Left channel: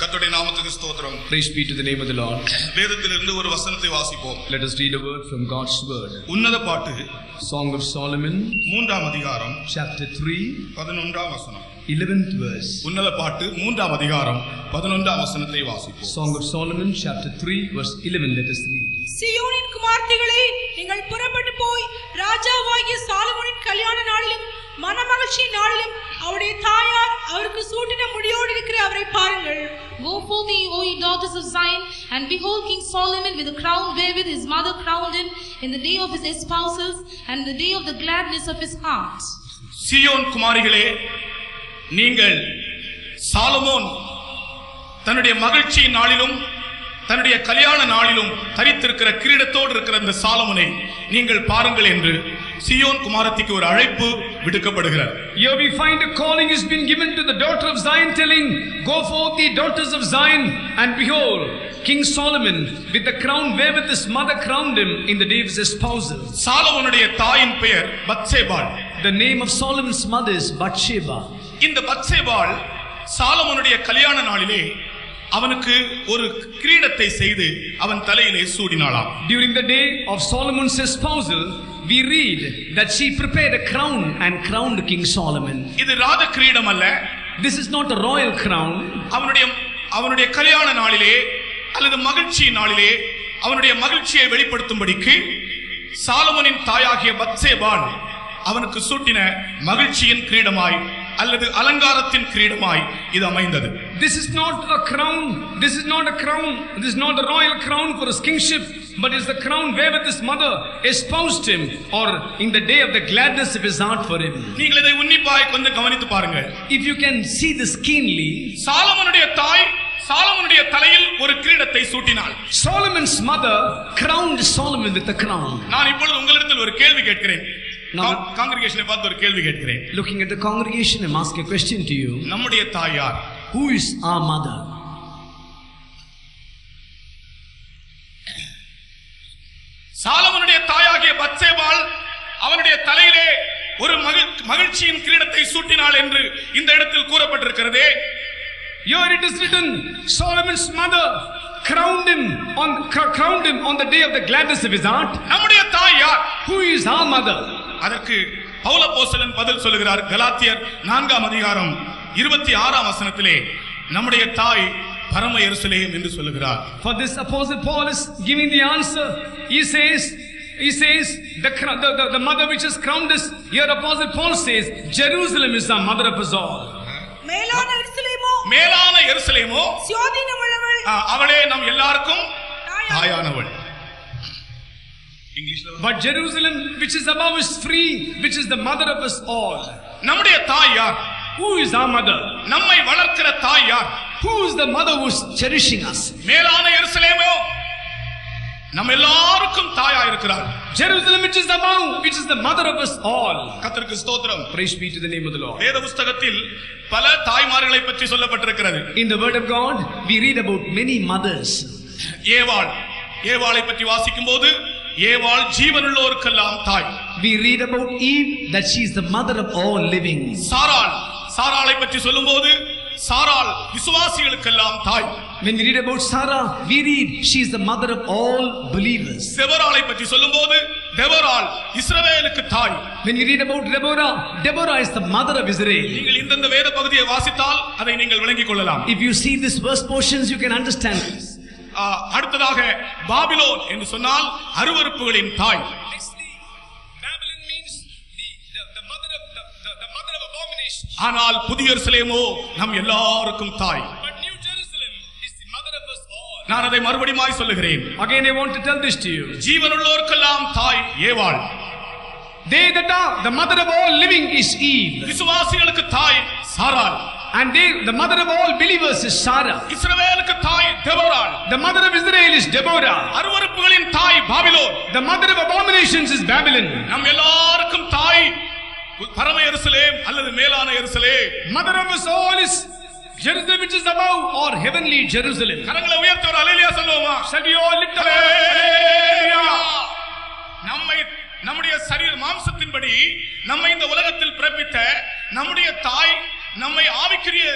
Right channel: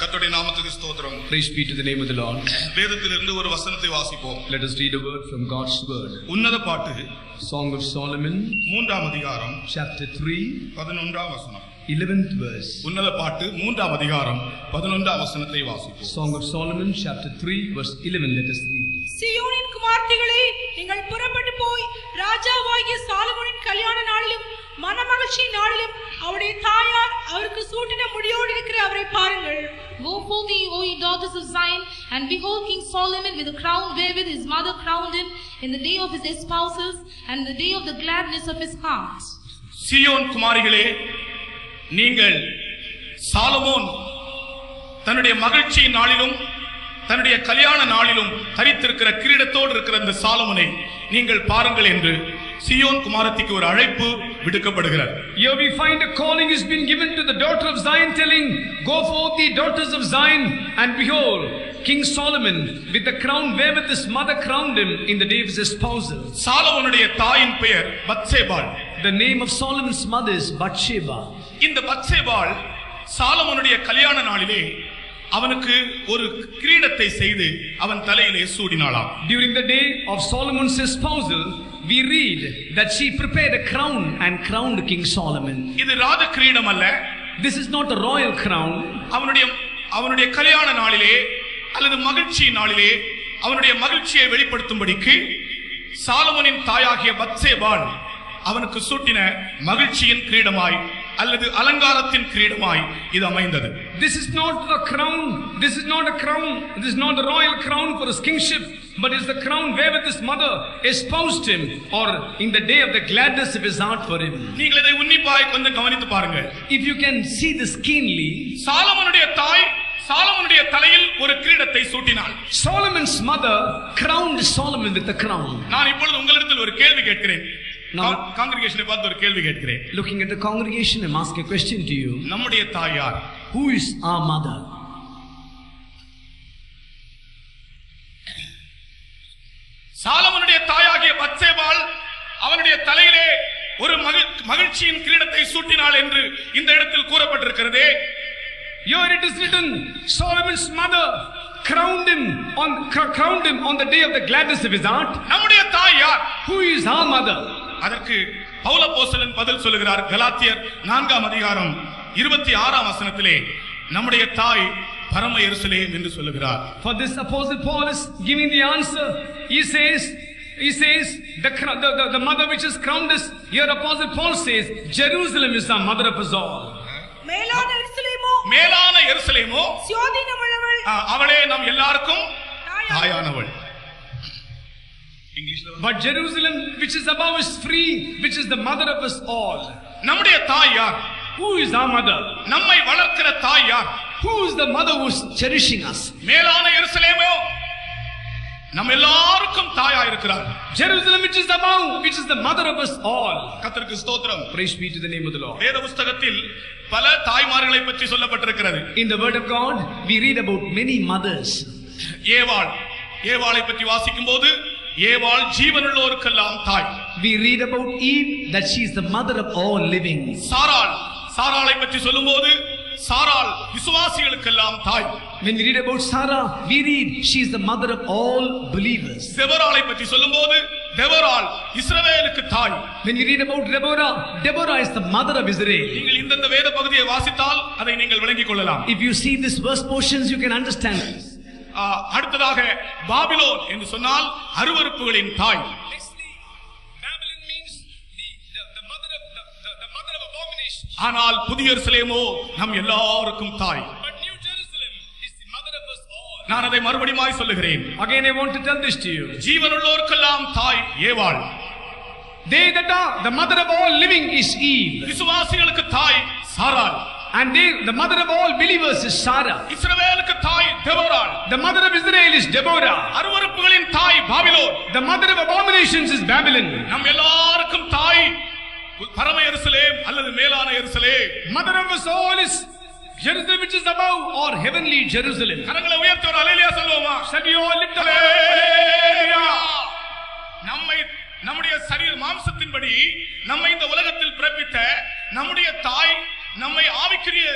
கர்த்தருடைய நாமத்துக்கு ஸ்தோத்திரம். Praise be to the name of the Lord. வேதத்திலிருந்து ஒரு வசனத்தை வாசிப்போம். Let us read a word from God's word. உன்னத பாட்டு Song of Solomon, 3ஆம் அதிகாரம் chapter 3, 11ஆம் வசனம். 11th verse. உன்னத பாட்டு 3ஆம் அதிகாரம் 11ஆம் வசனத்தை வாசிப்போம். Song of Solomon, chapter 3, verse 11. Let us read. சீயோனின் குமார்த்திகளே, நீங்கள் புறப்பட்டு போய் ராஜாவாகிய சாலமோனின் கல்யாண நாளிலும் மனமகிழ்ச்சி நாளிலும் அவருடைய தாயார் அவருக்கு சூட்டின முடியோடு இருக்கிற அவரை பாருங்கள். Go forth, O ye daughters of Zion, and behold King Solomon with a crown wherewith his mother crowned him in the day of his espousals and the day of the gladness of his heart. சீயோன் குமாரிகளே, நீங்கள் Solomon தன்னுடைய மகிழ்ச்சியின் நாளிலும் தன்னுடைய கல்யாண நாளிலும் தரித்திருக்கிற கிரீடத்தோடு இருக்கிற அந்த சாலமோனை நீங்கள் பாருங்கள் என்று சீயோன் குமாரத்திக்கு ஒரு அழைப்பு விடுக்கப்படுகிறார். Here we find a calling has been given to the daughter of Zion, telling, go forth ye daughters of Zion, and behold King Solomon with the crown wherewith his mother crowned him in the day of his espousal. சாலமோனுடைய தாயின் பெயர் பத்சேபாள். The name of Solomon's mother is Bathsheba. இந்த பத்சேபாள் சாலமோனுடைய கல்யாண நாளிலே அவனுக்கு ஒரு கிரீடத்தை செய்து அவன் தலையிலே சூடினாளாம். During the day of Solomon's espousal, we read that she prepared a crown and crowned King Solomon. இது ராஜ கிரீடம் அல்ல. This is not a royal crown. அவனுடைய கல்யாண நாளிலே அல்லது மகிழ்ச்சி நாளிலே அவனுடைய மகிழ்ச்சியை வெளிப்படுத்தும்படிக்கு சாலமோனின் தாயாகிய பத்சேபாள் அவனுக்கு சூட்டின மகிழ்ச்சியின் கிரீடமாய் அல்லது அலங்காரத்தின் கிரீடமாய் இது அமைந்தது. This is not a crown. This is not a crown. This is not a royal crown for his kingship, but is the crown wherewith his mother espoused him, or in the day of the gladness of his heart for him. நீங்கள் இதை உன்னிப்பாய் கொஞ்சம் கவனித்து பாருங்க. If you can see this keenly, சாலமோனுடைய தாய் சாலமோனுடைய தலையில் ஒரு கிரீடத்தை சூட்டினாள். Solomon's mother crowned Solomon with a crown. நான் இப்பொழுது உங்களிடத்தில் ஒரு கேள்வி கேட்கிறேன். காங்கிரிகேஷனை பார்த்து ஒரு கேள்வி கேட்கிறேன். Looking at the congregation, I'm asking a question to you. நம்முடைய தாய் யார்? Who is our mother? சாலமோனுடைய தாயாகிய பத்சேபாள் அவனுடைய தலையிலே ஒரு மகிழ்ச்சியின் கிரீடத்தை சூட்டினாள் என்று இந்த இடத்தில் கூறப்பட்டிருக்கிறதே. Here it is written, Solomon's mother crowned him on the day of the gladness of his heart. நம்முடைய தாய் யார்? Who is our mother? அதற்கு பவுல் அப்போஸ்தலன் பதில் சொல்லுகிறார். கலாத்தியர் 4ஆம் அதிகாரம் 26ஆம் வசனத்திலே நம்முடைய தாய் பரம எருசலேம் என்று சொல்லுகிறார். For this apostle Paul is giving the answer. He says the mother which has crowned us. Here apostle Paul says Jerusalem is the mother of us all. மேலான எருசலேமோ அவளே நம் எல்லாருக்கும் தாயானவள். But Jerusalem which is above is free, which is the mother of us all. நம்முடைய தாய் யார்? Who is our mother? நம்மை வளர்க்கிற தாய் யார்? Who is the mother who is cherishing us? மேலான எருசலேமோ நம்ம எல்லாருக்கும் தாயா இருக்கிறார். Jerusalem which is above, which is the mother of us all. கர்த்தருக்கு ஸ்தோத்திரம். Praise be to the name of the Lord. வேத புத்தகத்தில் பல தாய்மார்களை பற்றி சொல்லப்பட்டிருக்கிறது. In the word of God we read about many mothers. ஏவாளை பற்றி வாசிக்கும்போது ஏவாள் ஜீவனுள்ளோருக்கெல்லாம் தாய். We read about Eve, that she is the mother of all living. சாராளை பற்றி சொல்லும்போது சாராள் விசுவாசிகளுக்கெல்லாம் தாய். When we read about Sarah, we read she is the mother of all believers. தெபொராளை பற்றி சொல்லும்போது தெபொராள் இஸ்ரவேலுக்கு தாய். When we read about Deborah is the mother of Israel. நீங்கள் இந்த வேத பகுதியை வாசித்தால் அதை நீங்கள் விளங்கிக் கொள்ளலாம். If you see this verse portions, you can understand this. அடுத்ததாக பாபிலோன் என்று சொன்னால் அருவருப்புகளின் தாய். Babylon means the mother of abomination. ஆனால் புதிய எருசலேமோ நம் எல்லாருக்கும் தாய். But New Jerusalem is the mother of us all. நான் அதை மறுபடியும் சொல்லுகிறேன். Again I want to tell this to you. ஜீவனுள்ளோருக்கெல்லாம் தாய் ஏவாள். They that are the mother of all living is Eve. விசுவாசிகளுக்கு தாய் சாராள். And the mother of all believers is Sarah. இஸ்ரவேலுக்கு தாய் Deborah. The mother of Israel is Deborah. அருவருப்புகளின் தாய் Babylon. The mother of abominations is Babylon. நம் எல்லாருக்கும் தாய் பரம எருசலேம் அல்லது மேலான எருசலேம். Mother of us all is Jerusalem which is above, or heavenly Jerusalem. கரங்களை உயர்த்தி ஒரு அல்லேலூயா சொல்லுவோமா? Shall we all lift up? நம்முடைய சரீர மாம்சத்தின்படி நம்மை இந்த உலகத்தில் பிறப்பித்த நம்முடைய தாய் நம்மை ஆவிக்குரிய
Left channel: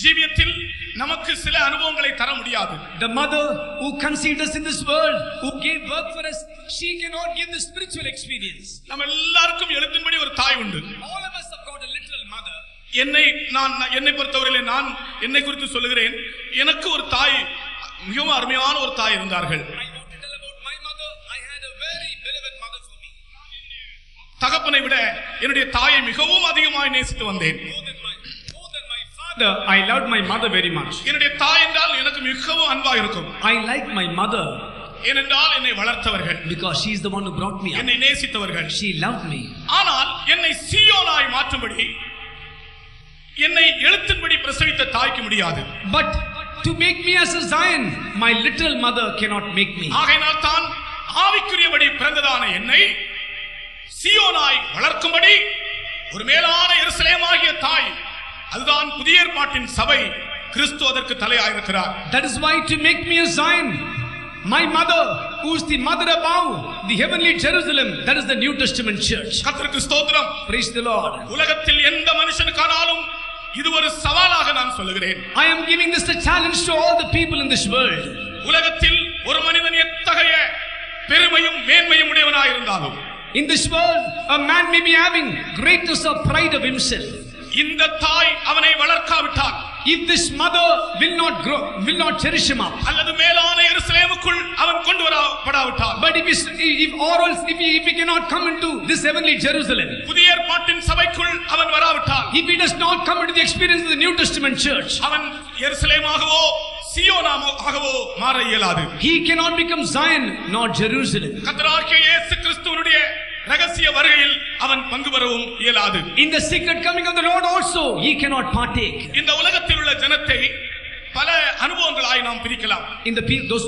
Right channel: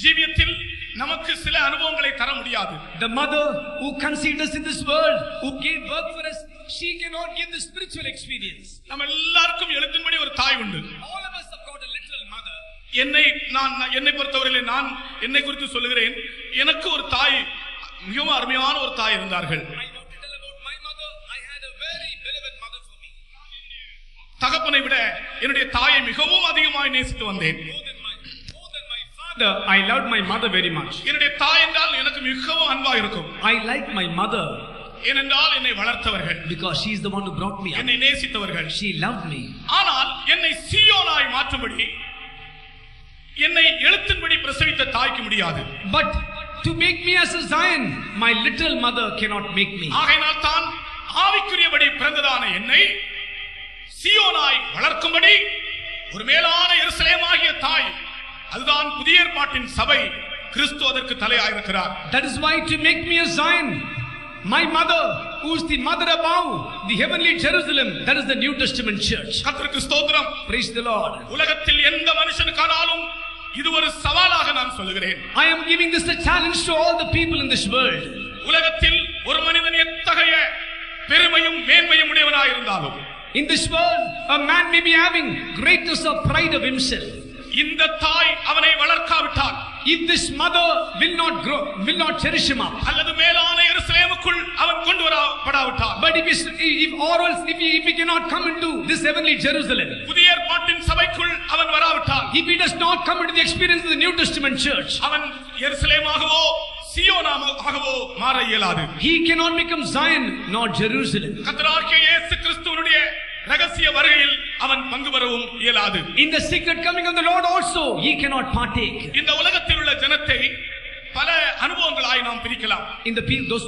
ஜீவியத்தில் நமக்கு சில அனுபவங்களை தர முடியாது. The mother who conceived us in this world, who gave birth for us, she cannot give the spiritual experience. நம்ம எல்லாருக்கும் எழுத்தின்படி ஒரு தாய் உண்டு. All of us have got a literal mother. என்னை பொறுத்தவரையிலே நான் என்னை குறித்து சொல்லுகிறேன். எனக்கு ஒரு தாய், மிகவும் அருமையான ஒரு தாய் இருந்தார்கள். I want to tell about my mother. I had a very beloved mother for me. தகப்பனை விட என்னுடைய தாயை மிகவும் அதிகமாக நேசித்து வந்தேன். I loved my mother very much. என்னுடைய தாய் என்றால் எனக்கு மிகவும் அன்பா இருக்கும். I like my mother ஏனென்றால் என்னை வளர்த்தவர்கள், because she is the one who brought me up. என்னை நேசித்தவர்கள். She loved me. ஆனால் என்னை சீயோனாய் மாற்றும்படி என்னை எழுத்தின்படி பிரசவித்த தாய்க்கு முடியாது. But to make me as a Zion, my literal mother cannot make me. ஆகையினால் தான் ஆவிக்குரியபடி பிறந்ததான என்னை சீயோனாய் வளர்க்கும்படி ஒரு மேலான எருசலேமாகிய தாய், அதுதான் புதிய ஏற்பாட்டின் சபை, கிறிஸ்து அதற்கு தலையாயிருக்கிறார். That is why to make me a Zion, my mother, who is the mother above, the heavenly Jerusalem, that is the New Testament church. கர்த்தருக்கு ஸ்தோத்திரம். Praise the Lord. உலகத்தில் எந்த மனுஷனுக்கானாலும் இது ஒரு சவாலாக நான் சொல்லுகிறேன். I am giving this a challenge to all the people in this world. உலகத்தில் ஒரு மனிதன் எத்தகைய பெருமையும் மேன்மையும் உடையவனாய் இருந்தாலும், in this world a man may be having greatness or pride of himself. இந்த தாய் அவனை வளர்க்காவிட்டால், if this mother will not grow, will not cherish him up, அல்லது மேலான எருசலேமுக்குள் அவன் கொண்டு வரப்படாவிட்டால், but if he cannot come into this heavenly Jerusalem, புதிய ஏற்பாட்டின் சபைக்குள் அவன் வராவிட்டால், if he does not come into the experience of the New Testament church, அவன் எருசலேமாகவோ சீயோனாகவோ மாற இயலாது. he cannot become Zion nor Jerusalem. கர்த்தராகிய இயேசு கிறிஸ்துவினுடைய ரகசிய வருகையில் அவன் பங்கு பெறவும் இயலாது. In the secret coming of the Lord also he cannot partake. இந்த உலகத்தில் உள்ள ஜனத்தை பல அனுபவங்களாய் நாம் பிரிக்கலாம். In the those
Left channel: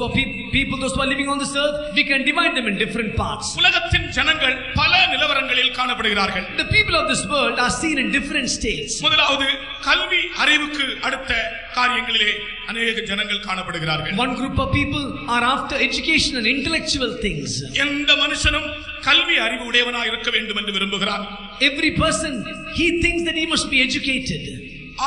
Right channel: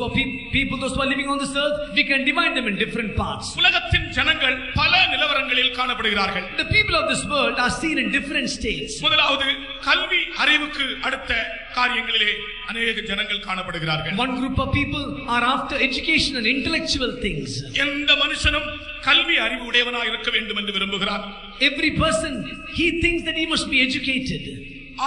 who are living on this earth, we can divide them in different parts. உலகத்தின் ஜனங்கள் பல நிலவரங்களில் காணப்படுகிறார்கள். The people of this world are seen in different states. முதலாவது கல்வி அறிவுக்கு அடுத்த காரியங்களிலே அநேக ஜனங்கள் காணப்படுகிறார்கள். One group of people are after education and intellectual things. எந்த மனுஷனும் கல்வி அறிவு உடையவனாக இருக்க வேண்டும் என்று விரும்புகிறான். Every person, he thinks that he must be educated.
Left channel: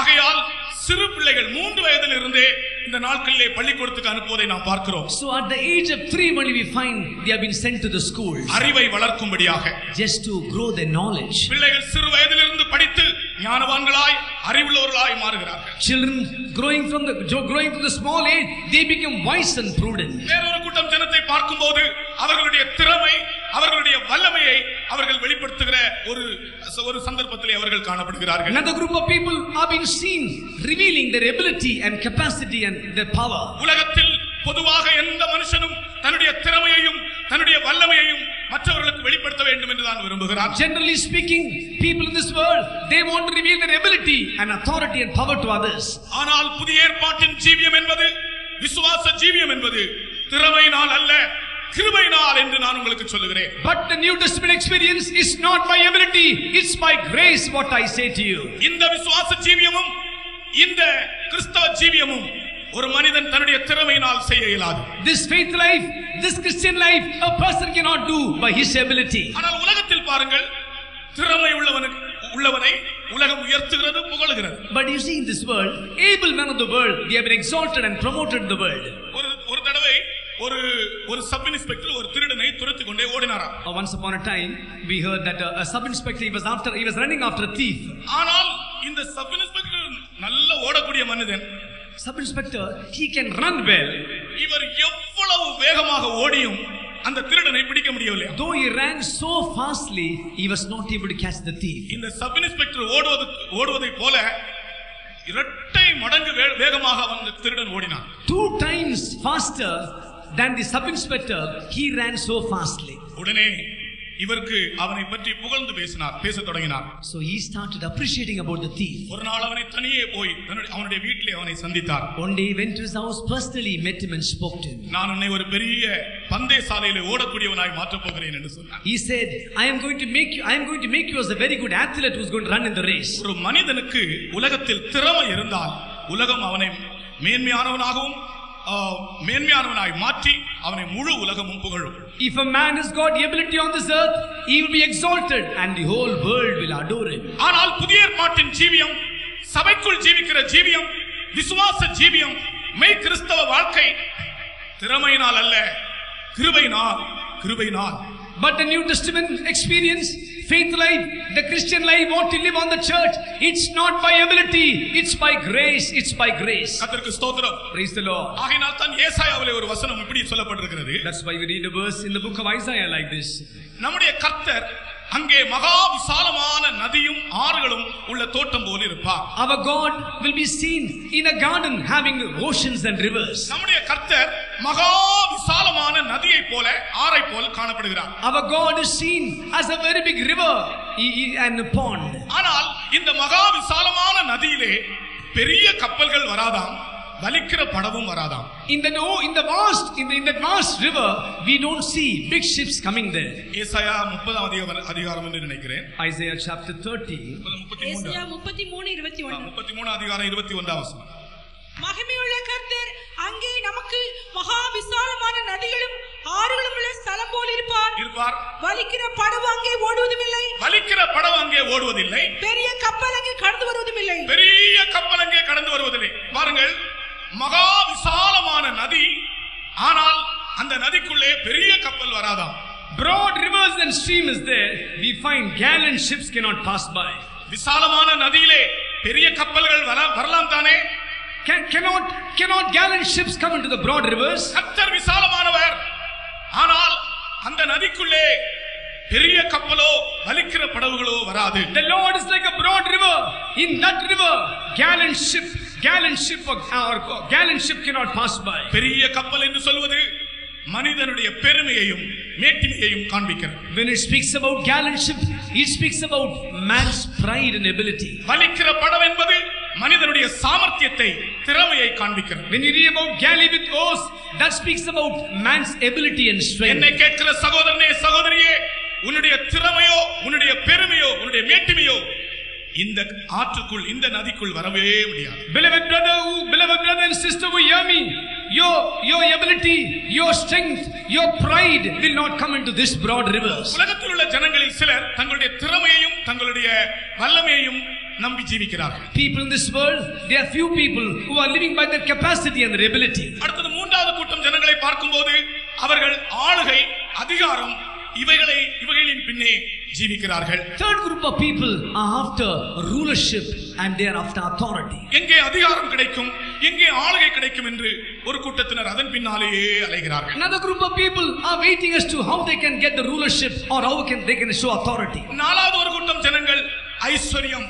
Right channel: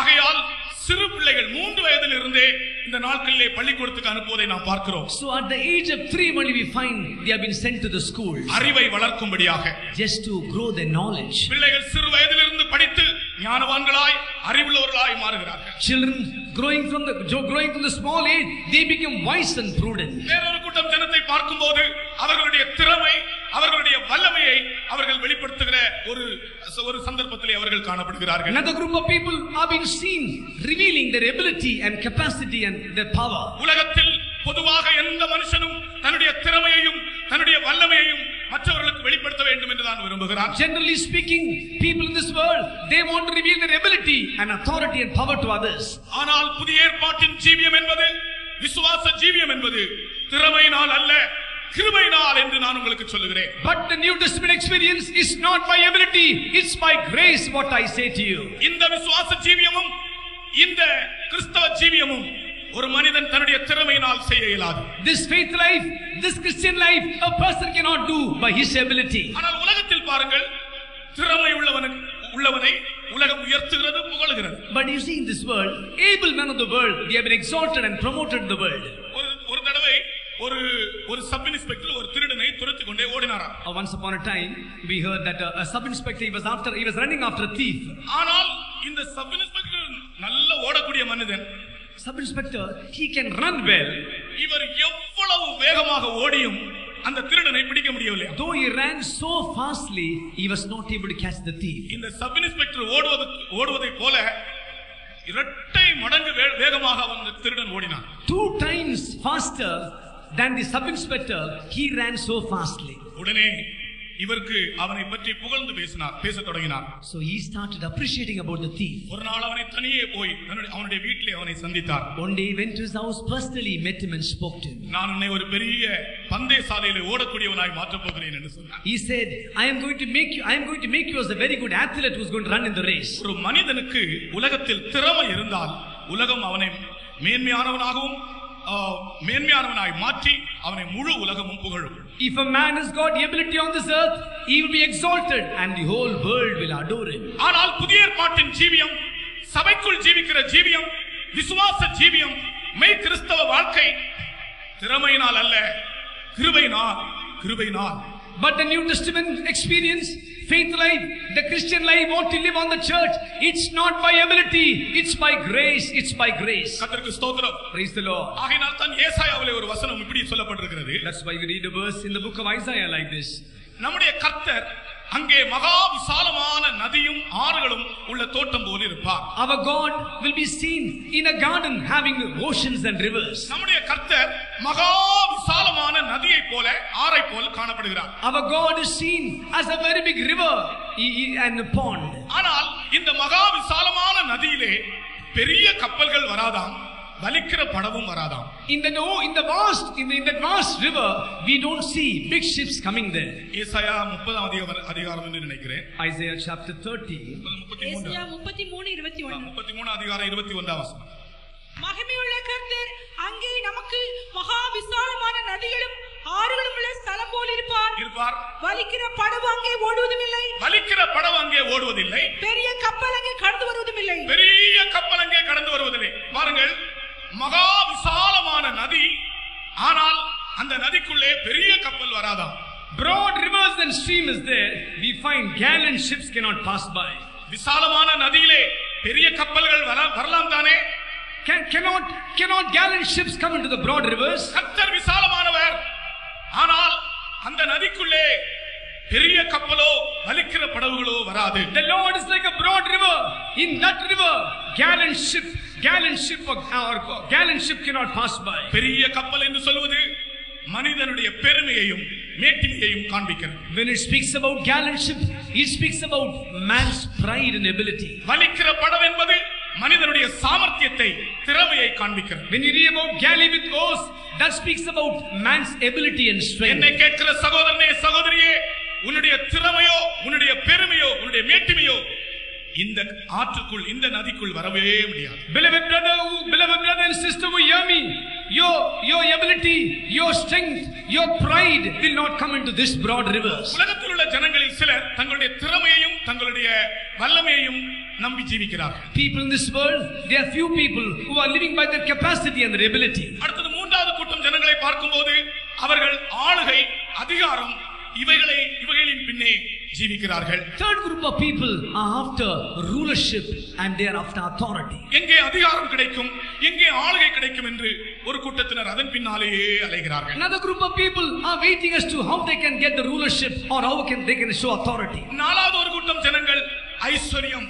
ஆகையால் சிறு பிள்ளைகள் 3 வயதிலிருந்தே இந்த நாட்களிலே பள்ளிக்கூடத்துக்கு அனுப்புவதை நாம் பார்க்கிறோம். So at the age of 3 only we find they have been sent to the schools. அறிவை வளர்க்கும்படியாக, just to grow their knowledge. பிள்ளைகள் சிறு வயதிலிருந்து படித்து ஞானவான்களாய் அறிவுள்ளவர்களாய் மாறுகிறார்கள். Children growing from the small age, they become wise and prudent. வேறொரு கூட்டம் ஜனத்தை பார்க்கும்போது அவர்களுடைய திறமை, அவர்களுடைய வல்லமையை அவர்கள் வெளிப்படுத்துகிற ஒரு சந்தர்ப்பத்திலே அவர்கள் காணப்படுகிறார்கள். Another group of people are being seen revealing their ability and capacity and their power. உலகத்தில் பொதுவாக எந்த மனுஷனும் தன்னுடைய திறமையையும் தன்னுடைய வல்லமையையும் மற்றவர்களுக்கு வெளிப்படுத்த வேண்டும் என்று தான் விரும்புகிறார். Generally speaking, people in this world, they want to reveal their ability and authority and power to others. ஆனால் புதிய ஏற்பாட்டின் ஜீவியம் என்பது, விசுவாச ஜீவியம் என்பது திறமையினால் அல்ல, கிருபையினால் என்று நான் உங்களுக்கு சொல்லுகிறேன். But the New Testament experience is not by ability, it's by grace, what I say to you. இந்த விசுவாச ஜீவியமும் இந்த கிறிஸ்தவ ஜீவியமும் ஒரு மனிதன் தன்னுடைய திறமையினால் செய்ய இயலாது. This faith life, this Christian life, a person cannot do by his ability. ஆனால் உலகத்தில் பாருங்கள், திறமை உள்ளவனை உலகம் உயர்த்துகிறது, புகழுகிறது. But you see in this world, able men of the world, they have been exalted and promoted in the world. ஒரு தடவை ஒரு சப் இன்ஸ்பெக்டர் ஒரு திருடனை துரத்தி கொண்டே ஓடினாராம். Once upon a time we heard that a sub inspector he was running after a thief. ஆனால் இந்த sub inspector நல்ல ஓடக்கூடிய மனிதன். Sub inspector, he can run well. இவர் எவ்வளவு வேகமாக ஓடியும் அந்த திருடனை பிடிக்க முடியவில்லை. Though he ran so fastly, he was not able to catch the thief. இந்த சப் இன்ஸ்பெக்டர் ஓடுவதை போல இரட்டை மடங்கு வேகமாக அந்த திருடன் ஓடினான். 2 times faster than the sub inspector, he ran so fastly. உடனே இவருக்கு அவனை பற்றி புகழ்ந்து பேசத் தொடங்கினார். So he started appreciating about the thief. ஒரு நாள் அவனை தனியே போய் அவனுடைய வீட்டிலே அவனை சந்தித்தார். One day he went to his house, personally met him and spoke to him. நான் உன்னை ஒரு பெரிய பந்தய சாலையிலே ஓடக்கூடியவனாய் மாற்றப் போகிறேன் என்று சொன்னார். He said, I am going to make you as a very good athlete who is going to run in the race. ஒரு மனிதனுக்கு உலகத்தில் திறமை இருந்தால் உலகம் அவனை மேன்மையானவனாய் மாற்றி அவனை முழு உலகமும் புகழும். If a man has got the ability on this earth, he will be exalted and the whole world will adore him. ஆனால் புதிய ஏற்பாட்டின் ஜீவியம், சபைக்குள் ஜீவிக்கிற ஜீவியம், விசுவாச ஜீவியம் மெய் கிறிஸ்தவ வாழ்க்கை திறமையினால் அல்ல, கிருபையினால். But the New Testament experience, faith life, the Christian life, what to live on the church, it's not by ability, it's by grace, it's by grace. கர்த்தருக்கு ஸ்தோத்திரம். Praise the Lord. ஆகையால் தான் ஏசாயாவிலே ஒரு வசனம் இப்படி சொல்லப்பட்டிருக்கிறது. That's why we read a verse in the book of Isaiah like this. நம்முடைய கர்த்தர் அங்கே மகா விசாலமான நதியும் ஆறுகளும் உள்ள தோட்டம் போல இருப்பார். Our God will be seen in a garden having oceans and rivers. நம்முடைய கர்த்தர் மகா விசாலமான நதியை போல ஆறை போல் காணப்படுகிறார். Our God is seen as a very big river and a pond. ஆனால் இந்த மகா விசாலமான நதியிலே பெரிய கப்பல்கள் வராதாம், வலிக்கிற படவும் வராதாம். In that vast river we don't see big ships coming there. ஏசாயா 30 அதிகாரம் என்று நினைக்கிறேன். Isaiah chapter 30. ஏசாயா 33 அதிகாரம் 21 வசனம். மகிமையுள்ள கர்த்தர் அங்கே நமக்கு மகா விசாலமான நதிகளும் ஆறுகளும் உள்ள ஸ்தலம் போல் இருப்பார். வலிக்கிற படகு அங்கே ஓடுவதில்லை. பெரிய கப்பல் அங்கே கடந்து வருவதில்லை. பாருங்கள், மகா விசாலமான நதி, ஆனால் அந்த நதிக்குள்ளே பெரிய கப்பல் வராதாம். Broad rivers and stream is there, we find gallant ships cannot pass by. விசாலமான நதியிலே பெரிய கப்பல்கள் வரலாம் தானே? Cannot gallant ships come into the broad rivers? கர்த்தர் விசாலமானவர், ஆனால் அந்த நதிக்குள்ளே பெரிய கப்பலோ வலிக்கிற படகுகளோ வராது. The Lord is like a broad river. In that river gallant ship cannot pass by. பெரிய கப்பல் என்று சொல்வது மனிதனுடைய பெருமையையும் மேட்டிமையையும் காண்பிக்கிறது. When it speaks about gallant ship, it speaks about man's pride and ability. வலிக்கிற படகு என்பது மனிதனுடைய சாமர்த்தியத்தை, திறமையை காண்பிக்கிறது. When you read about galley with oars, that speaks about man's ability and strength. என்னை கேட்கிற சகோதரனே, சகோதரியே, உன்னுடைய திறமையோ, உன்னுடைய பெருமையோ, உன்னுடைய மேட்டிமையோ இந்த ஆற்றுக்குள், இந்த நதிக்குள் வரவே முடியாது. Beloved brother and sister who hear me, your ability, your strength, your pride will not come into this broad rivers. உலகத்தில் உள்ள ஜனங்களில் சிலர் தங்களுடைய திறமையையும் தங்களுடைய வல்லமையையும் நம்பி ஜீவிக்கிறார்கள். People in this world, there are few people who are living by their capacity and their ability. அடுத்தது மூன்றாவது கூட்டம் ஜனங்களை பார்க்கும்போது அவர்கள் ஆளுகை, அதிகாரம் இவைகளின் பின்னே ஜீவிக்கிறார்கள். Third group of people are after rulership and they are after authority. எங்கே அதிகாரம் கிடைக்கும், எங்கே ஆளுகை கிடைக்கும் என்று ஒரு கூட்டத்தினர் அதன் பின்னாலேயே அலைகிறார்கள். Another group of people are waiting as to how they can get the rulership or how they can show authority. நாலாவது ஒரு கூட்டம் ஜனங்கள் ஐஸ்வர்யம்,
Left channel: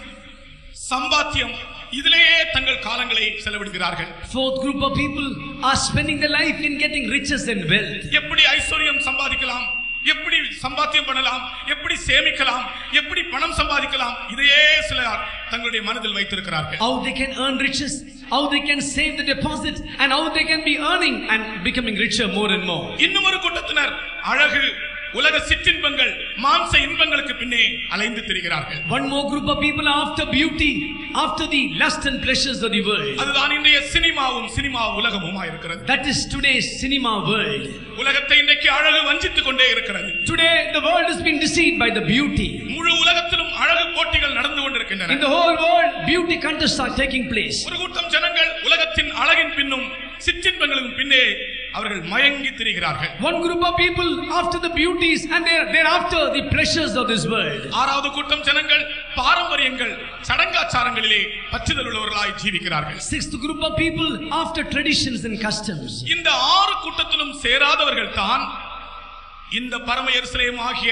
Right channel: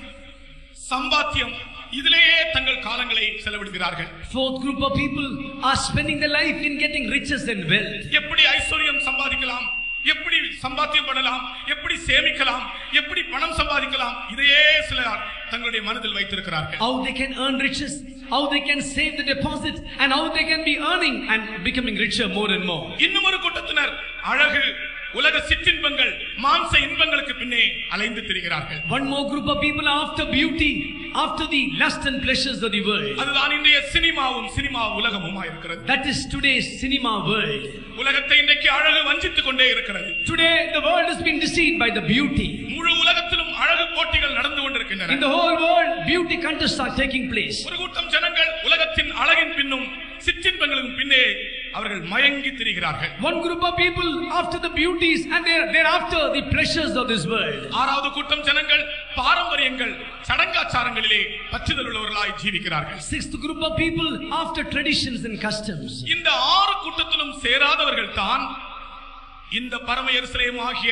சம்பாத்தியம் இதிலேயே தங்கள் காலங்களை செலவிடுகிறார்கள். Fourth group of people are spending their life in getting riches and wealth. எப்படி ஐஸ்வர்யம் சம்பாதிக்கலாம், எப்படி சம்பாத்தியம் பண்ணலாம், எப்படி சேமிக்கலாம், எப்படி பணம் சம்பாதிக்கலாம், இதையே சிலர் தங்களுடைய மனதில் வைத்திருக்கிறார்கள். How they can earn riches, how they can save the deposit and how they can be earning and becoming richer more and more. இன்னும் ஒரு கூட்டத்தினர் அழகு, உலக சிற்றின்பங்கள், மாம்ச இன்பங்களுக்கு பின்னே அலைந்து திரிகிறார்கள். One more group of people are after beauty, after the lust and pleasures of the world. அதுதான் இன்றைய சினிமா உலகமுமா இருக்கிறது. That is today's cinema world. உலகத்தை இன்றைக்கு அழகு வஞ்சித்துக் கொண்டே இருக்கிறது. Today the world has been deceived by the beauty. முழு உலகத்திலும் அழகு போட்டிகள் நடந்து கொண்டிருக்கின்றன. In the whole world beauty contests are taking place. ஒரு கூட்டம் ஜனங்கள் உலகத்தின் அழகின் பின்னும் சிற்றின்பங்களுக்கும் பின்னே அவர்கள் மயங்கி திரிகிறார்கள். One group of people after the beauties and they're after the pleasures of this world. ஆறாவது கூட்டம் ஜனங்கள் பாரம்பரியங்கள், சடங்காச்சாரங்களிலே பற்றுதல் உள்ளவர்களாய் ஜீவிக்கிறார்கள். Sixth group of people after traditions and customs. இந்த ஆறு கூட்டத்திலும் சேராதவர்கள் தான் இந்த பரம எருசலேம் ஆகிய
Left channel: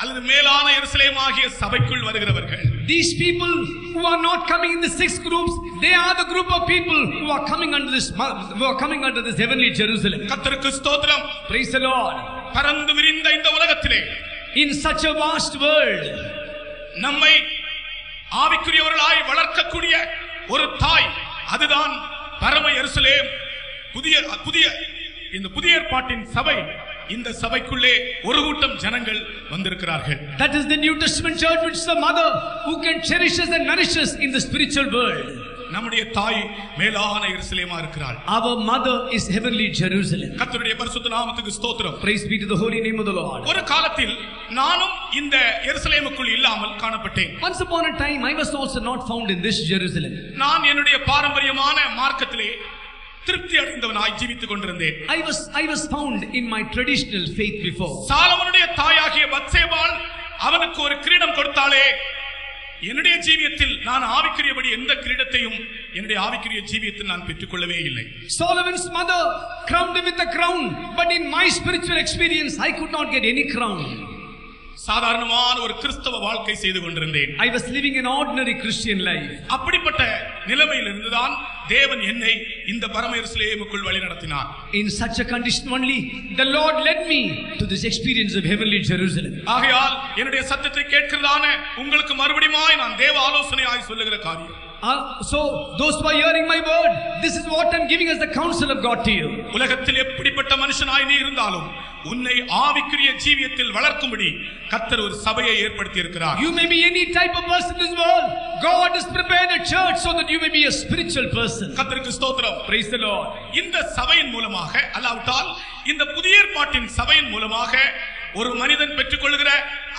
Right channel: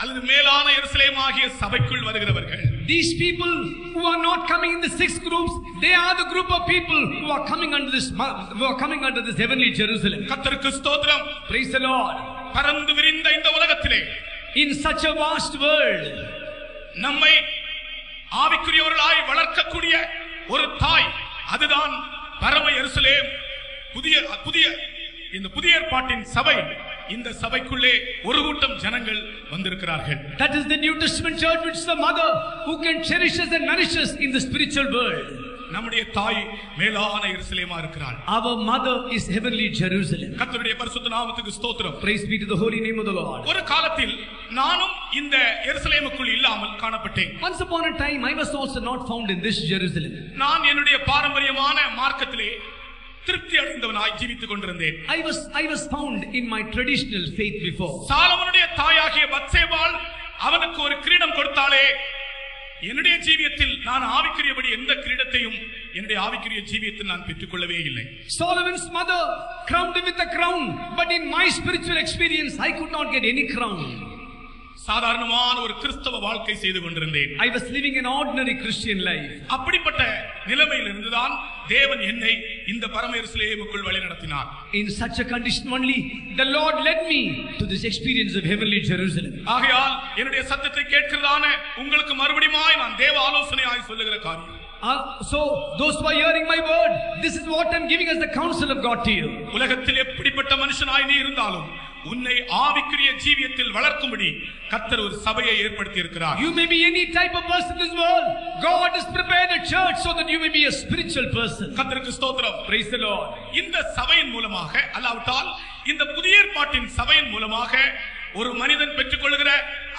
அல்லது மேலான எருசலேம் ஆகிய சபைக்குள் வருகிறவர்கள். These people who are not coming in the six groups, they are the group of people who are coming under this heavenly Jerusalem. கர்த்தருக்கு ஸ்தோத்திரம். Praise the Lord. பரந்து விரிந்த இந்த உலகத்திலே, in such a vast world, நம்மை ஆவிக்குரியவர்களாய் வளர்க்கக்கூடிய ஒரு தாய், அதுதான் பரம எருசலேம், இந்த புதிய ஏற்பாட்டின் சபை. இந்த சபைக்குள்ளே ஒரு கூட்டம் ஜனங்கள் வந்திருக்கிறார்கள். That is the New Testament church, which is the mother who can cherish us and nourish us in the spiritual world. நம்முடைய தாய் மேலான எருசலேமா இருக்கிறாள். Our mother is heavenly Jerusalem. கர்த்தருடைய பரிசுத்த நாமத்துக்கு ஸ்தோத்திரம். Praise be to the holy name of the Lord. ஒரு காலத்தில் நானும் இந்த எருசலேமுக்குள் இல்லாமல் காணப்பட்டேன். Once upon a time I was also not found in this Jerusalem. நான் என்னுடைய பாரம்பரியமான மார்க்கத்திலே திருப்தி அடைந்தவனாய் ஜீவித்துக் கொண்டிருந்தேன். I was found in my traditional faith before. சாலமோனுடைய தாயாகிய பத்சேபாள் அவனுக்கு ஒரு கிரீடம் கொடுத்தாலே, என்னுடைய ஜீவியத்தில் நான் ஆவிக்குரியபடி எந்த கிரீடத்தையும் என்னுடைய ஆவிக்குரிய ஜீவியத்தில் நான் பெற்றுக்கொள்ளவே இல்லை. Solomon's mother crowned him with a crown, but in my spiritual experience I could not get any crown. சாதாரணமான ஒரு கிறிஸ்தவ வாழ்க்கை செய்து கொண்டிருந்தேன். I was living an ordinary Christian life. அப்படிப்பட்ட நிலைமையில் இருந்துதான் தேவன் என்னை இந்த பரம எருசலேமுக்குள் வழி நடத்தினார். In such a condition only the Lord led me to this experience of heavenly Jerusalem. ஆகையால் என்னுடைய சத்தத்தை கேட்கிறதான உங்களுக்கு மறுபடியுமாய் நான் தேவ ஆலோசனையாய் சொல்லுகிற காரியம். So those who are hearing my word, this is what I'm giving as the counsel of God to you. உலகத்தில் எப்படிப்பட்ட மனுஷனாய் நீ இருந்தாலும் உன்னை ஆவிக்குரிய ஜீவியத்தில் வளர்க்கும்படி கர்த்தர் ஒரு சபையை ஏற்படுத்தி இருக்கிறார். You may be any type of person in this world. God has prepared a church so that you may be a spiritual person. கர்த்தருக்கு ஸ்தோத்திரம். Praise the Lord. இந்த சபையின் மூலமாக அல்லாவிட்டால் இந்த புதிய ஏற்பாட்டின் சபையின் மூலமாக ஒரு மனிதன் பெற்றுக்கொள்கிற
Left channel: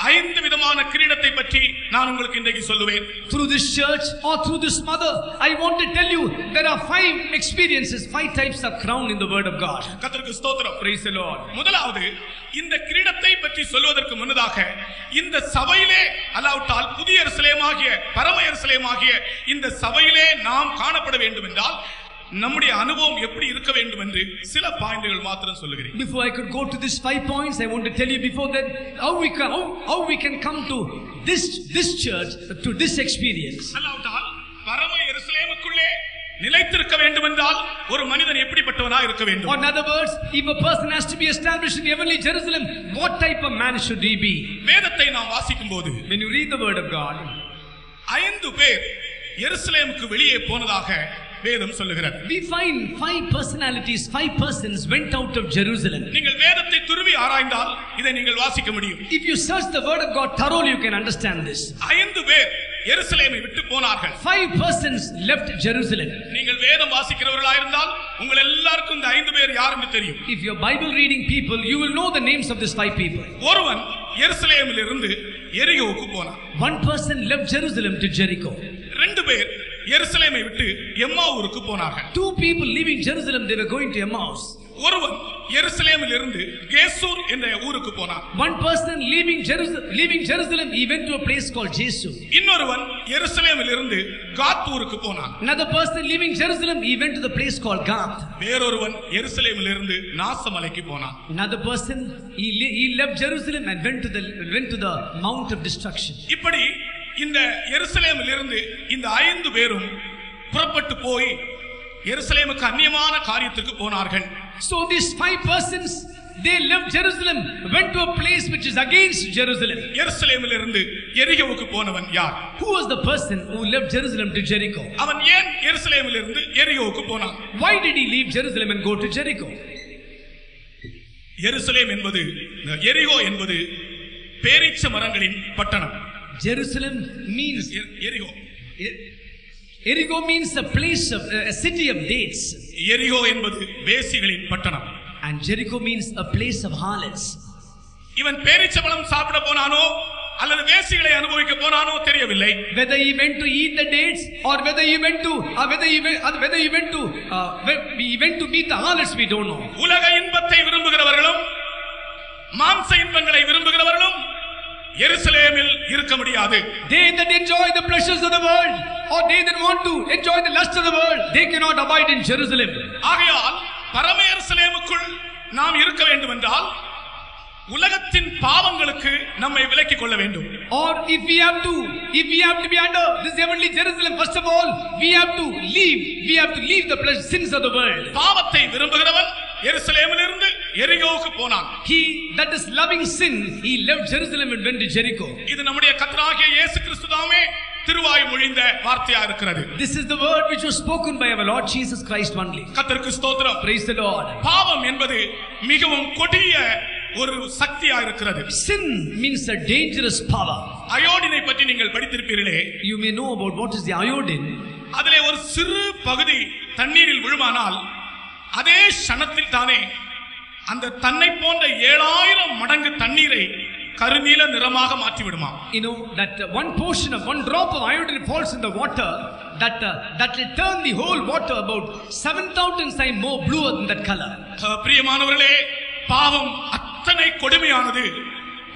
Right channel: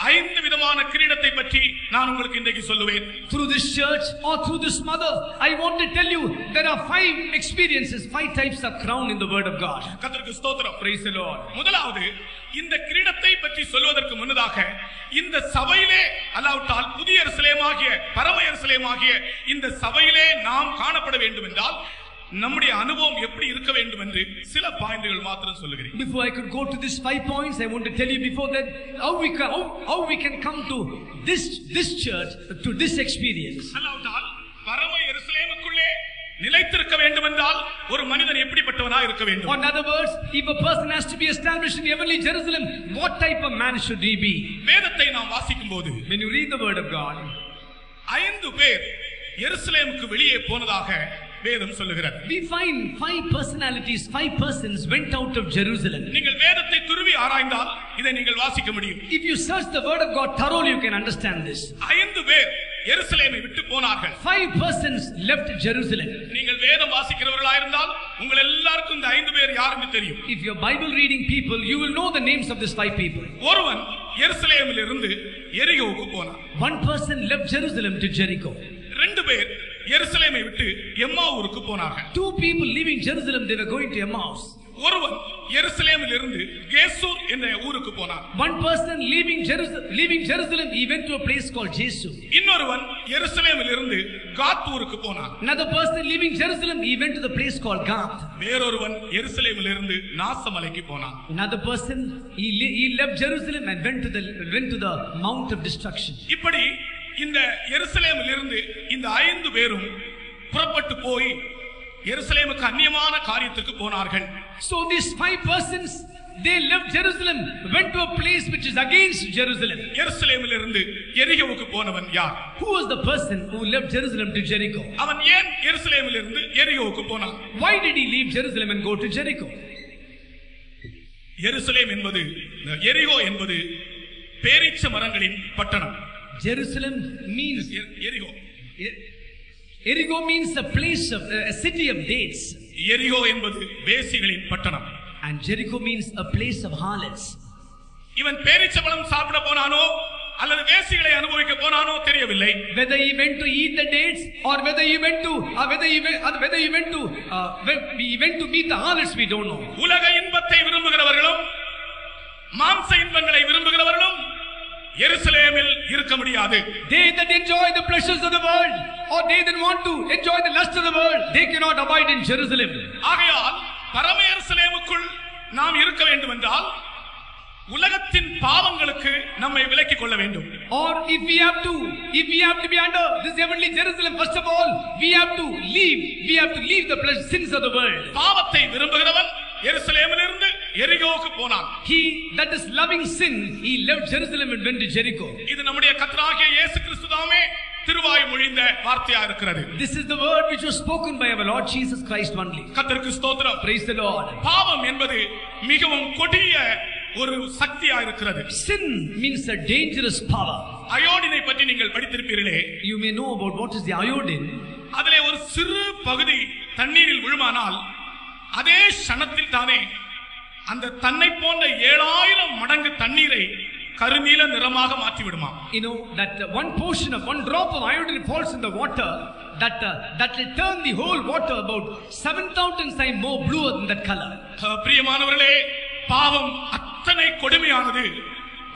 5 விதமான கிரீடத்தை பற்றி நான் உங்களுக்கு இன்றைக்கு சொல்லுவேன். Through this church or through this mother, I want to tell you there are 5 experiences, 5 types of crown in the word of God. கர்த்தருக்கு ஸ்தோத்திரம். Praise the Lord. முதலாவது, இந்த கிரீடத்தை பற்றி சொல்வதற்கு முன்னதாக இந்த சபையிலே அல்லாவிட்டால் புதிய எருசலேமாகிய பரம எருசலேமாகிய இந்த சபையிலே நாம் காணப்பட வேண்டும் என்றால் நம்முடைய அனுபவம் எப்படி இருக்க வேண்டும் என்று சில பாயிண்டுகள் மாத்திரம் சொல்லுகிறேன். Before I could go to these 5 points, I want to tell you before that how we can come to this church, to this experience. அல்லாவிட்டால் பரம எருசலேமுக்குள்ளே நிலைத்திருக்க வேண்டும் என்றால் ஒரு மனிதன் எப்படிப்பட்டவனாய் இருக்க வேண்டும்? In other words, if a person has to be established in heavenly Jerusalem, what type of man should he be? வேதத்தை நாம் வாசிக்கும்போது When you read the word of God, 5 பேர் எருசலேமுக்கு வெளியே போனதாக வேதம் சொல்லுகிறது. We find 5 personalities, 5 persons went out of Jerusalem. நீங்கள் வேதத்தை துருவி ஆராய்ந்தால் இதை நீங்கள் வாசிக்க முடியும். If you search the word of God thoroughly, you can understand this. 5 பேர் எருசலேமை விட்டு போனார்கள். 5 persons left Jerusalem. நீங்கள் வேதம் வாசிக்கிறவர்களா இருந்தால் உங்கள் எல்லாருக்கும் இந்த 5 பேர் யாருன்னு தெரியும். If you are Bible reading people, you will know the names of these 5 people. ஒருவன் எருசலேமில் இருந்து எரிகோவுக்கு போனான். One person left Jerusalem to Jericho. 2 பேர் எருசலேமை விட்டு எம்மாவூருக்கு போனார்கள். 2 people leaving Jerusalem, they were going to Emmaus. ஒருவன் எருசலேமில் இருந்து கேசூர் என்ற ஊருக்கு போனான். One person leaving Jerusalem, he went to a place called Jesu. இன்னொருவன் எருசலேமில் இருந்து காத் ஊருக்கு போனான். Another person leaving Jerusalem, he went to the place called Gath. வேறொருவன் எருசலேமில் இருந்து நாசமலைக்கு போனான். Another person he left Jerusalem and went to the mount of destruction. இப்படி இந்த எருசலேமில் இருந்து இந்த 5 பேரும் புறப்பட்டு போய் எருசலேமுக்கு அந்நியமான காரியத்துக்கு போனார்கள். So these 5 persons, they left Jerusalem, went to a place which is against Jerusalem. எருசலேமில் இருந்து எரிகோவுக்கு போனவன் யார்? Who was the person who left Jerusalem to Jericho? அவன் ஏன் எருசலேமில் இருந்து எரிகோவுக்கு போனான்? Why did he leave Jerusalem and go to Jericho? எருசலேம் என்பது, எரிகோ என்பது பேரீச்ச மரங்களின் பட்டணம். Jerusalem means Jericho means a place of a city of dates. எரிகோ என்பது வேசிகளின் பட்டணம். And Jericho means a place of harlots. இவன் பேரீச்ச பழம் சாப்பிட போனானோ அல்லது வேசிகளை அனுபவிக்க போனானோ தெரியவில்லை. Whether he went to eat the dates or whether he went to meet the harlots, we don't know. உலக இன்பத்தை விரும்புகிறவர்களும் மாம்ச இன்பங்களை விரும்புகிறவர்களும் எருசலேமில் இருக்க முடியாது. They that enjoy the pleasures of the world or they that want to enjoy the lust of the world, they cannot abide in Jerusalem. ஆகையால் பரம எருசலேமுக்குள் நாம் இருக்க வேண்டும் என்றால் உலகத்தின் பாவங்களுக்கு நம்மை விலக்கிக் கொள்ள வேண்டும். Or if we have to be under this heavenly Jerusalem, first of all we have to leave the sins of the world. பாவத்தை விரும்புகிறவன் எருசலேமில் இருந்து எரிகோவுக்கு போனான். He that is loving sin, he left Jerusalem and went to Jericho. இது நம்முடைய கர்த்தராகிய இயேசு கிறிஸ்துதாமே திருவாய் மொழிந்த வார்த்தையா இருக்கிறது. This is the word which was spoken by our Lord Jesus Christ only. கர்த்தருக்கு ஸ்தோத்திரம். Praise the Lord. பாவம் என்பது மிகவும் கொடிய ஒரு சக்தியா இருக்கிறது. Sin means a dangerous power. அயோடினை பற்றி நீங்கள் படித்திருப்பீர்களே. You may know about what is the iodine. அதிலே ஒரு சிறு பகுதி தண்ணீரில் விழுமானால் அதே க்ஷணத்தில் தானே அந்த தன்னை போன்ற 7000 மடங்கு தண்ணீரை கருநீல நிறமாக மாற்றி விடுமா. You know that one portion of one drop of iodine falls in the water, that will turn the whole water about 7,000 times more bluer than that color. பிரியமானவர்களே, பாவம் அத்தனை கொடுமையானது.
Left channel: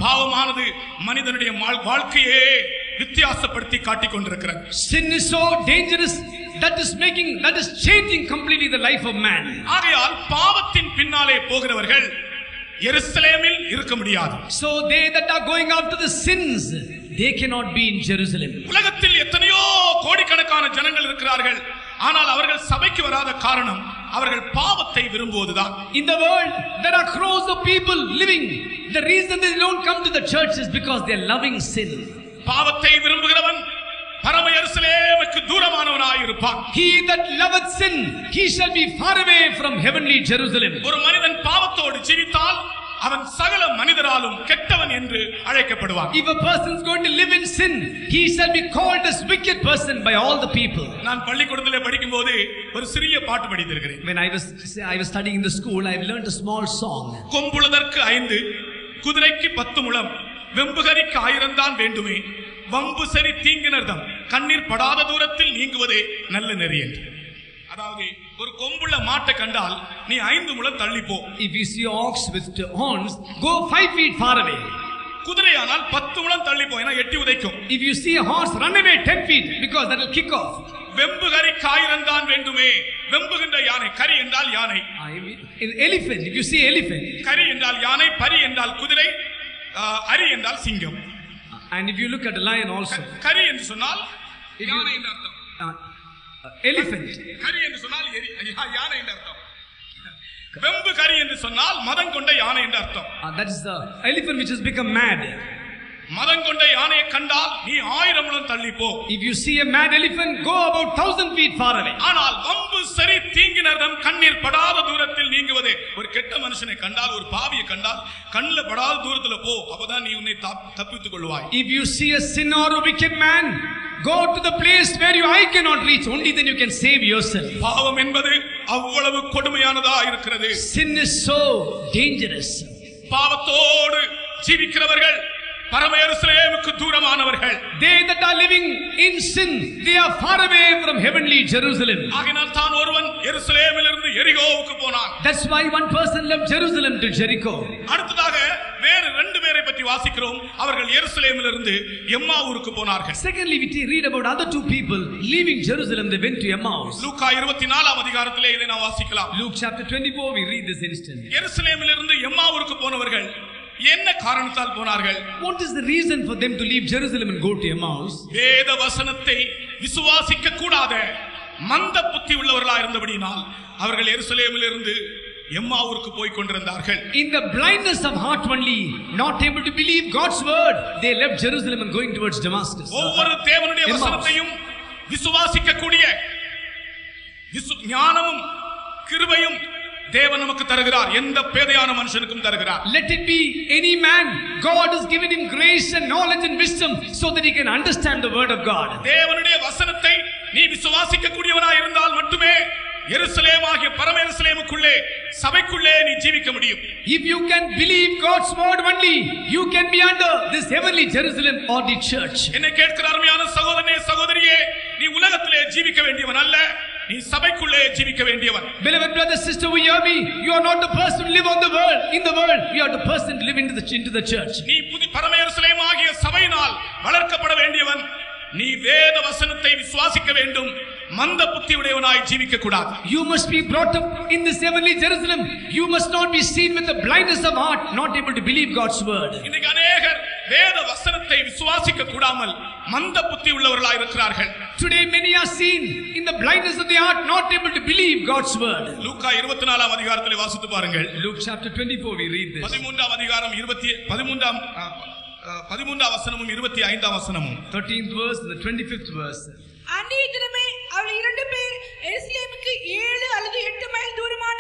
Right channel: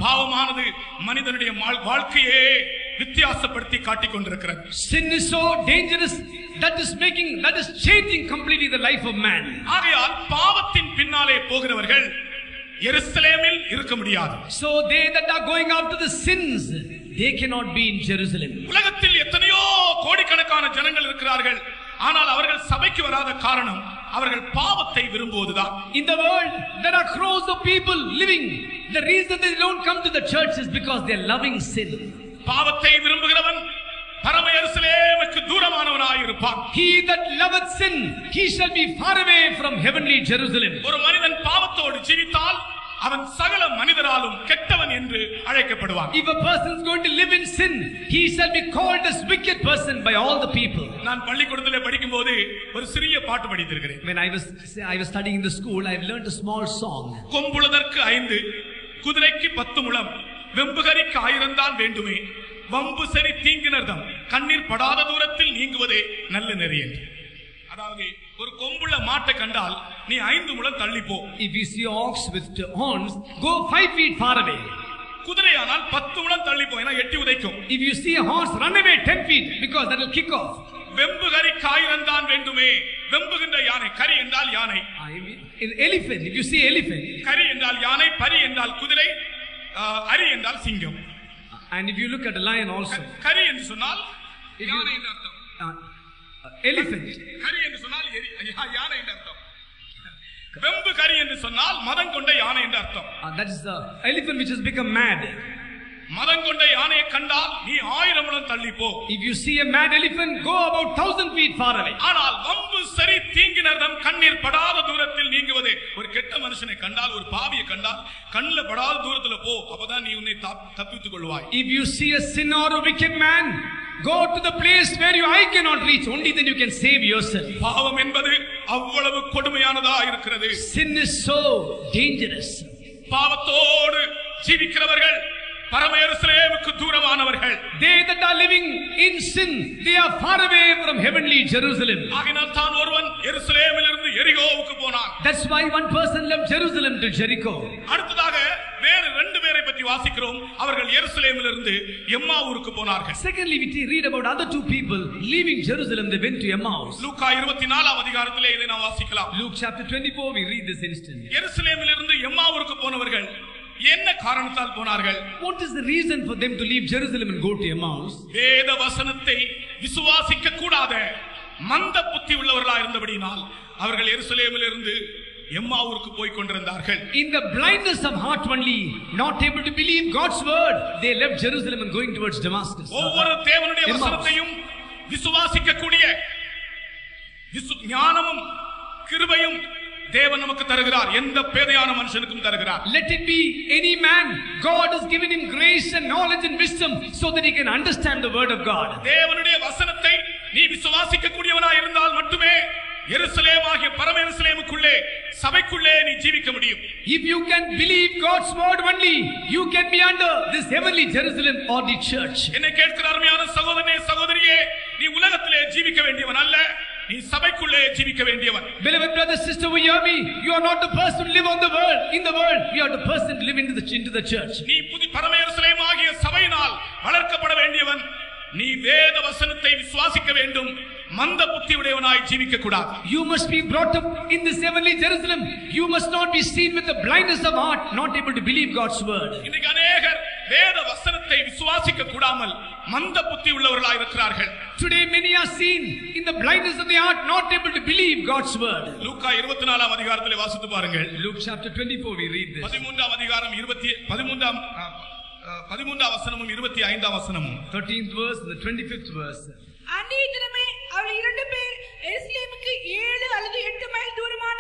பாவமானது மனிதனுடைய வாழ்க்கையே வித்தியாசப்படுத்தி காட்டிக் கொண்டிருக்கிறது. Sin is so dangerous that is changing completely the life of man. ஆகையால் பாவத்தின் பின்னாலே போகிறவர்கள் எருசலேமில் இருக்க முடியாது. So they that are going after the sins, they cannot be in Jerusalem. உலகத்தில் எத்தனையோ கோடிக்கணக்கான ஜனங்கள் இருக்கிறார்கள். ஆனால் அவர்கள் சபைக்கு வராத காரணம் அவர்கள் பாவத்தை விரும்புவதுதான். In the world there are crores of people living. The reason they don't come to the church is because they are loving sin. பாவத்தை விரும்புகிறவன் பரம எருசலேமுக்கு தூரமானவனாய் இருப்பான். He that loveth sin, he shall be far away from heavenly Jerusalem. ஒரு மனிதன் பாவத்தோடு ஜீவித்தால் அவன் சகல மனிதராலும் கெட்டவன் என்று அழைக்கப்படுவான். If a person is going to live in sin, he shall be called as wicked person by all the people. நான் பள்ளிக்கூடத்திலே படிக்கும்போது ஒரு சிறிய பாட்டு படித்திருக்கிறேன். When I was studying in the school, I learned a small song. கொம்புளதற்கு 5 குதிரைக்கு 10 முழம் வெம்புகரிக்கு 1000 தான் வேண்டுமே வம்பு சரி தீங்கினர்தம் கண்ணீர் படாத தூரத்தில் நீங்குவதே நல்ல நெறி என்று. அதாவது ஒரு கொம்புள்ள மாட்டை கண்டால் நீ 5 முழம் தள்ளி போ. If you see ox with horns, go 5 feet far away. குதிரையானால் 10 முழம் தள்ளி போ, ஏன்னா எட்டி உதைக்கும். If you see a horse, run away 10 feet because that will kick off. வெம்புகரிக்கு 1000 தான் வேண்டுமே. வெம்புகின்ற யானை, கரி என்றால் யானை. Elephant, if you see elephant, கரி என்றால் யானை, பரி என்றால் குதிரை, அரி என்றால் சிங்கம். And if you look at the lion also, கரி என்று சொன்னால் யானை என்று அர்த்தம். elephant, கரி என்று சொன்னால் யானை என்று அர்த்தம். வெம்பு கரி என்று சொன்னால் மதம் கொண்ட யானை என்று அர்த்தம். that is the elephant which has become mad. மதம் கொண்ட யானையை கண்டால் நீ 1000 முழம் தள்ளி போ. If you see a mad elephant, go about 1,000 feet far away. ஆனால் வம்பு சரி தீங்கினர்தம் கண்ணீர் படாத தூரத்தில் நீங்குவதே. ஒரு கெட்ட மனுஷனை கண்டால், ஒரு பாவியை கண்டால் கண்ணில் படாத தூரத்துல போ, அப்பதான் நீ உன்னை தப்பித்துக் கொள்வாய். If you see a sinner or a wicked man, go to the place where your eye cannot reach. Only then you can save yourself. பாவம் என்பது அவ்வளவு கொடுமையானதா இருக்கிறது. Sin is so dangerous. பாவத்தோடு ஜீவிக்கிறவர்கள் பரம எருசலேமுக்கு தூரமானவர்கள். They that are living in sin, they are far away from heavenly Jerusalem. ஆகினால் தான் ஒருவன் எருசலேமிலிருந்து எரிகோவுக்கு போனான். That's why one person left Jerusalem to Jericho. அடுத்ததாக வேறு 2 பேரை பற்றி வாசிக்கிறோம். அவர்கள் எருசலேமிலிருந்து எம்மாவூருக்கு போனார்கள். Secondly, we read about other 2 people leaving Jerusalem. They went to Emmaus. லூக்கா 24 அதிகாரத்திலே இதை நாம் வாசிக்கலாம். Luke chapter 24, we read this instant. எருசலேமிலிருந்து எம்மாவூருக்கு போனவர்கள் என்ன காரணத்தால் போனார்கள்? What is the reason for them to leave Jerusalem and go to Emmaus? வேத வசனத்தை விசுவாசிக்க கூடாத மந்த புத்தி உள்ளவர்களாக இருந்தபடியால் அவர்கள் எருசலேமிலிருந்து எம்மாவூருக்கு போய் கொண்டிருந்தார்கள். In the blindness of heart only, not able to believe God's word, they left Jerusalem and going towards Damascus. ஒவ்வொரு தேவனுடைய வசனத்தையும் விசுவாசிக்க கூடிய ஞானமும் கிருபையும் தேவன் நமக்கு தருகிறார். எந்த பேதையான மனுஷனுக்கும் தருகிறார். Let it be any man, God has given him grace and knowledge and wisdom so that he can understand the word of God. தேவனுடைய வசனத்தை நீ விசுவாசிக்க கூடியவனாய் இருந்தால் மட்டுமே எருசலேமாகிய பரம எருசலேமுக்குள்ளே சபைக்குள்ளே நீ ஜீவிக்க முடியும். If you can believe God's word only, you can be under this heavenly Jerusalem or the church. என்னை கேட்கிற அருமையான சகோதரனே சகோதரியே, நீ உலகத்திலே ஜீவிக்க வேண்டியவன் அல்ல, நீ சபைக்குள்ளே ஜீவிக்க வேண்டியவன். Beloved brother, sister, who hear me, you are not the person to live on the world, in the world. You are the person to live into the church. நீ பரம எருசலேமாகிய சபையினால் வளர்க்கப்பட வேண்டியவன். நீ வேத வசனத்தை விசுவாசிக்க வேண்டும். மந்த புத்தி உடையவனாய் ஜீவிக்க கூடாது. You must be brought up in this heavenly Jerusalem. You must not be seen with the blindness of heart, not able to believe God's word. இன்னைக்கு अनेகர் வேத வசனத்தை விசுவாசிக்க கூடாமல் மந்த புத்தி உள்ளவர்களாய் இருக்கிறார்கள். Today many are seen in the blindness of the heart, not able to believe God's word. லூக்கா 24 அதிகாரத்திலே வாசித்து பாருங்கள். Luke chapter 24, we read this. 13 அதிகாரம் 13 வசனமும் 25 வசனமும். 13th verse and the 25th verse. அன்றைய தினமே அவள் 2 பேர் எருசலேமுக்கு 7 அல்லது 8 மைல் தூரமான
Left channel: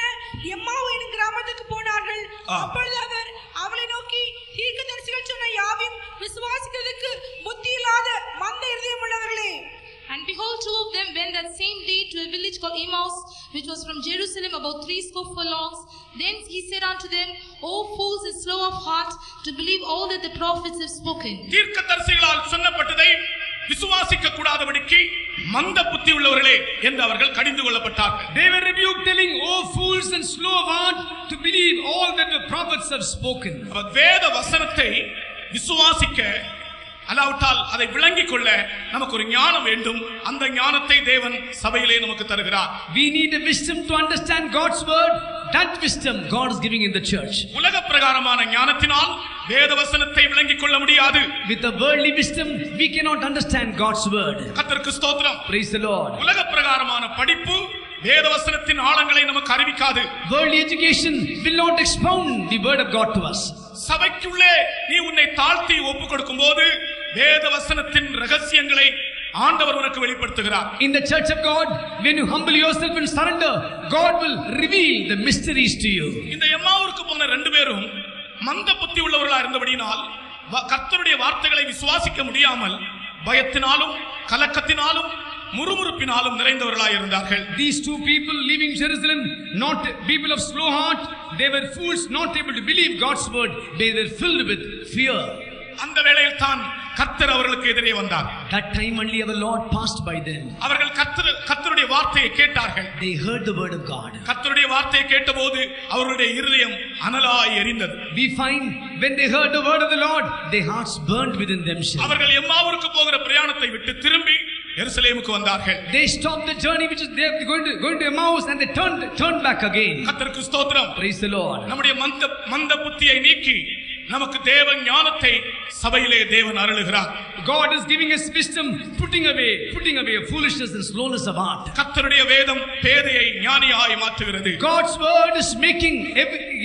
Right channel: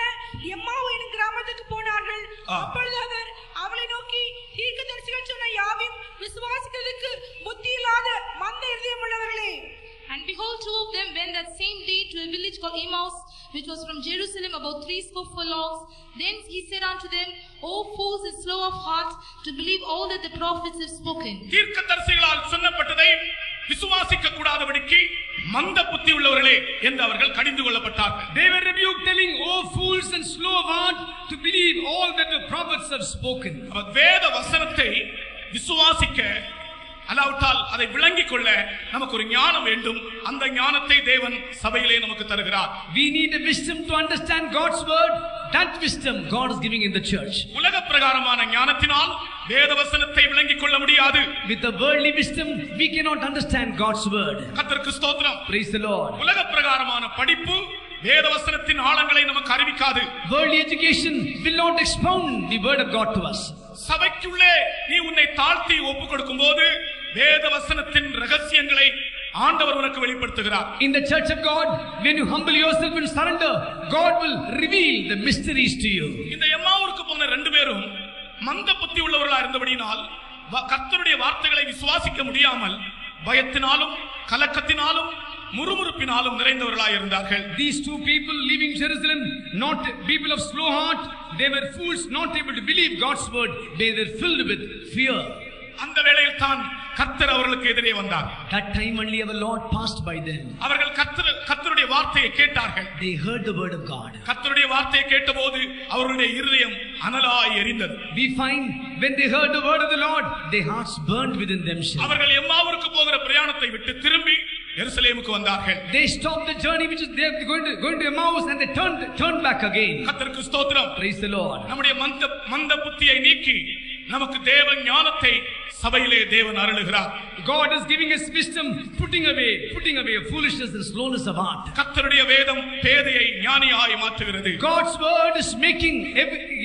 எம்மாவு என்னும் கிராமத்துக்கு போனார்கள். அப்பொழுது அவர் அவளை நோக்கி, தீர்க்கதரிசிகள் சொன்ன யாவையும் விசுவாசிக்கிறதுக்கு புத்தி இல்லாத மந்த இருதயம் உள்ளவர்களே. And behold, two of them went that same day to a village called Emmaus, which was from Jerusalem about 60 furlongs. Then he said unto them, O fools and slow of heart, to believe all that the prophets have spoken. தீர்க்கதரிசிகளால் சொன்னப்பட்டதை விசுவாசிக்க கூடாதபடிக்கு மந்த புத்தி உள்ளவர்களே என்று அவர்கள் கடிந்து கொள்ளப்பட்டார்கள். They were rebuked, telling, "O fools and slow of heart, to believe all that the prophets have spoken." வேத வசனத்தை விசுவாசிக்க அல்லாவிட்டால் அதை விளங்கிக் கொள்ள நமக்கு ஒரு ஞானம் வேண்டும். அந்த ஞானத்தை தேவன் சபையிலே நமக்கு தருகிறார். We need a wisdom to understand God's word. That wisdom God is giving in the church. உலக பிரகாரமான ஞானத்தினால் வேத வசனத்தை விளங்கிக் கொள்ள முடியாது. With the worldly wisdom we cannot understand God's word. கர்த்தருக்கு ஸ்தோத்திரம். Praise the Lord. உலக பிரகாரமான படிப்பு வேத வசனத்தின் ஆழங்களை நமக்கு அறிவிக்காது. Worldly education will not expound the word of God to us. சபைக்குள்ளே நீ உன்னை தாழ்த்தி ஒப்புக் கொடுக்கும்போது வேத வசனத்தின் ரகசியங்களை ஆண்டவர் உனக்கு வெளிப்படுத்துகிறார். In the church of God, when you humble yourself and surrender, God will reveal the mysteries to you. இந்த எம்மாவூருக்கு போன ரெண்டு பேரும் மந்த புத்தி உள்ளவர்களா இருந்தபடியினால் கர்த்தருடைய வார்த்தைகளை விசுவாசிக்க முடியாமல் பயத்தினாலும் கலக்கத்தினாலும் முறுமுறுப்பினாலும் நிறைந்தவர்களாய் இருந்தார்கள். These two people leaving Jerusalem, not people of slow heart, they were fools, not able to believe God's word. They were filled with fear. அந்த வேளையில் தான் கர்த்தர் அவர்களுக்கு எதிரே வந்தார். That time only our Lord passed by them. அவர்கள் கர்த்தருடைய வார்த்தையை கேட்டார்கள். They heard the word of God. கர்த்தருடைய வார்த்தையை கேட்டபோது அவர்களுடைய இருதயம் அனலாய் எரிந்தது. We find when they heard the word of the Lord, their hearts burned within themselves. அவர்கள் எம்மாவூருக்கு போகிற பிரயாணத்தை விட்டு திரும்பி எருசலேமுக்கு வந்தார்கள். They stopped the journey which is they are going to Emmaus, and they turned back again. கர்த்தருக்கு ஸ்தோத்திரம். Praise the Lord. நம்முடைய மந்த புத்தியை நீக்கி நமக்கு தேவ ஞானத்தை சபையிலே தேவன் அருளுகிறார். God is giving us wisdom, putting away foolishness and slowness of heart. கர்த்தருடைய வேதம் பேதையை ஞானியாய் மாற்றுகிறது. God's word is making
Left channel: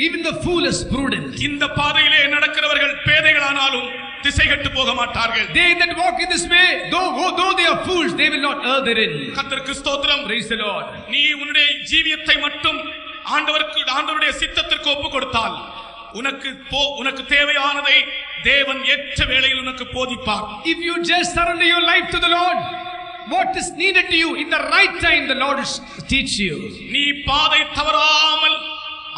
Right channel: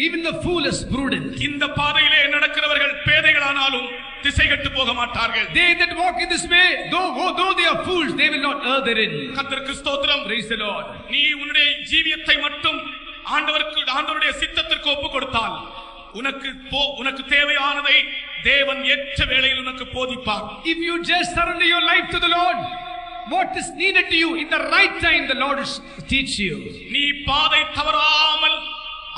even the fool as prudent. இந்த பாதையிலே நடக்கிறவர்கள் பேதைகளானாலும் திசை கெட்டு போக மாட்டார்கள். They that walk in this way, though they are fools, they will not err therein. கர்த்தருக்கு ஸ்தோத்திரம். Praise the Lord. நீ உன்னுடைய ஜீவியத்தை மட்டும் ஆண்டவருடைய சித்தத்திற்கு ஒப்பு கொடுத்தால் உனக்கு தேவையானதை தேவன் ஏற்ற வேளையில் உனக்கு போதிப்பார். If you just surrender your life to the Lord, what is needed to you in the right time, the Lord will teach you. நீ பாதை தவறாமல்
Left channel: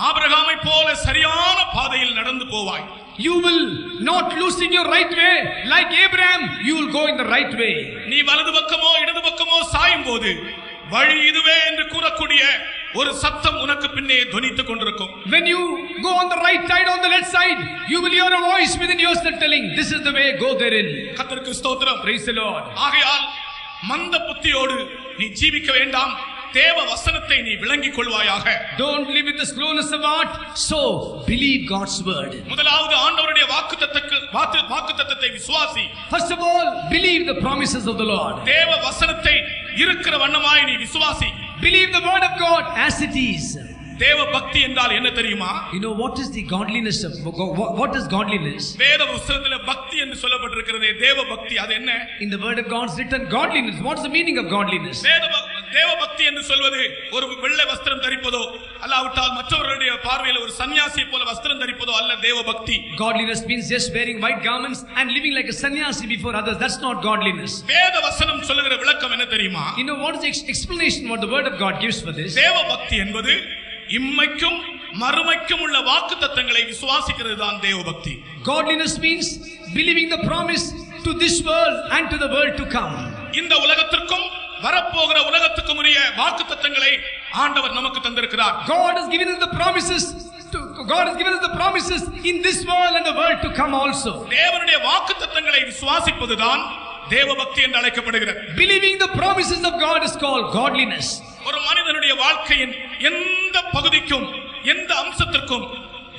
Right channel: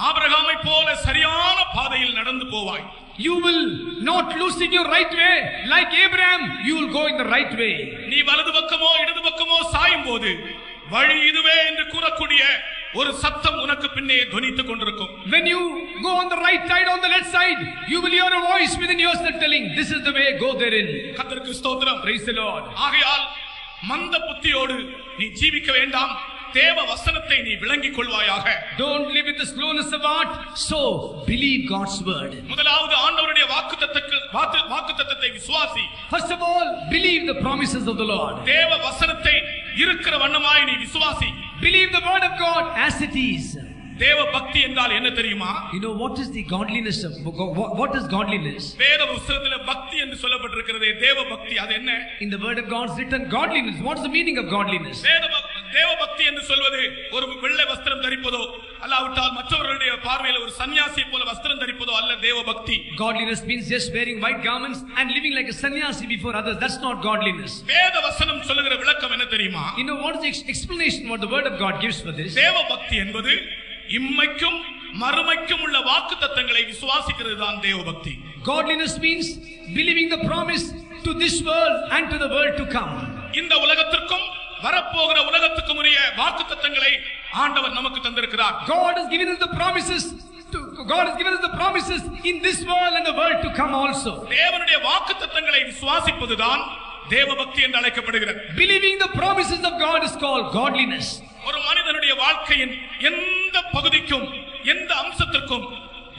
ஆபிரகாமை போல சரியான பாதையில் நடந்து போவாய். You will not losing your right way like Abraham. You will go in the right way. நீ வலது பக்கமோ இடது பக்கமோ சாயும் போது வழி இதுவே என்று கூறக்கூடிய ஒரு சத்தம் உனக்கு பின்னே துணித்துக் கொண்டிருக்கும். When you go on the right side, on the left side, you will hear a voice within yourself telling, "This is the way, go therein." கர்த்தருக்கு ஸ்தோத்திரம். Praise the Lord. ஆகையால் மந்த புத்தியோடு நீ ஜீவிக்க வேண்டாம். தேவ வசனத்தை நீ விளங்கிக் கொள்வாயாக. Don't live with the slowness of heart. So believe God's word. முதலாவது ஆண்டவருடைய வாக்குத்தத்தத்தை விசுவாசி. First of all, believe the promises of the Lord. தேவ வசனத்தை இருக்கிற வண்ணமாய் நீ விசுவாசி. Believe the word of God as it is. தேவ பக்தி என்றால் என்ன தெரியுமா? You know what is the godliness of what is godliness? வேத புத்தகத்திலே பக்தி என்று சொல்லப்பட்டிருக்கிறதே தேவ பக்தி. அது என்ன? In the word of God is written godliness. What is the meaning of godliness? தேவ பக்தி என்று சொல்வது ஒரு வெள்ளை வஸ்திரம் தரிப்பதோ அல்லாவிட்டால் மற்றவர்களுடைய பார்வையில் ஒரு சன்னியாசி போல வஸ்திரம் தரிப்பதோ அல்ல தேவ பக்தி. Godliness means just wearing white garments and living like a sannyasi before others. That's not godliness. வேத வசனம் சொல்லுகிற விளக்கம் என்ன தெரியுமா? You know what is the explanation what the word of God gives for this? தேவ பக்தி என்பது இம்மைக்கும் மறுமைக்கும் உள்ள வாக்குத்தத்தங்களை விசுவாசிக்கிறது தான் தேவ பக்தி. Godliness means believing the promise to this world and to the world to come. இந்த உலகத்திற்கும் வரப்போகிற உலகத்துக்கும் உரிய வாக்குத்தத்தங்களை ஆண்டவர் நமக்கு தந்திருக்கிறார். God has given us the promises in this world and the world to come also. தேவனுடைய வாக்குத்தத்தங்களை விசுவாசிப்பதுதான் தேவ பக்தி என்று அழைக்கப்படுகிறது. Believing the promises of God is called godliness. ஒரு மனிதனுடைய வாழ்க்கையின் எந்த பகுதிக்கும் எந்த அம்சத்திற்கும்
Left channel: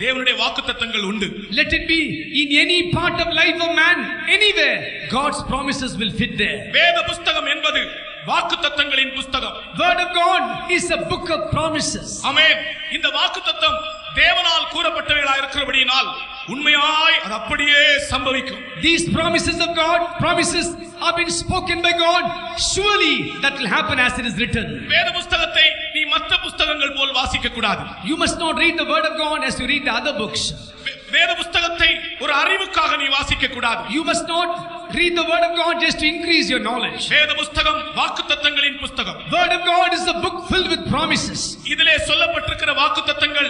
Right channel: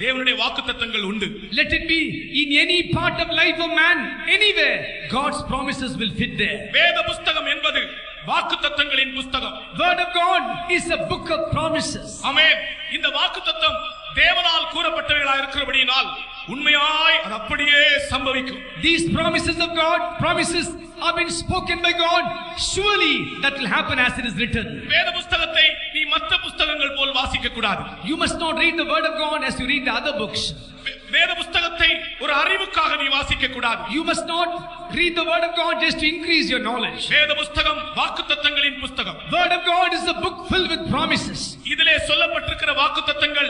தேவனுடைய வாக்குத்தத்தங்கள் உண்டு. Let it be in any part of life of man, anywhere, God's promises will fit there. வேத புத்தகம் என்பது வாக்குத்தத்தங்களின் புத்தகம். Word of God is a book of promises. ஆமென். இந்த வாக்குத்தத்தம் தேவனால் கூறப்பட்டவைகளாக இருக்கிறபடியினால் உண்மையாய் அது அப்படியே சம்பவிக்கும். These promises of God, promises have been spoken by God. Surely that will happen as it is written. வேத புத்தகத்தை நீ மற்ற புத்தகங்கள் போல் வாசிக்க கூடாது. You must not read the word of God as you read the other books. வேத புத்தகத்தை ஒரு அறிவுக்காக நீ வாசிக்க கூடாது. You must not read the word of God just to increase your knowledge. வேத புத்தகம் வாக்குத்தத்தங்களின் புத்தகம். Word of God is a book filled with promises. இதிலே சொல்லப்பட்டிருக்கிற வாக்குத்தத்தங்கள்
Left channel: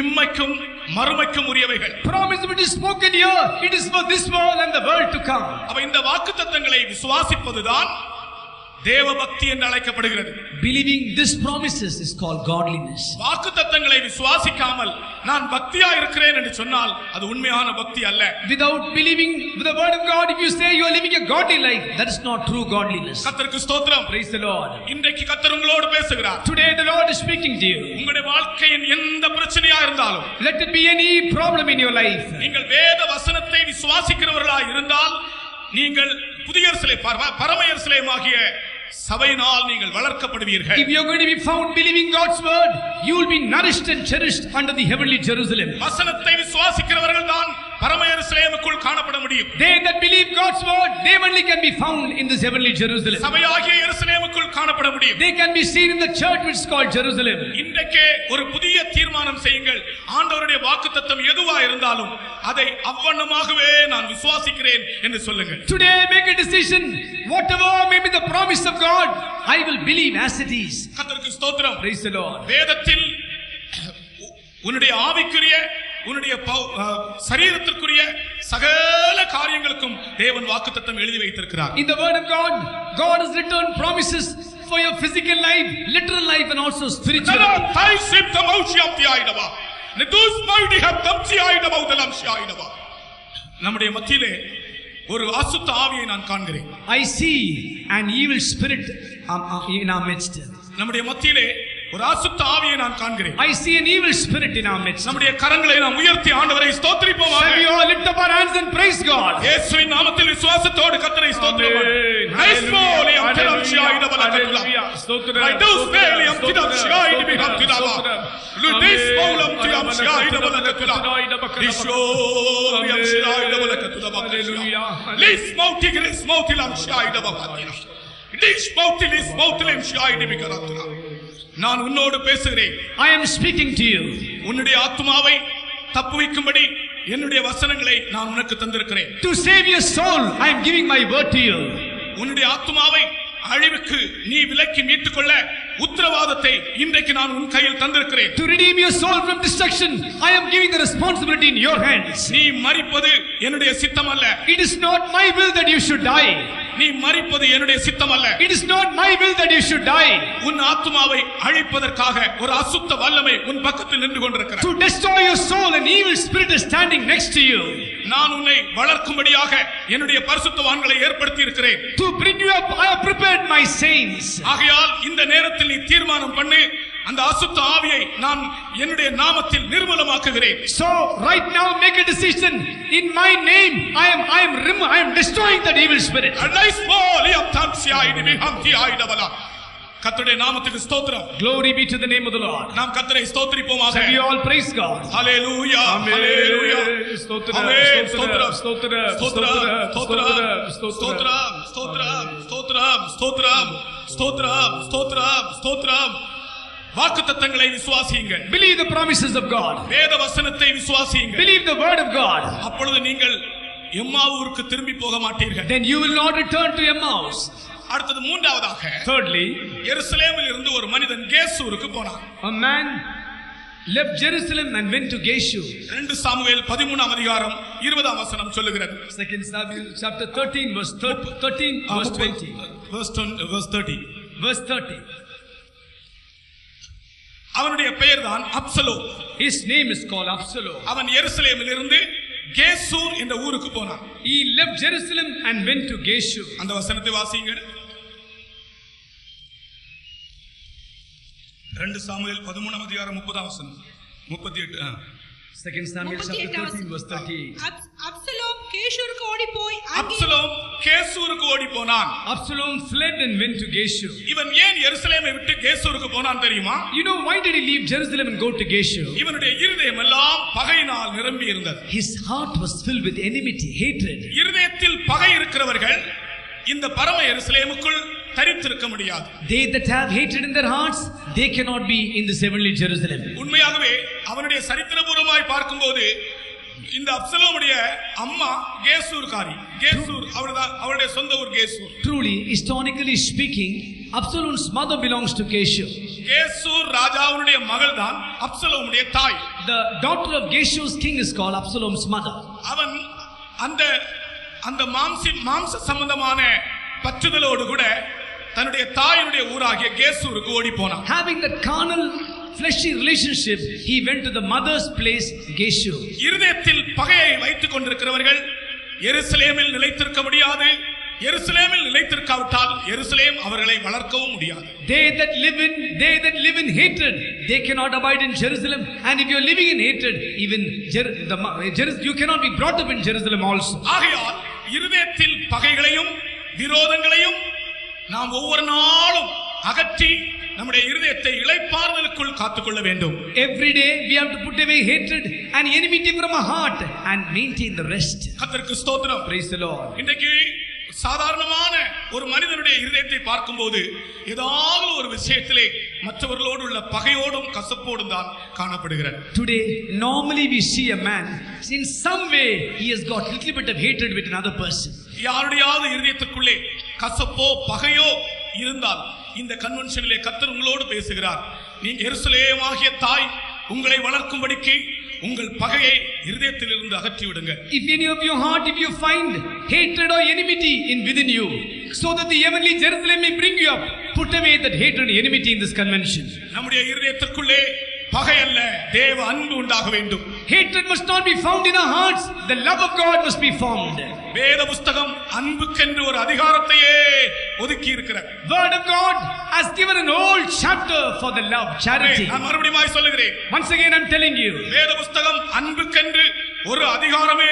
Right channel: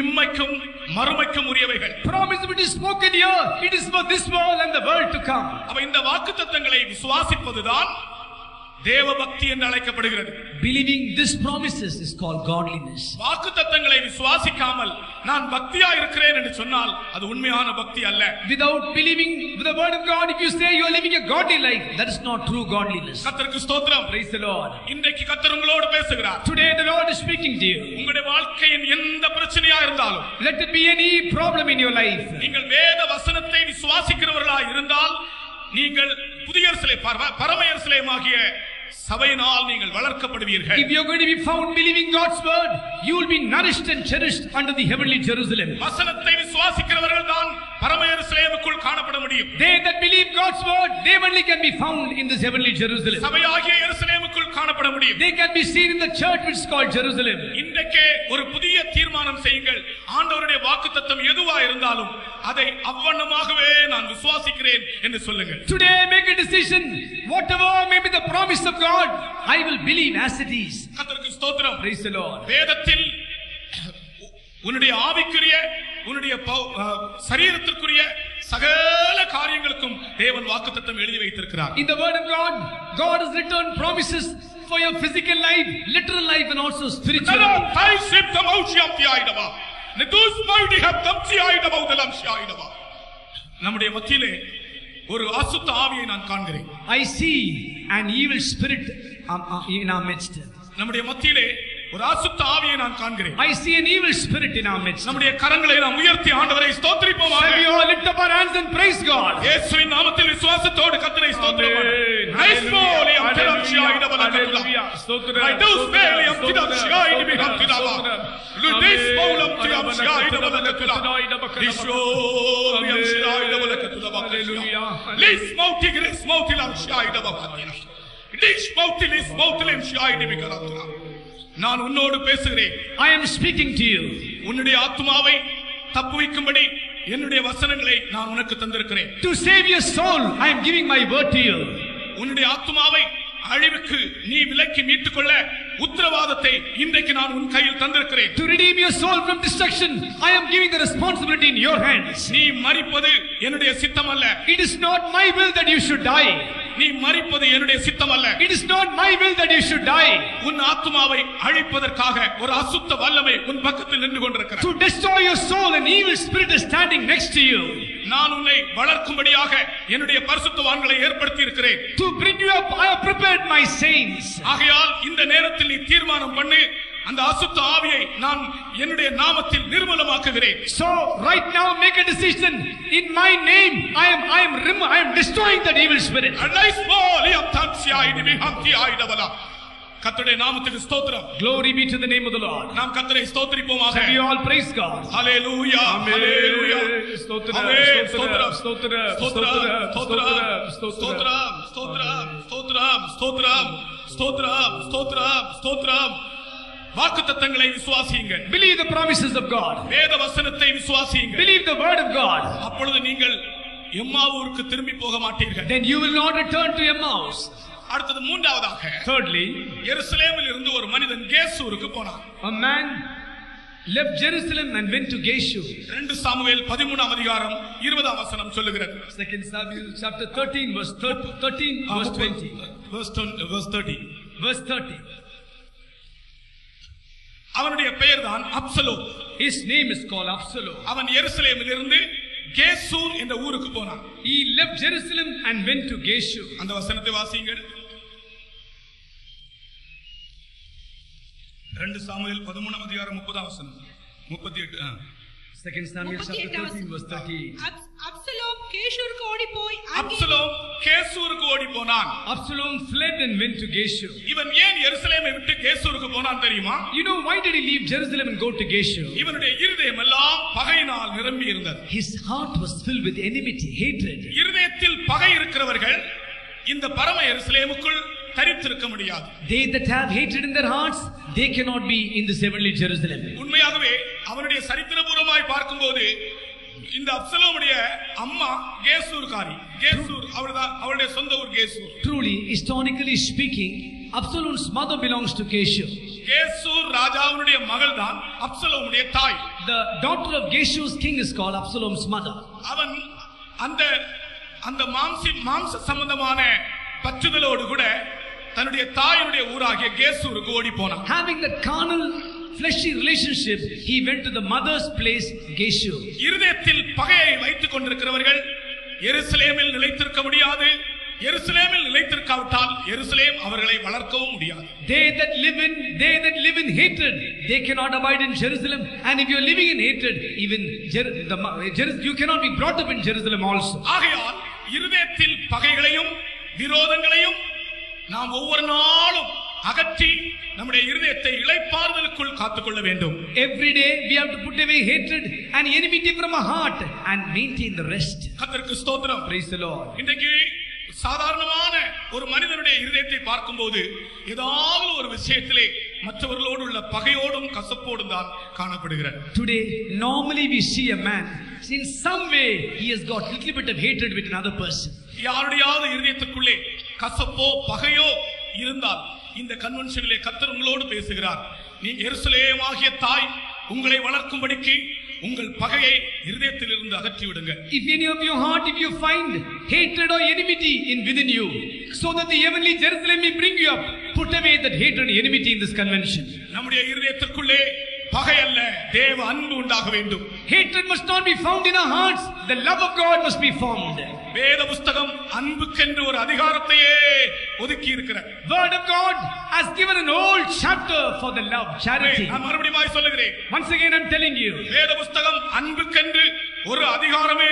இம்மைக்கும் மறுமைக்கும் உரியவைகள். Promise which is spoken here, it is for this world and the world to come. அப்ப இந்த வாக்குத்தத்தங்களை விசுவாசிப்பதுதான் தேவபக்தி என்று அழைக்கப்படுகிறது. Believing these promises is called godliness. வாக்குத்தத்தங்களை விசுவாசிக்காமல் நான் பக்தியா இருக்கிறேன் என்று சொன்னால் அது உண்மையான பக்தி அல்ல. Without believing the word of God, if you say you are living a godly life, that is not true godliness. கர்த்தருக்கு ஸ்தோத்திரம். Praise the Lord. இன்றைக்கு கர்த்தர் உங்களோடு பேசுகிறார். Today the Lord is speaking to you. உங்களுடைய வாழ்க்கையின் எந்த பிரச்சனையா இருந்தாலும், Let it be any problem in your life, நீங்கள் வேத வசனத்தை விசுவாசிக்கிறவர்களாய் இருந்தால் நீங்கள் புதிய பரம எருசலேமாகிய சபையினால் நீங்கள் வளர்க்கப்படுவீர்கள். if you are going to be found believing God's word, you will be nourished and cherished under the heavenly Jerusalem. வசனத்தை விசுவாசிக்கிறவர்கள் தான் பரம எருசலேமுக்குள் காணப்பட முடியும். They that believe God's word, they only can be found in this heavenly Jerusalem. சபையாகிய எருசலேமுக்குள் காணப்பட முடியும். They can be seen in the church which is called Jerusalem. இன்றைக்கே ஒரு புதிய தீர்மானம் செய்யுங்கள். ஆண்டவருடைய வாக்குத்தத்தம் எதுவா இருந்தாலும் அதை அவ்வண்ணமாகவே நான் விசுவாசிக்கிறேன் என்று சொல்லுங்கள். Today make a decision. Whatever may be the promise of God, I will believe as it is. கர்த்தருக்கு ஸ்தோத்திரம். Praise the Lord. வேதத்தில் உன்னுடைய ஆவிக்குரிய உன்னுடைய சரீரத்திற்குரிய சகல காரியங்களுக்கும் தேவன் வாக்குத்தத்தம் எழுதி வைத்திருக்கிறார். In the word of God, God has written promises for your physical life, literal life and also spiritual life. நம்முடைய மத்தியிலே ஒரு அசுத்த ஆவியை நான் காண்கிறேன். I see an evil spirit in our midst. நம்முடைய மத்தியிலே ஒரு அசுத்த ஆவியை நான் காண்கிறேன். I see an evil spirit in our midst. நம்முடைய கரங்களை நாம் உயர்த்தி ஆண்டவரை ஸ்தோத்திரிப்போமாக. Shall we all lift up our hands and praise God? இயேசுவின் நாமத்தில் விசுவாசத்தோடு கர்த்தரை ஸ்தோத்திரிப்போம். நைஸ்மோலி அம்திரம் ஷாயிட பலகத்துலா. ரைடோஸ்மேலி அம்திரம் ஷாயிட பிஹம்திலாவா. லுடிஸ்மோலம் திரம் ஷாயிட பலகத்துலா. ரிஷோலி அம் ஷாயிட பலகத்துலா. ஹalleluya. லிஸ்மௌத்தி கிரிஸ்மௌத்திலம் ஷாயிட பலகத்துலா. டிஸ்மௌத்திலிஸ் மௌத்திலம் ஷாயிட பிகரத்துலா. நான் உன்னோடு பேசுகிறேன். I am speaking to you. உன்னுடைய ஆத்துமாவை தப்புவிக்கும்படி என்னுடைய வசனங்களை நான் உனக்கு தந்திருக்கிறேன். To save your soul, I am giving my word to you. உன்னுடைய ஆத்துமாவை அழிவுக்கு நீ விலக்கி மீட்டுக் கொள்ள உத்தரவாதத்தை இன்றைக்கு நான் உன் கையில் தந்திருக்கிறேன். To redeem your soul from destruction, I am giving the responsibility in your hands. நீ மரிப்பது என்னுடைய சித்தம் அல்ல. It is not my will that you should die. நீ மரிப்பது என்னுடைய சித்தம் அல்ல. It is not my will that you should die. உன் ஆத்துமாவை அழிப்பதற்காக ஒரு அசுத்த வல்லமை உன் பக்கத்தில் நின்று கொண்டிருக்கிறது. To destroy your soul, an evil spirit is standing next to you. நான் உன்னை வளர்க்கும்படியாக என்னுடைய பரிசுத்தவான்களை ஏற்படுத்தி இருக்கிறேன். To bring you up, I have prepared my saints. ஆகையால் இந்த நேரத்தில் நீ தீர்மானம் பண்ணி அந்த அசுத்த ஆவியை நான் என்னுடைய நாமத்தில் நிர்மூலமாக்குகிறேன். So right now make a decision. In my name I am destroying that evil spirit. கர்த்தருடைய நாமத்துக்கு ஸ்தோத்திரம். Glory be to the name of the Lord. நாம் கர்த்தரை ஸ்தோத்திரிப்போமாக. Shall we all praise God? Hallelujah. Hallelujah. ஸ்தோத்திரம் ஸ்தோத்திரம் ஸ்தோத்திரம் ஸ்தோத்திரம் ஸ்தோத்திரம் ஸ்தோத்திரம் ஸ்தோத்திரம் ஸ்தோத்திரம் ஸ்தோத்திரம் ஸ்தோத்திரம் ஸ்தோத்திரம். வாக்குத்தத்தங்களை விசுவாசியுங்கள். Believe the promises of God. வேத வசனத்தை விசுவாசியுங்கள். Believe the word of God. அப்பொழுது நீங்கள் எம்மாவூருக்கு திரும்பி போக மாட்டீர்கள். Then you will not return to Emmaus. அடுத்தது மூன்றாவதாக, thirdly, எருசலேமில் இருந்து ஒரு மனிதன் கேசூருக்கு போனான். A man left Jerusalem and went to Geshur. 2 Samuel 13ஆம் அதிகாரம் 20ஆம் வசனம் சொல்லுகிறது. 2 Samuel chapter 13 verse 20. Verse 30. அவனுடைய பெயர்தான் Absalom. His name is called Absalom. அவன் எருசலேமில் இருந்து கேசூர் என்ற ஊருக்கு போனான். He left Jerusalem and went to Geshur. அந்த வசனத்தை வாசியுங்கள். 2 சாமுவேல் 13ஆம் அதிகாரம் 30ஆம் வசனம். 38. 2 Samuel chapter 13 verse 30. அப்சலோம் கேஷூருக்கு ஓடி போய் அப்சலோம் கேசூருக்கு ஓடி போனான். Absalom fled and went to Geshur. இவன் ஏன் எருசலேமை விட்டு கேசூருக்கு போனான் தெரியுமா? You know why did he leave Jerusalem and go to Geshur? இவனுடைய இருதயம் எல்லாம் பகையினால் நிரம்பி இருந்தது. His heart was filled with enmity, hatred. இருதயத்தில் பகை இருக்கிறவர்கள் இந்த பரம எருசலேமுக்குள் தரித்திருக்க முடியாது. They that have hatred in their hearts, they cannot be in this heavenly Jerusalem. உண்மையாகவே அவனுடைய சரித்திரபூர்வமாய் பார்க்கும்போது இந்த அப்சலோமுடைய அம்மா கேசூர்காரி. கேசூர் அவளுடைய சொந்த ஊர் கேசூர். Truly, historically speaking, Absalom's mother belongs to Geshur. கேசூர் ராஜாவுடைய மகள் தான் அப்சலோமுடைய தாய். The daughter of Geshur's king is called Absalom's mother. அவன் அந்த மாம்ச சம்பந்தமான பற்றுதலோடு கூட தன்னுடைய தாயினுடைய ஊராகிய கேசூருக்கு ஓடி போனான். Having that carnal fleshy relationship, he went to the mother's place, Geshur. இருதயத்தில் பகையை வைத்துக் கொண்டிருக்கிறவர்கள் எருசலேமில் நிலைத்திருக்க முடியாது. எருசலேமில் நிலைத்திருக்காவிட்டால் எருசலேம் அவர்களை வளர்க்கவும் முடியாது. They that live in hatred, they cannot abide in Jerusalem. And if you are living in hatred, even you cannot be brought up in Jerusalem also. ஆகையால் இருதயத்தில் பகைகளையும் விரோதங்களையும் நாம் ஒவ்வொரு நாளும் அகற்றி நம்முடைய இருதயத்தை இளைப்பாறுதலுக்குள் காத்துக்கொள்ள வேண்டும். Every day we have to put away hatred and enmity from our heart and maintain the rest. கர்த்தருக்கு ஸ்தோத்திரம். Praise the Lord. இன்றைக்கு சாதாரணமான ஒரு மனிதனுடைய இருதயத்தை பார்க்கும்போது ஏதாவது ஒரு விஷயத்திலே மற்றவர்களோடு உள்ள பகையோடும் கசப்போடும் தான் காணப்படுகிறார். Today normally we see a man in some way he has got little bit of hatred with another person. யாருடையாவது இருதயத்துக்குள்ளே கசப்போ பகையோ இருந்தால் இந்த கன்வென்ஷனிலே கர்த்தர் உங்களோடு பேசுகிறார். நீ எருசலேமாகிய தாய் உங்களை வளர்க்கும்படிக்கு உங்கள் பகையை இருதயத்திலிருந்து அகற்றி விடுங்க. If any of your heart, if you find hatred or enmity within you, so that the heavenly Jerusalem may bring you up, put away that hatred and enmity in this convention. நம்முடைய இருதயத்திற்குள்ளே பகை அல்ல, தேவ அன்பு உண்டாக வேண்டும். Hatred must not be found in our hearts. The love of God must be formed. வேத புஸ்தகம் அன்புக்கென்று ஒரு அதிகாரத்தையே ஒதுக்கி இருக்கிறார். Word of God has given an whole chapter for the love, charity. நான் மறுபடியும் சொல்லுகிறேன். Once again I'm telling you. வேத புஸ்தகம் அன்புக்கென்று ஒரு அதிகாரமே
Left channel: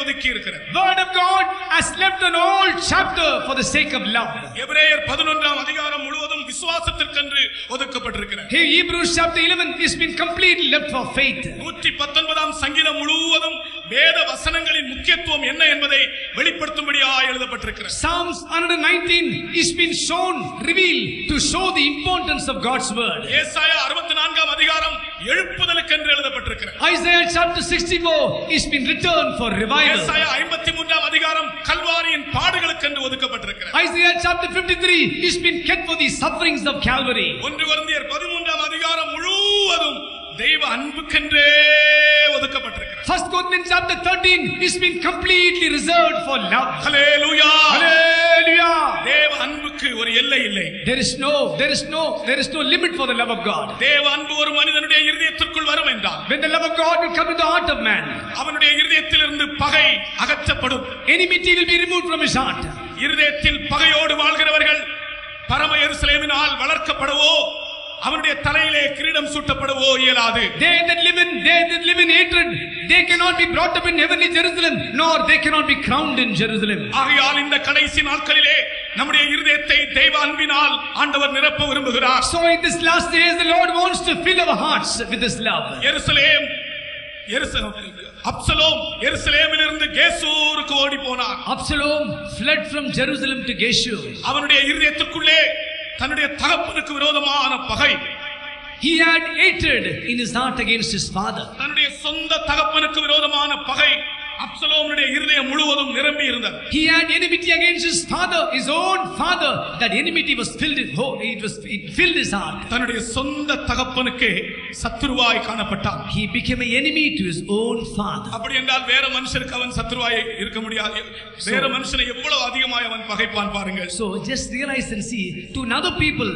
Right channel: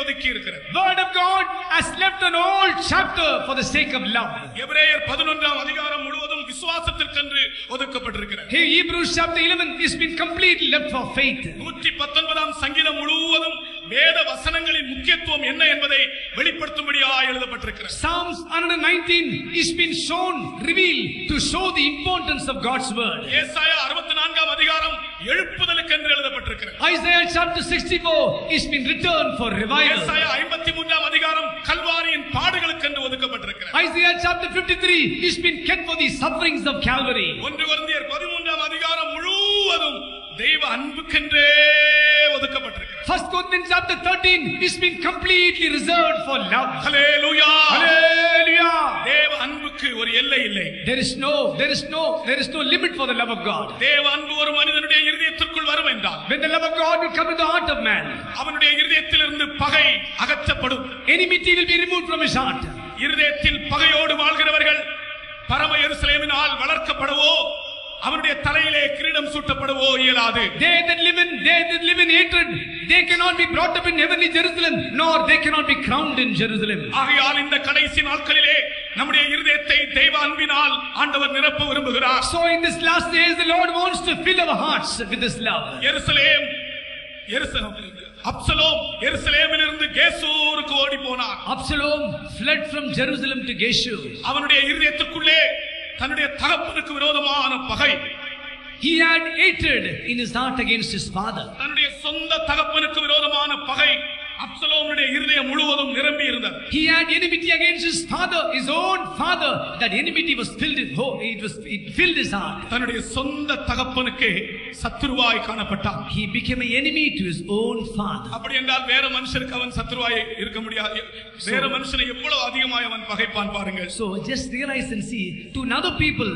ஒதுக்கி இருக்கிறார். Word of God has left an whole chapter for the sake of love. எபிரேயர் 11ஆம் அதிகாரம் முழுவதும் விசுவாசத்திற்கென்று ஒதுக்கப்பட்டிருக்கிறது. Hebrews chapter 11 has been completely left for faith. 119ஆம் சங்கீதம் முழுவதும் வேத வசனங்களின் முக்கியத்துவம் என்ன என்பதை வெளிப்படுத்தும்படியாக எழுதப்பட்டிருக்கிறது. Psalms 119 is been shown, revealed to show the importance of God's word. ஏசாயா 64ஆம் அதிகாரம் எழுப்புதலுக்கென்று எழுதப்பட்டிருக்கிறது. Isaiah chapter 64 is been written for revival. ஏசாயா 53ஆம் அதிகாரம் கல்வாரியின் பாடுகளுக்கென்று ஒதுக்கப்பட்டிருக்கிறது. Isaiah chapter 53 is been kept for the sufferings of Calvary. 1 கொரிந்தியர் 13ஆம் அதிகாரம் முழுவதும் தெய்வ அன்புக்கென்றே ஒதுக்கப்பட்டிருக்கிறது. 1 Corinthians chapter 13 is been completely reserved for love. Hallelujah. Hallelujah. தேவ அன்புக்கு ஒரு எல்லை இல்லை. There is no limit for the love of God. தேவ அன்பு ஒரு மனிதனுடைய இருதயத்திற்குள் வரும் என்றால், when the love of God will come to the heart of man, அவனுடைய இருதயத்திலிருந்து பகை அகற்றப்படும். enmity will be removed from his heart. இருதயத்தில் பகையோடு வாழ்கிறவர்கள் பரம எருசலேமினால் வளர்க்கப்படவோ அவனுடைய தலையிலே கிரீடம் சூட்டப்படவோ இயலாது. They that live in hatred, they cannot be brought up in heavenly Jerusalem, nor they cannot be crowned in Jerusalem. ஆகையால் இந்த கடைசி நாட்களிலே நம்முடைய இருதயத்தை தெய்வ அன்பினால் ஆண்டவர் நிரப்ப விரும்புகிறார். So in this last days the Lord wants to fill our hearts with this love. Absalom எருசலேமிலிருந்து கேசூருக்கு ஓடி போனான். Absalom fled from Jerusalem to Geshur. அவனுடைய இருதயத்துக்குள்ளே தன்னுடைய தகப்பனுக்கு விரோதமான பகை. He had hatred in his heart against his father. தன்னுடைய சொந்த தகப்பனுக்கு விரோதமான பகை அப்சலோமுடைய இருதயம் முழுவதும் நிரம்பி இருந்தது. He had enmity against his father, his own father. That enmity was filled his heart. தன்னுடைய சொந்த தகப்பனுக்கு சத்துருவாய் காணப்பட்டான். He became an enemy to his own father. அப்படி என்றால் வேற மனுஷருக்கு அவன் சத்துருவாய் இருக்க முடியாது. வேற மனுஷனை எவ்வளவு அதிகமாய் அவன் பகைப்பான் பாருங்கள். So just realize and see, to other people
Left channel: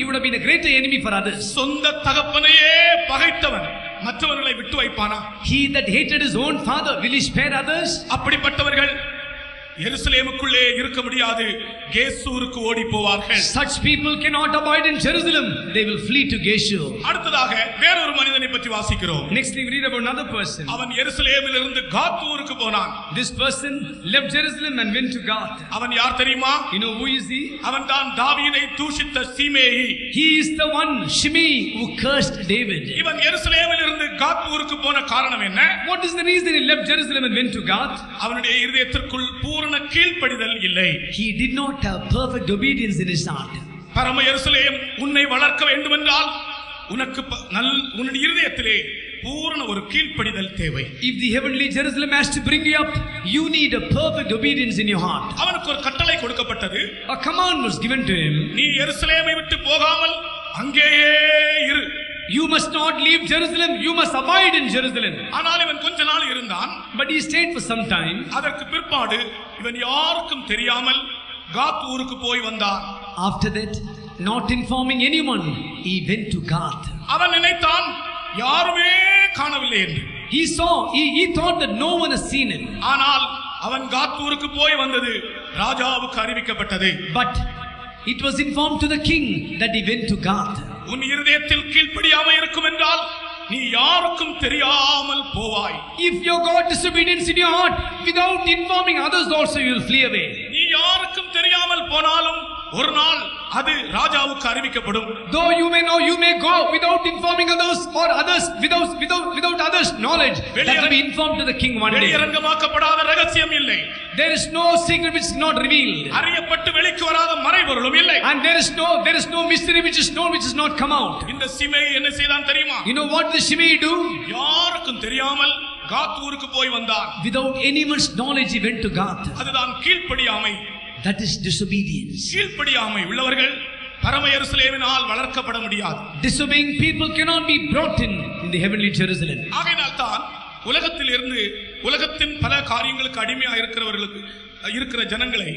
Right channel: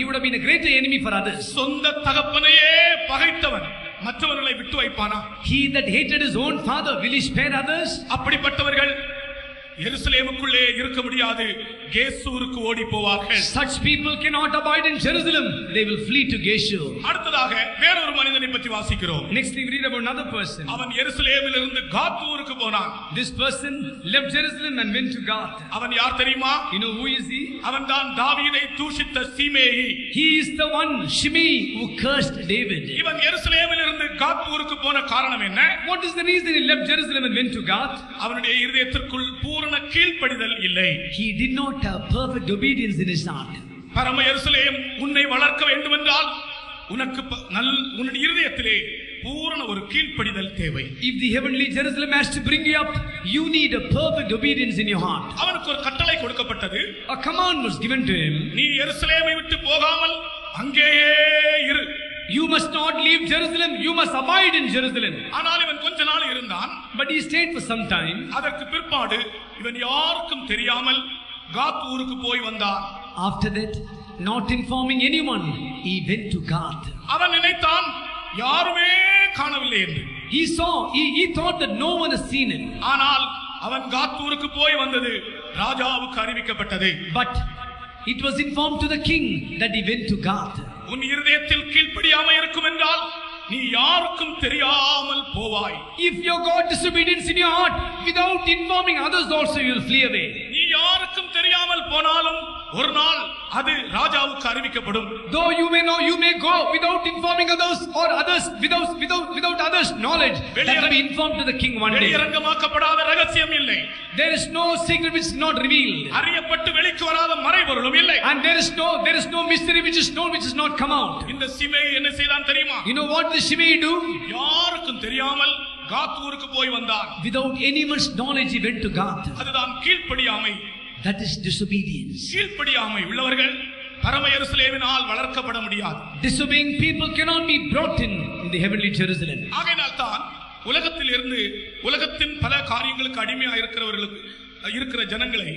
he would have been a greater enemy for others. சொந்த தகப்பனையே பகைத்தவன் மற்றவர்களை விட்டு வைப்பானா? He that hated his own father, will he spare others? அப்படிப்பட்டவர்கள் எருசலேமுக்குள்ளே இருக்க முடியாது, கேசூருக்கு ஓடி போவார்கள். Such people cannot abide in Jerusalem, they will flee to Geshur. அடுத்ததாக வேறொரு மனிதனை பற்றி வாசிக்கிறோம். Next we read about another person. அவன் எருசலேமிலிருந்து காத்தூருக்கு போனான். This person left Jerusalem and went to Gath. அவன் யார் தெரியுமா? You know who is he? அவன் தான் தாவீதை தூஷித்த சீமேயி. He is the one, Shimei, who cursed David. இவன் எருசலேமிலிருந்து காத்தூருக்கு போன காரணம் என்ன? What is the reason he left Jerusalem and went to Gath? அவனுடைய இருதயத்திற்குள் பூரண கீழ்ப்படிதல் இல்லை. He did not have perfect obedience in his heart. பரம எருசலேம் உன்னை வளர்க்க வேண்டும் என்றால் உனக்கு உன்னுடைய இருதயத்திலே பூரண ஒரு கீழ்ப்படிதல் தேவை. If the heavenly Jerusalem has to bring you up, you need a perfect obedience in your heart. அவனுக்கு ஒரு கட்டளை கொடுக்கப்பட்டது. A command was given to him. நீ எருசலேமை விட்டு போகாமல் அங்கேயே இரு. You must not leave Jerusalem, you must abide in Jerusalem. ஆனால் இவன் கொஞ்ச நாள் இருந்தான். But he stayed for some time. அதற்கு பிற்பாடு இவன் யாருக்கும் தெரியாமல் காத் ஊருக்கு போய் வந்தான். After that, not informing anyone, he went to Gath. அவன் நினைத்தான் யாருமே காணவில்லை என்று. He thought that no one has seen him. ஆனால் அவன் காத் ஊருக்கு போய் வந்தது ராஜாவுக்கு அறிவிக்கப்பட்டது. But it was informed to the king that he went to Gath. உன் இருதயத்தில் கீழ்ப்படியாமை இருக்கும் என்றால் நீ யாருக்கும் தெரியாமல் போவாய். If you got disobedience in your heart, without informing others also you will flee away. நீ யாருக்கும் தெரியாமல் போனாலும் ஒரு நாள் அது ராஜாவுக்கு அறிவிக்கப்படும். Though you may go without informing others or others without others knowledge, that will be informed to the king one day. வெளியரங்கமாக்கப்படாத ரகசியம் இல்லை. There is no secret which is not revealed. அறியப்பட்டு வெளிக்கு வராத மறைபொருளும் இல்லை. And there is no mystery which is known which has not come out. இந்த சிமேயி என்ன செய்தான் தெரியுமா? You know what the Shimei do? யாருக்கும் தெரியாமல் காத் ஊருக்கு போய் வந்தான். Without anyone's knowledge he went to Gath. அதுதான் கீழ்ப்படியாமை. That is disobedience. கீழ்ப்படியாமை உள்ளவர்கள் பரம எருசலேமினால் வளர்க்கப்பட முடியாது. Disobeying people cannot be brought in the heavenly Jerusalem. ஆகையால் தான் உலகத்தில் இருந்து உலகத்தின் பல காரியங்களுக்கு அடிமையாக இருக்கிற ஜனங்களை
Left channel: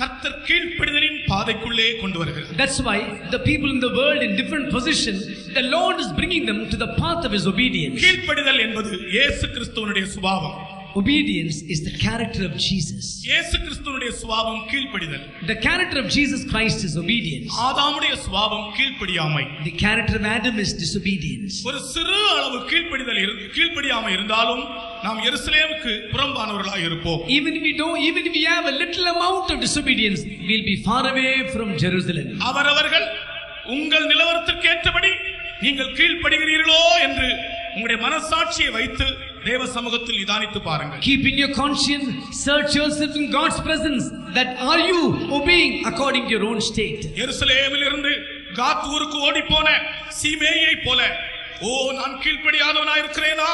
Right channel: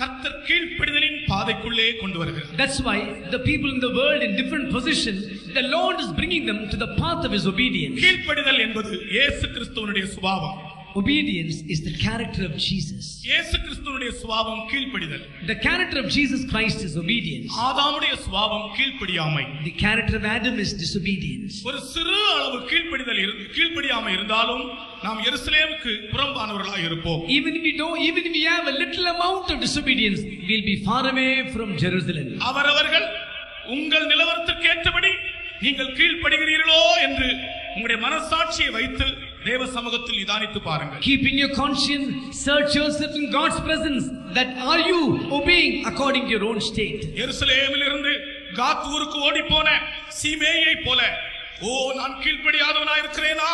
கர்த்தர் கீழ்ப்படிதலின் பாதைக்குள்ளே கொண்டு வருகிறார். That's why the people in the world in different positions, the Lord is bringing them to the path of his obedience. கீழ்ப்படிதல் என்பது இயேசு கிறிஸ்துவினுடைய சுபாவம். Obedience is the character of Jesus. இயேசு கிறிஸ்துவினுடைய சுபாவம் கீழ்ப்படிதல். The character of Jesus Christ is obedience. ஆதாமுடைய சுபாவம் கீழ்ப்படியாமை. The character of Adam is disobedience. ஒரு சிறு அளவு கீழ்ப்படியாமை இருந்தாலும் நாம் எருசலேமுக்கு புறம்பானவர்களாக இருப்போம். Even if we have a little amount of disobedience, we'll be far away from Jerusalem. அவரவர்கள் உங்கள் நிலவரத்திற்கு ஏற்றபடி நீங்கள் கீழ்ப்படுகிறீர்களோ என்று உங்களுடைய மனசாட்சியை வைத்து தேவ சமூகத்தில் நிதானித்து பாருங்கள். Keep in your conscience, search yourself in God's presence, that are you obeying according to your own state. எருசலேமிலிருந்து காத் ஊருக்கு ஓடி போன சீமேயை போல நான் கீழ்ப்படியாதவனாய் இருக்கிறேனா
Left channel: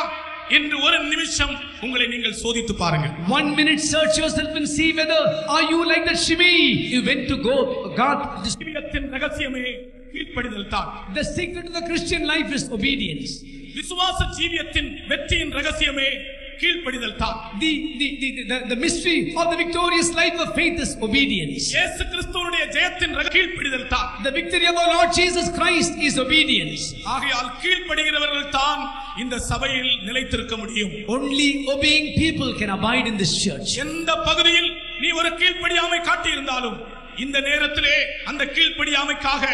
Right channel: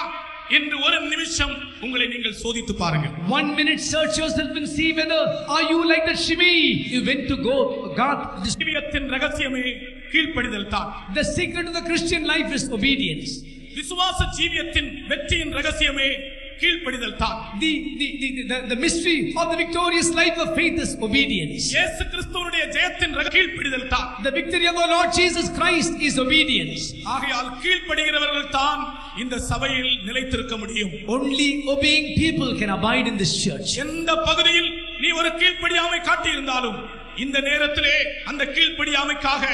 என்று ஒரு நிமிஷம் உங்களை நீங்கள் சோதித்து பாருங்கள். 1 minute search yourself and see whether are you like that Shimei. You went to Gath. ஜீவியத்தின் ரகசியமே கீழ்ப்படிதல் தான். The secret of the Christian life is obedience. விசுவாச ஜீவியத்தின் வெற்றியின் ரகசியமே கீழ்ப்படிதல் தான். The mystery of the victorious life of faith is obedience. இயேசு கிறிஸ்துவினுடைய ஜெயத்தின் கீழ்ப்படிதல் தான். The victory of our Lord Jesus Christ is obedience. ஆகையால் கீழ்ப்படுகிறவர்கள் தான் இந்த சபையில் நிலைத்திருக்க முடியும். Only obeying people can abide in this church. எந்த பகுதியில் நீ ஒரு கீழ்ப்படியாமை காட்டியிருந்தாலும் இந்த நேரத்திலே அந்த கீழ்ப்படியாமைக்காக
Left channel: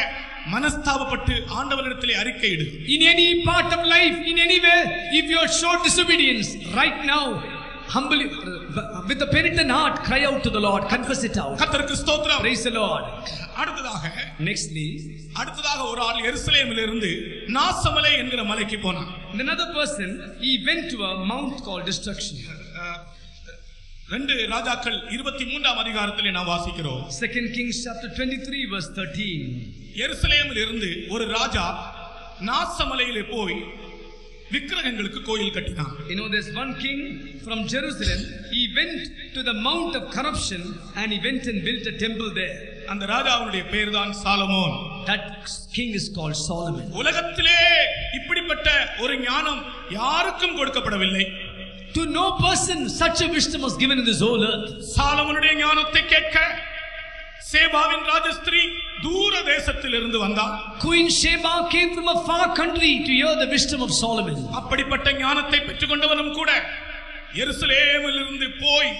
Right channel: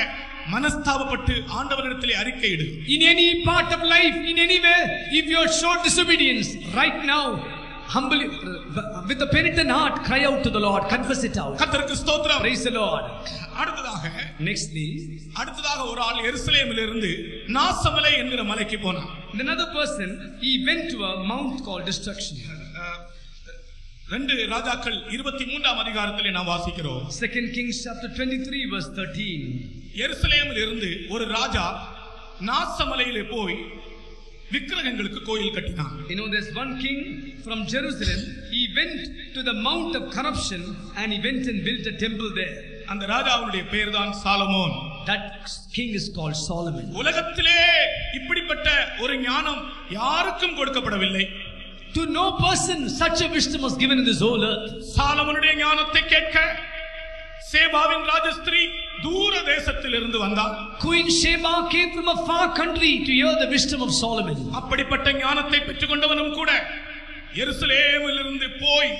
மனஸ்தாபப்பட்டு ஆண்டவரிடத்திலே அறிக்கையிடு. In any part of life, in any way, if you are showed disobedience, right now, humbly, with a penitent heart, cry out to the Lord, confess it out. கர்த்தருக்கு ஸ்தோத்திரம். Praise the Lord. அடுத்ததாக ஒரு ஆள் எருசலேமிலிருந்து நாசமலை என்கிற மலைக்கு போனான். Another person, he went to a mount called Destruction. 2 ராஜாக்கள் 23ஆம் அதிகாரத்திலே நாம் வாசிக்கிறோம். 2 Kings chapter 23 verse 13. எருசலேமில் இருந்து ஒரு ராஜா நாசமலையிலே போய் விக்கிரகங்களுக்கு கோயில் கட்டினான். You know, there's one king from Jerusalem. He went to the mount of corruption and he went and built a temple there. அந்த ராஜாவுடைய பெயர் தான் Solomon. That king is called Solomon. உலகத்திலே இப்படிப்பட்ட ஒரு ஞானம் யாருக்கும் கொடுக்கப்படவில்லை. To no person such a wisdom was given in this whole earth. சாலமோனுடைய ஞானத்தை கேட்க சேபாவின் ராஜஸ்திரீ தூர தேசத்தில் இருந்து வந்தாள். Queen Sheba came from a far country to hear the wisdom of Solomon. அப்படிப்பட்ட ஞானத்தை பெற்றுக்கொண்டவனும் கூட எருசலேமில் இருந்து போய்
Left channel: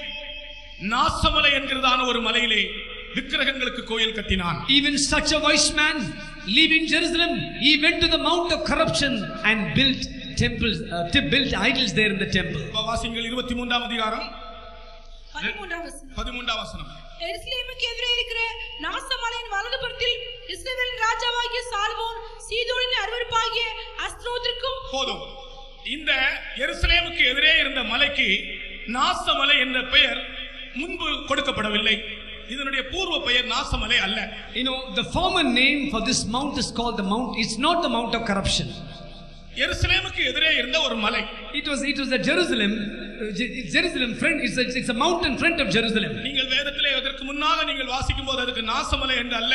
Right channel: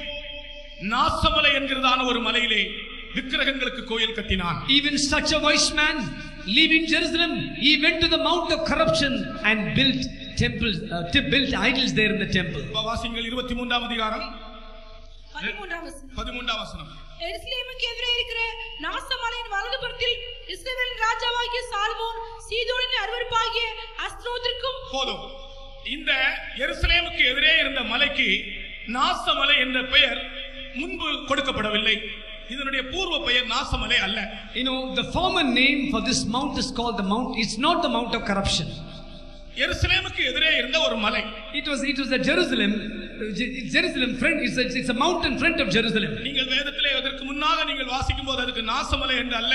நாசமலை என்கிறதான ஒரு மலையிலே விக்கிரகங்களுக்கு கோயில் கட்டினான். Even such a wise man, leaving Jerusalem, he went to the mount of corruption and built temples, built idols there in the temple. வாசிங்கள் 23ஆம் அதிகாரம் 13ஆம் வசனம். எருசலேமுக்கு எதிரே இருக்கிற நாசமலையின் வலதுபுறத்தில் இஸ்ரவேலின் ராஜாவாகிய சாலமோன் சீதோனின் அருவருப்பாகிய அஸ்தரோத்திற்கும் போதும். இந்த எருசலேமுக்கு எதிரே இருந்த மலைக்கு நாசமலை என்ற பெயர் முன்பு கொடுக்கப்படவில்லை. இதனுடைய பூர்வ பெயர் நாசமலை அல்ல. You know, the former name for this mount is called the mount. It's not the mount of corruption. எருசலேமுக்கு எதிரே இருந்த ஒரு மலை. It was a Jerusalem friend. It's a mountain front of Jerusalem. நீங்கள் வேதத்திலே அதற்கு முன்னாக நீங்கள் வாசிக்கும்போது அதுக்கு நாசமலை என்று அல்ல,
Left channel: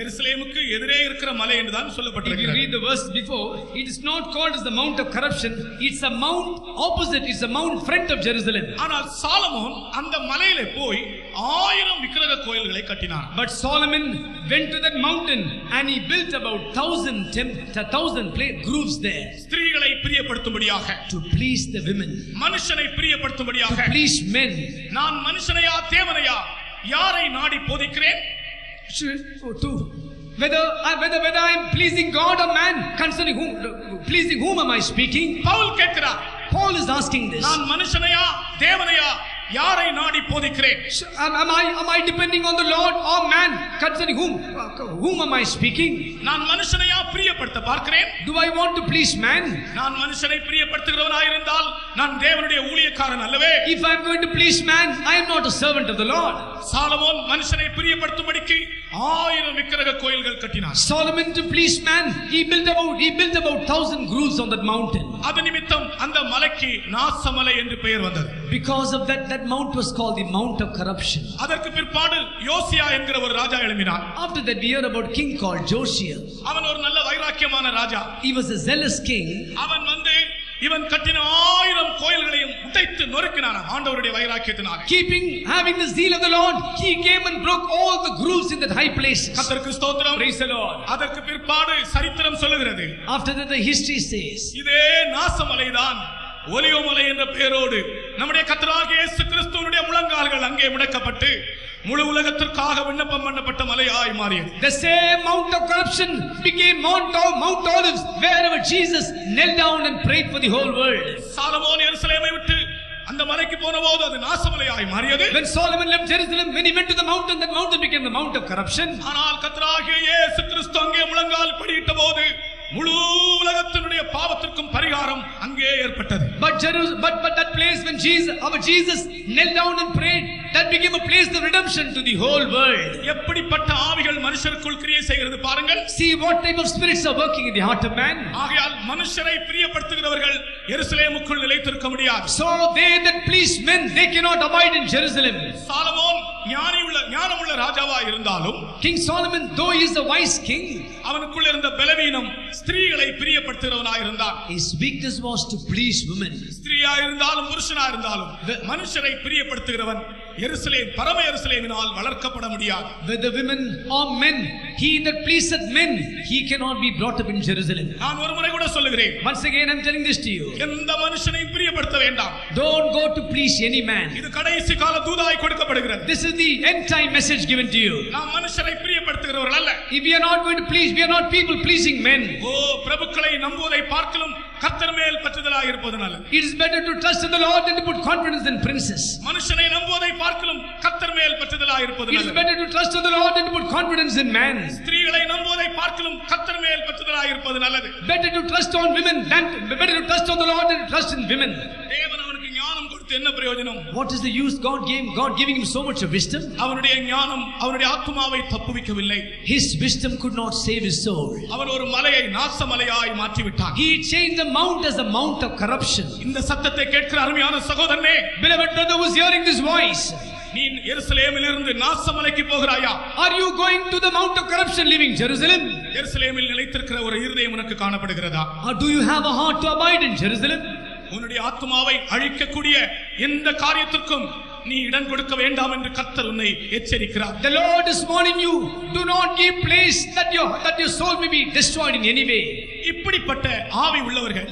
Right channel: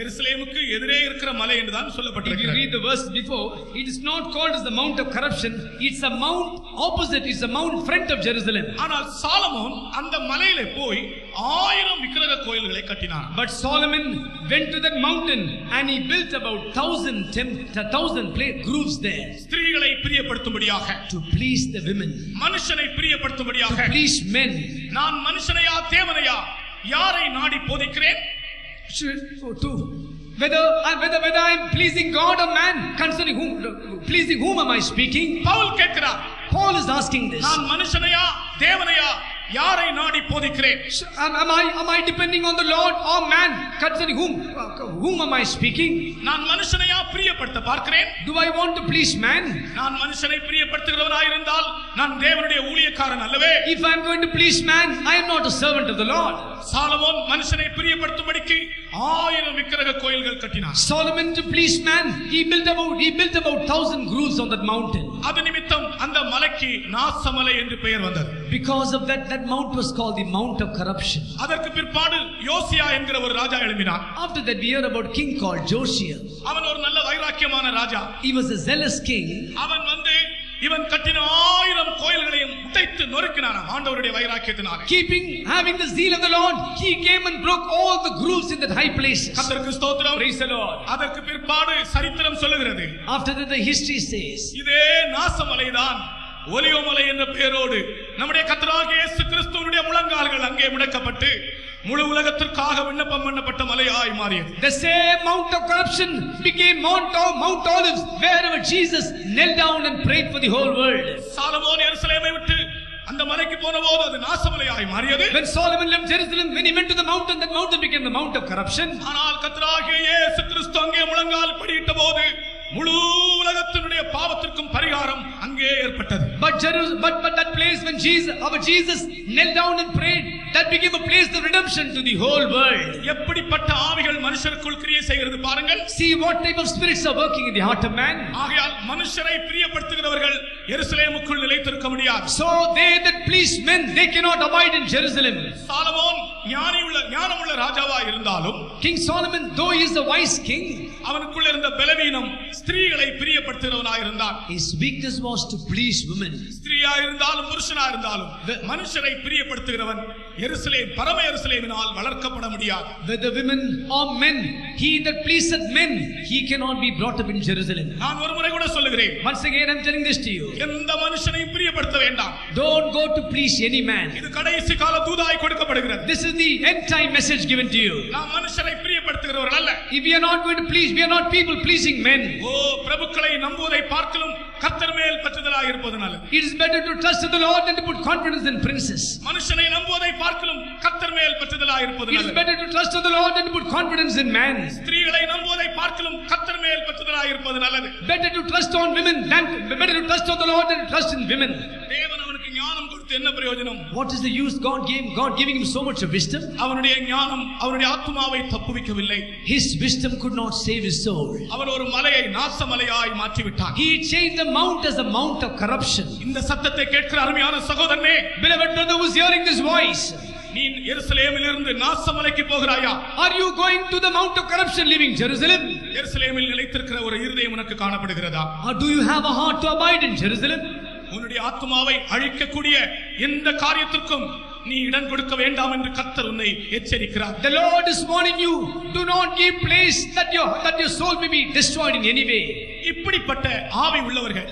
எருசலேமுக்கு எதிரே இருக்கிற மலை என்று தான் சொல்லப்பட்டிருக்கிறது. If you read the verse before, it is not called as the mount of corruption. It's a mount opposite. It's a mount front of Jerusalem. ஆனால் சாலமோன் அந்த மலையிலே போய் 1000 விக்கிரக கோயில்களை கட்டினான். But Solomon went to that mountain and he built about 1,000 groves there. ஸ்திரீகளை பிரியப்படுத்தும்படியாக, to please the women, மனுஷனை பிரியப்படுத்தும்படியாக, to please men. நான் மனுஷனையா தேவனையா யாரை நாடி போதிக்கிறேன்? Whether I am pleasing God or man, concerning whom am I speaking? Pavul கேட்கிறார். Paul is asking this. நான் மனுஷனையா தேவனையா யாரை நாடி போதிக்கிறேன்? Am I depending on the Lord or man, concerning whom am I speaking? நான் மனுஷனையா பிரியப்படுத்த பார்க்கிறேன்? Do I want to please man? நான் மனுஷனை பிரியப்படுத்துகிறவனாய் இருந்தால் நான் தேவனுடைய ஊழியக்காரன் அல்லவே. If I am going to please man, I am not a servant of the Lord. Solomon மனுஷனை பிரியப்படுத்தும்படிக்கு 1000 விக்கிரக கோயில்கள் கட்டினார். Solomon, to please man, he built about 1,000 groves on that mountain. அது நிமித்தம் அந்த மலைக்கு நாசமலை என்று பெயர் வந்தது. Because of that mount was called the mount of corruption. அதற்கு பிற்பாடு யோசியா என்கிற ஒரு ராஜா எழும்பினார். After that we heard about king called Josiah. அவன் ஒரு நல்ல வைராக்கியமான ராஜா. He was a zealous king. அவன் வந்து இவன் கட்டின 1000 கோயில்களையும் உடைத்து நொறுக்கினான் ஆண்டவருடைய வைராக்கியத்தினாலே. Having the zeal of the Lord, he came and broke all the grooves in that high place. கர்த்தருக்கு ஸ்தோத்திரம். Praise the Lord. அதற்கு பிற்பாடு சரித்திரம் சொல்லுகிறது. After that the history says, இதே நாசமலைதான் ஒலிவமலை என்ற பெயரோடு நம்முடைய கர்த்தராகிய இயேசு கிறிஸ்துவினுடைய முழங்கால்கள் அங்கே முடக்கப்பட்டு முழு உலகத்திற்காக விண்ணப்பம் பண்ணப்பட்ட மலையாய் மாறியது. The same mount of corruption became Mount Olives, wherever Jesus knelt down and prayed for the whole world. Solomon எருசலேமை விட்டு அந்த மலைக்கு போனபோது அது நாசமலையாய் மாறியது. When Solomon left Jerusalem, when he went to the mountain, that mountain became the mount of corruption. ஆனால் கர்த்தராகிய இயேசு கிறிஸ்து அங்கே முழங்கால் படியிட்ட போது முழு உலகத்தினுடைய பாவத்திற்கும் பரிகாரம் அங்கே ஏற்பட்டது. But that place when our Jesus knelt down and prayed, that became a place of redemption to the whole world. எப்படிப்பட்ட ஆவிகள் மனுஷருக்குள் கிரியை செய்கிறது பாருங்கள். See what type of spirits are working in the heart of man. ஆகையால் மனுஷரை பிரியப்படுத்துகிறவர்கள் எருசலேமுக்குள் நிலைத்திருக்க முடியாது. So they that please men, they cannot abide in Jerusalem. Solomon ஞானமுள்ள ராஜாவா இருந்தாலும், King Solomon, though he is a wise king, அவனுக்குள் இருந்த பலவீனம் ஸ்திரீகளை பிரியப்படுத்துகிறவனாய் இருந்தான். His weakness was to please women. ஸ்திரீயா இருந்தாலும் புருஷனா இருந்தாலும் மனுஷரை பிரியப்படுத்துகிறவன் பரம எருசலேமினால் வளர்க்கப்பட முடியாது. Whether women or men, he that pleaseth men, he cannot be brought up in Jerusalem. நான் ஒரு முறை கூட சொல்லுகிறேன். Once again I am telling this to you. எந்த மனுஷனை பிரியப்படுத்த வேண்டாம். Don't go to please any man. இது கடைசி கால தூதாய் கொடுக்கப்படுகிறது. This is the end time message given to you. நாம் மனுஷரை பிரியப்படுத்துகிறவர்கள் அல்ல. If we are not going to please, we are not people pleasing men. பிரபுக்களை நம்புவதை பார்க்கலும் கர்த்தர் மேல் பற்றுதலாய் இருப்பது நல்லது. It is better to trust in the Lord than to put confidence in princes. மனுஷனை நம்புவதை பார்க்கலும் கர்த்தர் மேல் பற்றுதலாய் இருப்பது நல்லது. It is better to trust in the Lord than to put confidence in man. ஸ்திரீகளை நம்புவதை பார்க்கலும் கர்த்தர் மேல் பற்றுதலாய் இருப்பது நல்லது. Better to trust on women than better to trust on the Lord than to trust in women. தேவன் அவனுக்கு ஞானம் கொடுத்து என்ன பிரயோஜனம்? What is the use God giving him so much of wisdom? அவனுடைய ஞானம் அவனுடைய ஆத்துமாவை தப்புவிக்கவில்லை. His wisdom could not save his soul. அவன் ஒரு மலையை நாசமலையாய் மாற்றி விட்டான். He changed the mount as a mount of corruption. இந்த சத்தத்தை கேட்கிற அருமையான சகோதரனே, beloved brother who is hearing this voice, நீ எருசலேமிலிருந்து நாசமலைக்கு போகிறாயா? Are you going to the mount of corruption leaving Jerusalem? எருசலேமில் நிலைத்திருக்கிற ஒரு இருதயம் உனக்கு காணப்படுகிறதா? Or do you have a heart to abide in Jerusalem? உன்னுடைய ஆத்துமாவை அழிக்கக்கூடிய எந்த காரியத்திற்கும் நீ இடம் கொடுக்க வேண்டாம் என்று கர்த்தர் உன்னை எச்சரிக்கிறார். The Lord is warning you, do not give place that your soul may be destroyed in any way. இப்படிப்பட்ட ஆவி உள்ளவர்கள்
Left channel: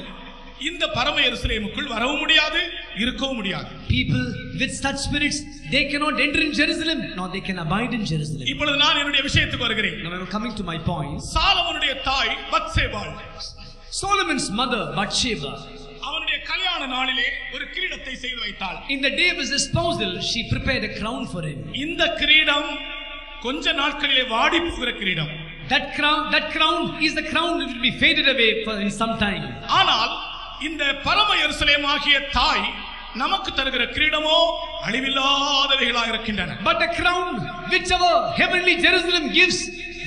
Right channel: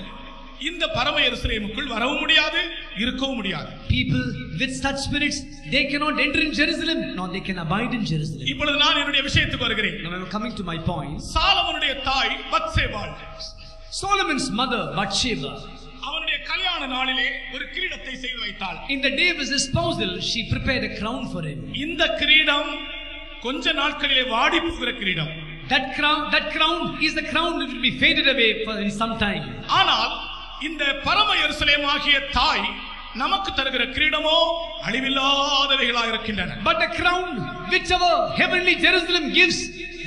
இந்த பரம எருசலேமுக்குள் வரவும் முடியாது, இருக்கவும் முடியாது. People with such spirits, they cannot enter in Jerusalem, nor they can abide in Jerusalem. இப்பொழுது நான் என்னுடைய விஷயத்துக்கு வருகிறேன். Now I am coming to my point. சாலமோனுடைய தாய் பத்சேபாள், Solomon's mother Bathsheba, அவனுடைய கல்யாண நாளிலே ஒரு கிரீடத்தை செய்து வைத்தாள். in the day of his espousal, she prepared a crown for him. இந்த கிரீடம் கொஞ்ச நாட்களிலே வாடி போகிற கிரீடம். That crown is the crown that will be faded away for in some time. ஆனால் இந்த பரம எருசலேம் ஆகிய தாய் நமக்கு தருகிற கிரீடமோ அழிவில்லாதவைகளாக இருக்கின்றன. But the crown which our heavenly Jerusalem gives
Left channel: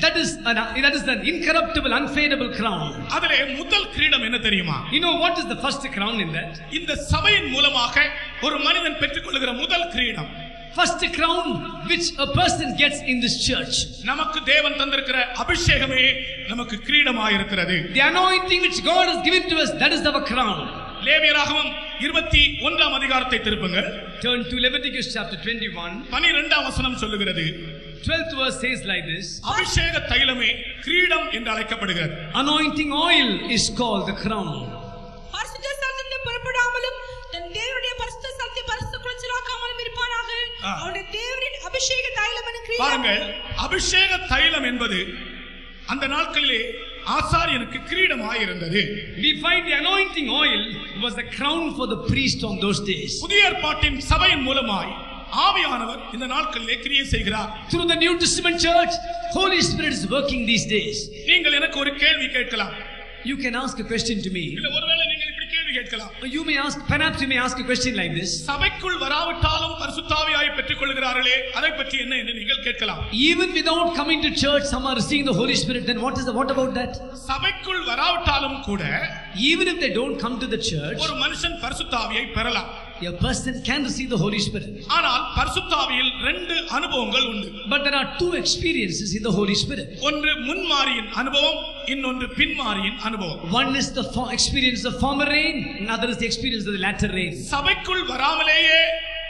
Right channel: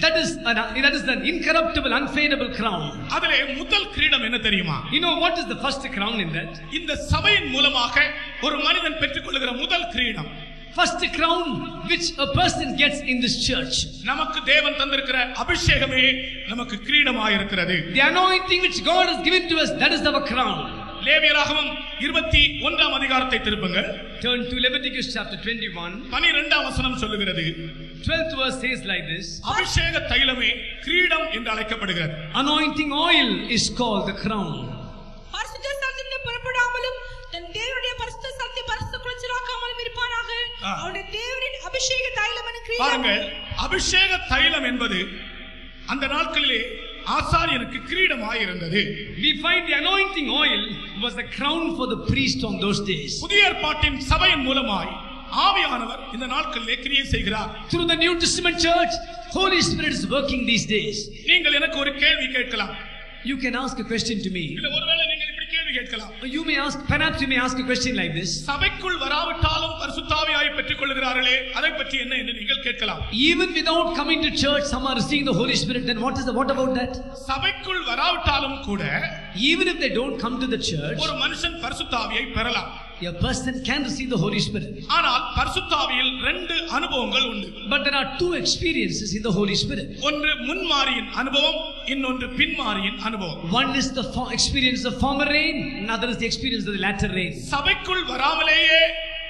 that is an incorruptible, unfadable crown. அதிலே முதல் கிரீடம் என்ன தெரியுமா? You know what is the first crown in that? இந்த சபையின் மூலமாக ஒரு மனிதன் பெற்றுக்கொள்கிற முதல் கிரீடம், first crown which a person gets in this church. நமக்கு தேவன் தந்திருக்கிற அபிஷேகமே நமக்கு கிரீடமாக இருக்கிறது. The anointing which God has given to us, that is our crown. லேவியராகமம் 21ஆம் அதிகாரத்தை திருப்புங்கள். Turn to Leviticus chapter 21. 12ஆம் வசனம் சொல்லுகிறது. 12th verse says like this. அபிஷேக தைலமே கிரீடம் என்று அழைக்கப்படுகிறது. Anointing oil is called the crown. பரிசுத்த ஸ்தலத்திலிருந்து புறப்படாமலும் தன் தேவனுடைய பரிசுத்த ஸ்தலத்தை பரிசுத்த குலைச்சலாக்காமலும் இருப்பானாக. அவனுடைய தேவனின் அபிஷேக தைலம் என்ற கிரீடம். பாருங்கள், அபிஷேக தைலம் என்பது அந்த நாட்களிலே ஆசாரியனுக்கு கிரீடமாய் இருந்தது. We find the anointing oil was a crown for the priest on those days. புதிய ஏற்பாட்டின் சபையின் மூலமாய் ஆவியானவர் இந்த நாட்களிலே கிரியை செய்கிறார். Through the New Testament church, Holy Spirit is working these days. நீங்கள் எனக்கு ஒரு கேள்வி கேட்கலாம். You can ask a question to me. இல்ல ஒருவேளை நீங்கள் இப்படி கேள்வி கேட்கலாம். You may ask, perhaps you may ask a question like this. சபைக்குள் வராவிட்டாலும் பரிசுத்த ஆவியை பெற்றுக் கொள்கிறார்களே, அதை பற்றி என்ன என்று நீங்கள் கேட்கலாம். Even without coming to church, some are receiving the Holy Spirit. Then what about that? சபைக்குள் வராவிட்டாலும் கூட even if they don't come to the church, ஒரு மனுஷன் பரிசுத்த ஆவியை பெறலாம். a person can receive the Holy Spirit. ஆனால் பரிசுத்த ஆவியில் 2 அனுபவங்கள் உண்டு. But there are 2 experiences in the Holy Spirit. ஒன்று முன்மாரியின் அனுபவம், இன்னொன்று பின்மாரியின் அனுபவம். One is the experience of former rain, another is the experience of the latter rain. சபைக்குள் வராமலேயே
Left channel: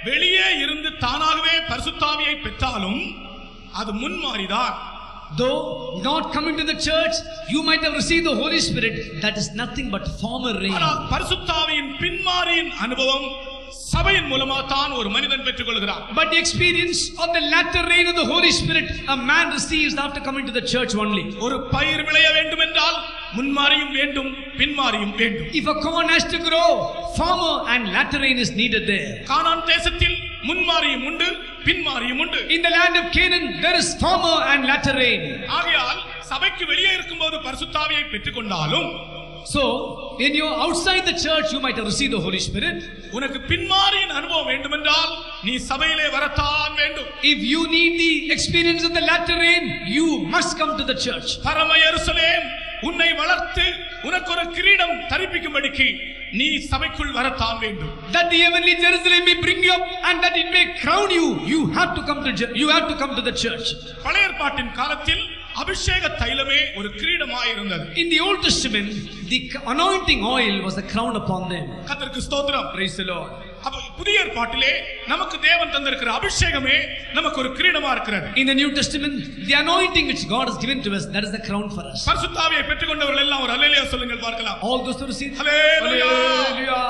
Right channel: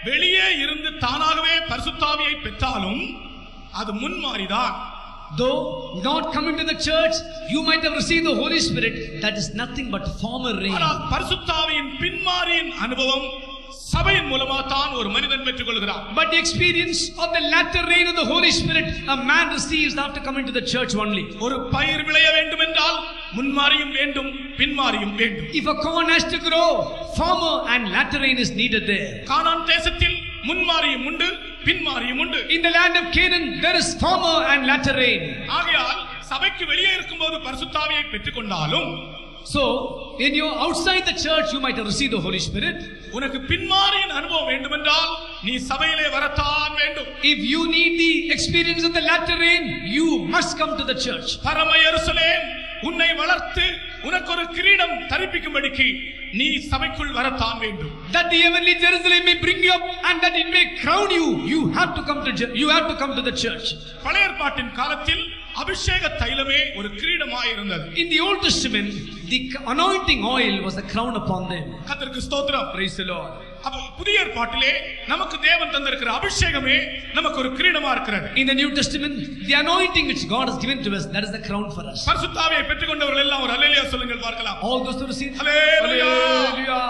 வெளியே இருந்து தானாகவே பரிசுத்த ஆவியை பெற்றாலும் அது முன்மாரிதான். Though not coming to the church, you might have received the Holy Spirit. That is nothing but former rain. ஆனால் பரிசுத்த ஆவியின் பின்மாரியின் அனுபவம் சபையின் மூலமாக தான் ஒரு மனிதன் பெற்றுக் கொள்கிறார். But the experience of the latter rain of the Holy Spirit a man receives after coming to the church only. ஒரு பயிர் விளைய வேண்டும் என்றால் முன்மாரியும் வேண்டும், பின்மாரியும் வேண்டும். If a corn has to grow, former and latter rain is needed there. கானான் தேசத்தில் முன்மாரியும் உண்டு, பின்மாரியும் உண்டு. In the land of Canaan, there is former and latter rain. ஆகையால் சபைக்கு வெளியே இருக்கும்போது பரிசுத்த ஆவியை பெற்றுக் கொண்டாலும், so when you are outside the church, you might have received the Holy Spirit. உனக்கு பின்மாரியின் அனுபவம் வேண்டுமென்றால் நீ சபையிலே வரத்தான் வேண்டும். If you need the experience of the latter rain, you must come to the church. பரம எருசலேம் உன்னை வளர்த்து உனக்கு ஒரு கிரீடம் தரிப்பிக்கும்படிக்கு நீ சபைக்குள் வரத்தான் வேண்டும். That the heavenly Jerusalem may bring you up and that it may crown you, you have to come to the church. பழைய ஏற்பாட்டின் காலத்தில் அபிஷேக தைலமே ஒரு கிரீடமாய் இருந்தது. In the Old Testament, the anointing oil was a crown upon them. கர்த்தருக்கு ஸ்தோத்திரம். Praise the Lord. அப்ப புதிய ஏற்பாட்டிலே நமக்கு தேவன் தந்திருக்கிற அபிஷேகமே நமக்கு ஒரு கிரீடமா இருக்கிறது. In the New Testament, the anointing which God has given to us, that is the crown for us. பரிசுத்த ஆவியை பெற்றுக்கொண்டவர்கள் எல்லாம் ஒரு அல்லேலூயா சொல்லுங்கள் பார்க்கலாம். All those who receive hallelujah. Hallelujah.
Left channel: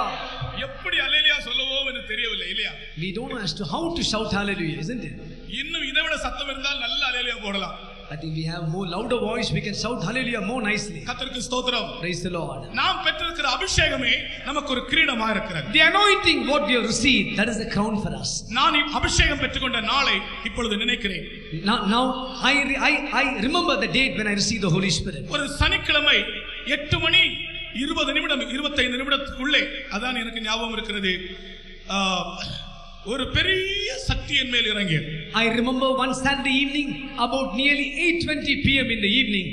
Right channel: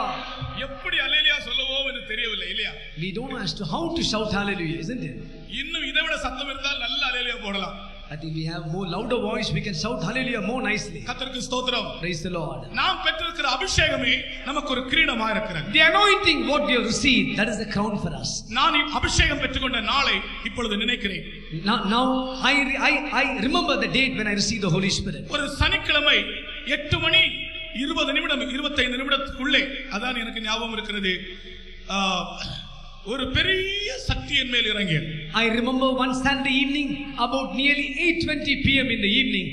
எப்படி அல்லேலூயா சொல்லவோ என்று தெரியவில்லை இல்லையா? We don't know as to how to shout hallelujah, isn't it? இன்னும் இதை விட சத்தம் இருந்தால் நல்ல அல்லேலூயா போடலாம். But if we have more louder voice, we can shout hallelujah more nicely. கர்த்தருக்கு ஸ்தோத்திரம். Praise the Lord. நாம் பெற்றிருக்கிற அபிஷேகமே நமக்கு ஒரு கிரீடமா இருக்கிறது. The anointing what we have received, that is the crown for us. நான் அபிஷேகம் பெற்றுக்கொண்ட நாளை இப்பொழுது நினைக்கிறேன். Now I remember the date when I received the Holy Spirit. ஒரு சனிக்கிழமை 8 மணி 20 நிமிடம் 25 நிமிடத்துக்குள்ளே அதான் எனக்கு ஞாபகம் இருக்கிறது. ஒரு பெரிய சக்தி என் மேல் இறங்கியது. I remember one Saturday evening about nearly 8:20 p.m. in the evening,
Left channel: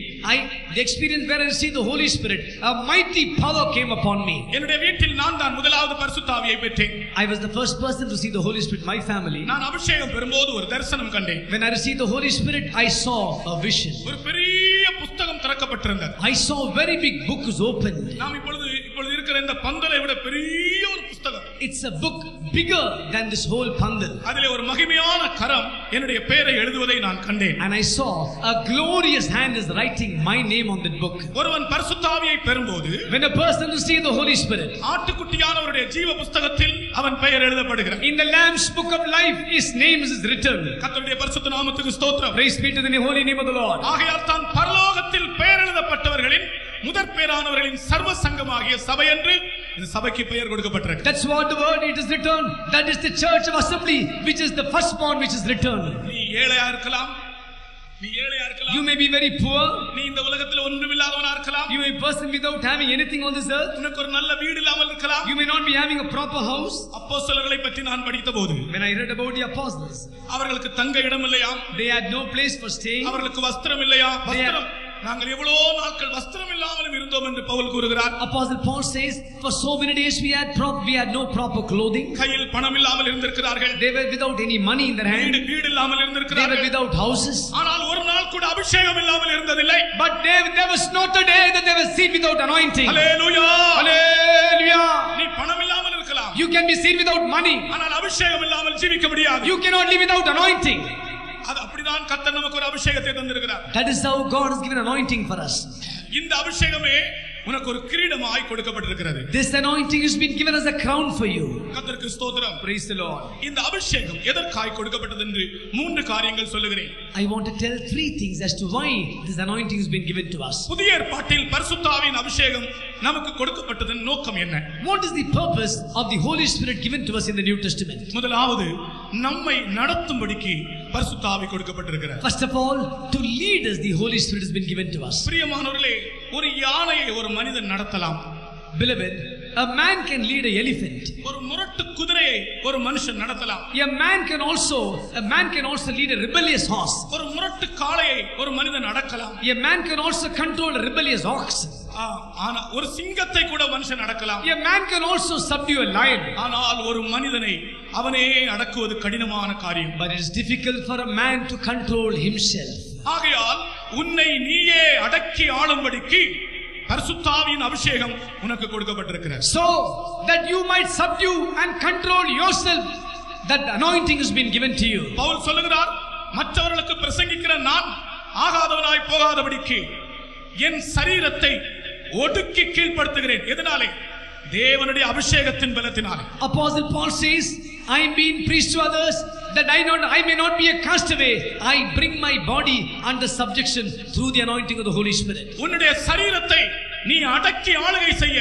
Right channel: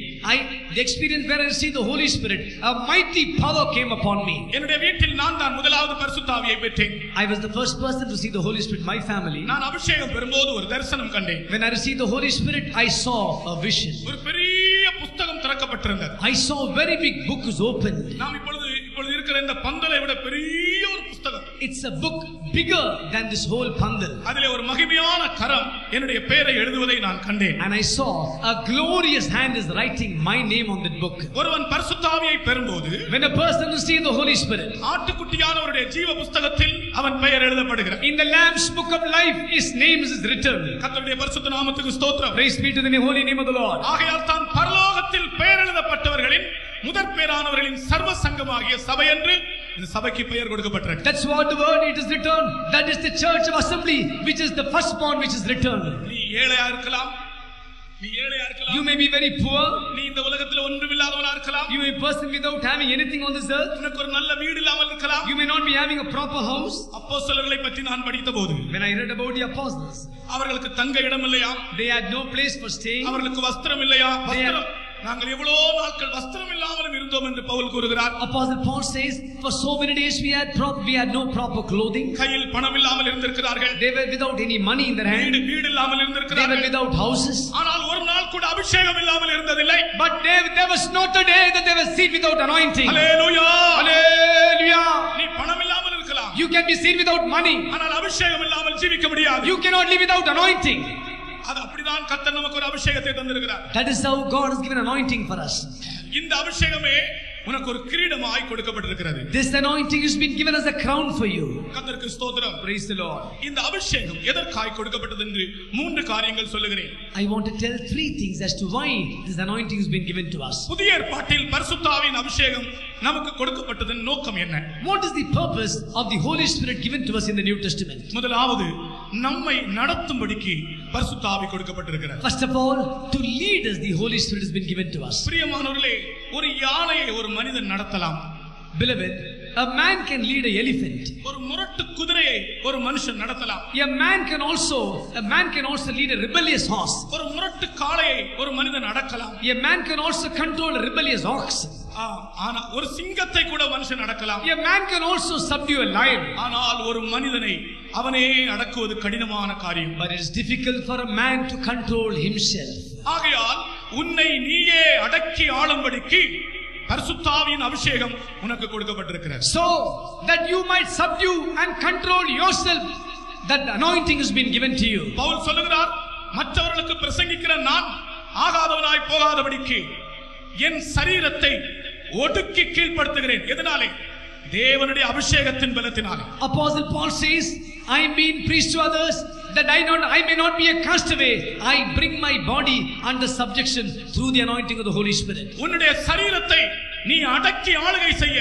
the experience where I received the Holy Spirit, a mighty power came upon me. என்னுடைய வீட்டில் நான் தான் முதலாவது பரிசுத்த ஆவியை பெற்றேன். I was the first person to receive the Holy Spirit in my family. நான் அபிஷேகம் பெறும்போது ஒரு தரிசனம் கண்டேன். When I received the Holy Spirit, I saw a vision. ஒரு பெரிய புத்தகம் திறக்கப்பட்டிருந்தது. I saw a very big book was opened. நாம் இப்பொழுது இருக்கிற இந்த பந்தலை விட பெரிய ஒரு புத்தகம். It's a book bigger than this whole bundle. அதிலே ஒரு மகிமையான கரம் என்னுடைய பெயரை எழுதுவதை நான் கண்டேன். And I saw a glorious hand is writing my name on that book. ஒருவன் பரிசுத்த ஆவியை பெறும்போது, when a person receives the Holy Spirit, ஆட்டுக்குட்டியானவருடைய ஜீவ புத்தகத்தில் அவன் பெயர் எழுதப்படுகிறது. in the Lamb's book of life his name is written. கர்த்தருடைய பரிசுத்த நாமத்துக்கு ஸ்தோத்திரம். Praise be to the holy name of the Lord. ஆகையால் தான் பரலோகத்தில் பெயர் எழுதப்பட்டவர்களின் முதற் பேரானவர்களின் சர்வ சங்கமாகிய சபை என்று இந்த சபைக்கு பெயர் கொடுக்கப்பட்டிருக்கு. That's what the word it is written. That is the church of assembly which is the firstborn which is written. நீ ஏழையா இருக்கலாம், நீ ஏழையா இருக்கலாம். You may be very poor. நீ இந்த உலகத்தில் ஒன்றுமில்லாதவனா இருக்கலாம். You may be a person without having anything on this earth. உனக்கு ஒரு நல்ல வீடு இல்லாமல் இருக்கலாம். You may not be having a proper house. அப்போஸ்தலர்களை பற்றி நான் படித்தபோது, when I read about the apostles, அவர்களுக்கு தங்க இடம் இல்லையா? they had no place for staying. அவர்களுக்கு வஸ்திரம் இல்லையா? வஸ்திரம் நாங்கள் எவ்வளவு நாட்கள் வஸ்திரம் இல்லாமலும் இருந்தோம் என்று பவுல் கூறுகிறார். Apostle Paul says, for so many days we had no proper clothing. கையில் பணம் இல்லாமல் இருந்திருக்கிறார்கள். They were without any money in their hand. வீடு இல்லாமல் இருந்திருக்கிறார்கள். They were without houses. ஆனால் ஒரு நாள் கூட அபிஷேகம் இல்லாமல் இருந்ததில்லை. But there was not a day that they were seen without anointing. Hallelujah. Hallelujah. நீ பணம் இல்லாமல் இருக்கலாம். You can be seen without money. ஆனால் அபிஷேகம் இல்லாமல் ஜீவிக்க முடியாது. You cannot live without anointing. அது அப்படிதான் கர்த்தர் நமக்கு ஒரு அபிஷேகத்தை தந்திருக்கிறார். That is how God has given anointing for us. இந்த அபிஷேகமே உனக்கு ஒரு கிரீடமாய் கொடுக்கப்பட்டிருக்கிறது. This anointing has been given as a crown for you. கர்த்தருக்கு ஸ்தோத்திரம். Praise the Lord. இந்த அபிஷேகம் எதற்காய் கொடுக்கப்பட்டது என்று 3 காரியங்கள் சொல்லுகிறேன். I want to tell 3 things as to why this anointing has been given to us. புதிய ஏற்பாட்டில் பரிசுத்த ஆவியின் அபிஷேகம் நமக்கு கொடுக்கப்பட்டதன் நோக்கம் என்ன? What is the purpose of the Holy Spirit given to us in the New Testament? முதலாவது நம்மை நடத்தும்படிக்கு பரிசுத்த ஆவி கொடுக்கப்பட்டிருக்கிறார். First of all, to lead us the Holy Spirit has been given to us. பிரியமானவர்களே, ஒரு யானையை ஒரு மனிதன் நடத்தலாம். Beloved, a man can lead an elephant. ஒரு முரட்டு குதிரையை ஒரு மனுஷன் நடத்தலாம். A man can also lead a rebellious horse. ஒரு முரட்டு காளையை ஒரு மனிதன் அடக்கலாம். A man can also control a rebellious ox. ஆனா ஒரு சிங்கத்தை கூட மனுஷன் அடக்கலாம். A man can also subdue a lion. ஆனால் ஒரு மனிதனை அவனே அடக்குவது கடினமான காரியம். But it is difficult for a man to control himself. ஆகையால் உன்னை நீயே அடக்கி ஆளும்படிக்கு பரிசுத்த ஆவியின் அபிஷேகம் உனக்கு கொடுக்கப்பட்டிருக்கிறது. So that you might subdue and control yourself, that anointing has been given to you. Pavul சொல்லுகிறார், மற்றவர்களுக்கு பிரசங்கிக்கிற நான் ஆகாதவனாய் போகாதபடிக்கு என் சரீரத்தை ஒடுக்கி கீழ்ப்படுத்துகிறேன். எதனாலே? தேவனுடைய அபிஷேகத்தின் பலத்தினாலே. Apostle Paul says, I am being preached to others that I may not be a castaway. I bring my body under subjection through the anointing of the Holy Spirit. உன்னுடைய சரீரத்தை நீ அடக்கி ஆளுகை செய்ய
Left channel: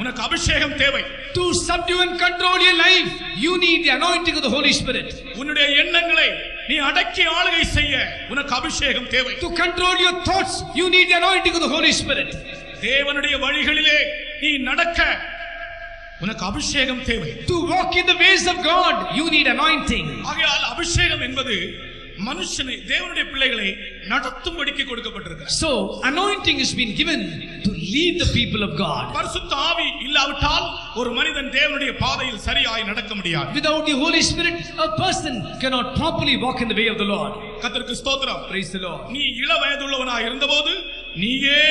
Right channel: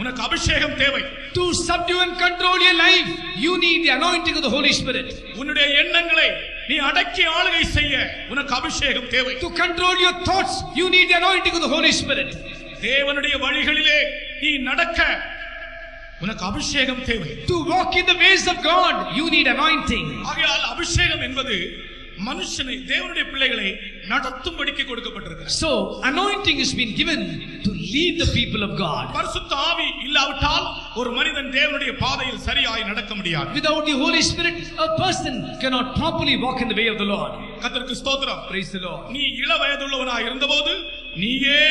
உனக்கு அபிஷேகம் தேவை. To subdue and control your life, you need the anointing of the Holy Spirit. உன்னுடைய எண்ணங்களை நீ அடக்கி ஆளுகை செய்ய உனக்கு அபிஷேகம் தேவை. To control your thoughts, you need the anointing of the Holy Spirit. தேவனுடைய வழிகளிலே நீ நடக்க உனக்கு அபிஷேகம் தேவை. To walk in the ways of God, you need anointing. ஆகையால் அபிஷேகம் என்பது மனுஷனை, தேவனுடைய பிள்ளைகளை நடத்தும்படிக்கு கொடுக்கப்பட்டிருக்கிறது. So anointing has been given to lead the people of God. பரிசுத்த ஆவி இல்லாவிட்டால் ஒரு மனிதன் தேவனுடைய பாதையில் சரியாய் நடக்க முடியாது. Without the Holy Spirit, a person cannot properly walk in the way of the Lord. கர்த்தருக்கு ஸ்தோத்திரம். Praise the Lord. நீ இள வயதுள்ளவனாய் இருந்தபோது நீயே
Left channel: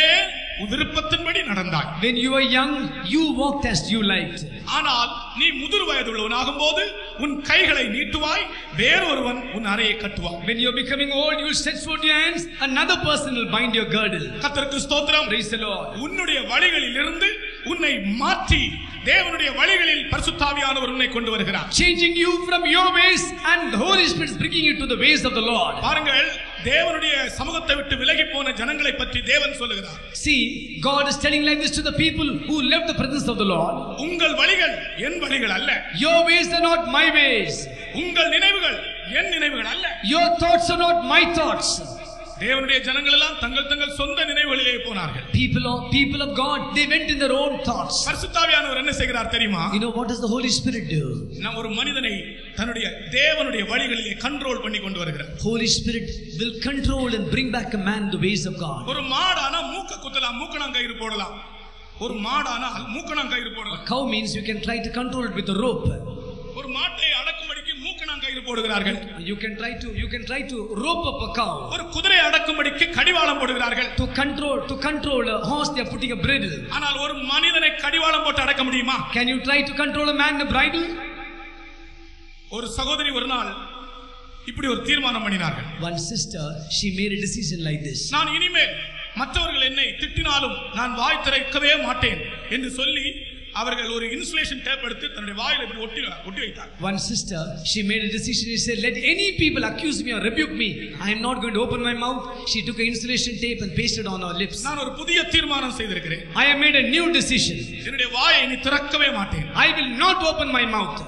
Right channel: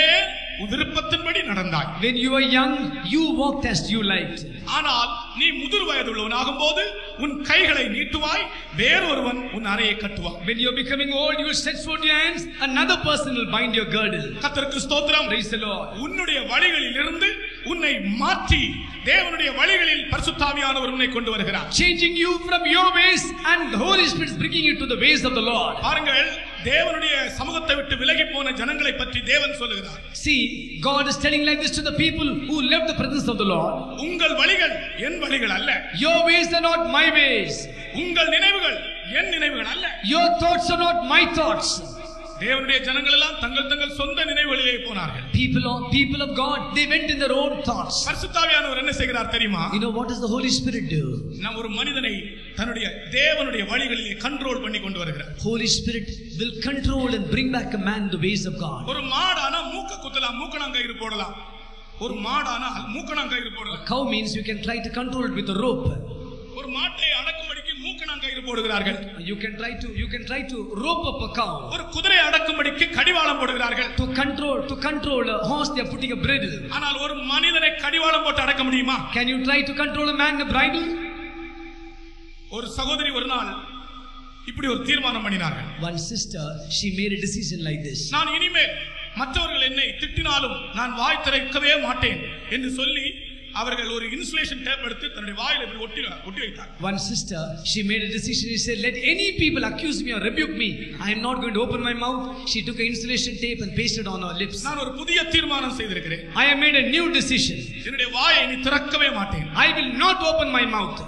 விருப்பத்தின்படி நடந்தாய். When you were young, you walked as you liked. ஆனால் நீ முதிர் வயதுள்ளவனாகும் போது உன் கைகளை நீட்டுவாய், வேறொருவன் உன் அறையை கட்டுவான். When you are becoming old, you will stretch forth your hands, another person will bind your girdle. கர்த்தருக்கு ஸ்தோத்திரம். Praise the Lord. உன்னுடைய வழிகளில் இருந்து உன்னை மாற்றி தேவனுடைய வழிகளில் பரிசுத்த ஆவியானவர் உன்னை கொண்டு வருகிறார். Changing you from your ways, and the Holy Spirit is bringing you to the ways of the Lord. பாருங்கள், தேவனுடைய சமூகத்தை விட்டு விலகி போன ஜனங்களை பற்றி தேவன் சொல்லுகிறார். See, God is telling like this to the people who left the presence of the Lord. உங்கள் வழிகள் என் வழிகள் அல்ல. Your ways are not my ways. உங்கள் நினைவுகள் என் நினைவுகள் அல்ல. Your thoughts are not my thoughts. தேவனுடைய ஜனங்கள் எல்லாம் தங்கள் தங்கள் சொந்த நினைவுகளிலே போனார்கள். People of God, they went in their own thoughts. பரிசுத்த ஆவியானவர் என்ன செய்கிறார் தெரியுமா? You know what does the Holy Spirit do? நான் ஒரு மனிதனை தன்னுடைய தேவனுடைய வழிகளிலே கண்ட்ரோல் பண்ணி கொண்டு வருகிறார். Holy Spirit will control and bring back a man the ways of God. ஒரு மாடானா மூக்க குத்தலாம், மூக்கணாங்கயிறு போடலாம். ஒரு மாடானா மூக்கணாங்கயிறு போடலாம். A cow means you can try to control it with a rope. ஒரு மாட்டை அடக்கும்படிக்கு மூக்கணாங்கயிறு போடுகிறார்கள். You can try to rope up a cow. ஒரு குதிரை அடக்கும்படிக்கு கடிவாளம் போடுகிறார்கள். To control a horse, they are putting a bridle. ஆனால் ஒரு மனிதனை கடிவாளம் போட்டு அடக்க முடியுமா? Can you try to control a man in a bridle? ஒரு சகோதரி ஒரு நாள் இப்படி ஒரு தீர்மானம் பண்ணினார்கள். One sister, she made a decision like this. நான் இனிமேல் மற்றவர்கள் என்னை திட்டினாலும் நான் வாய் திறக்கவே மாட்டேன் என்று சொல்லி அவர்கள் ஒரு இன்சுலேஷன் டேப் எடுத்து தன்னுடைய வாயில இப்படி ஒட்டி வைத்தார். One sister, she made a decision. She said, let any people accuse me or rebuke me, I am not going to open my mouth. She took an insulation tape and pasted on her lips. நான் ஒரு புதிய தீர்மானம் செய்திருக்கிறேன். I have made a new decision. என்னுடைய வாயை இனி திறக்கவே மாட்டேன். I will not open my mouth.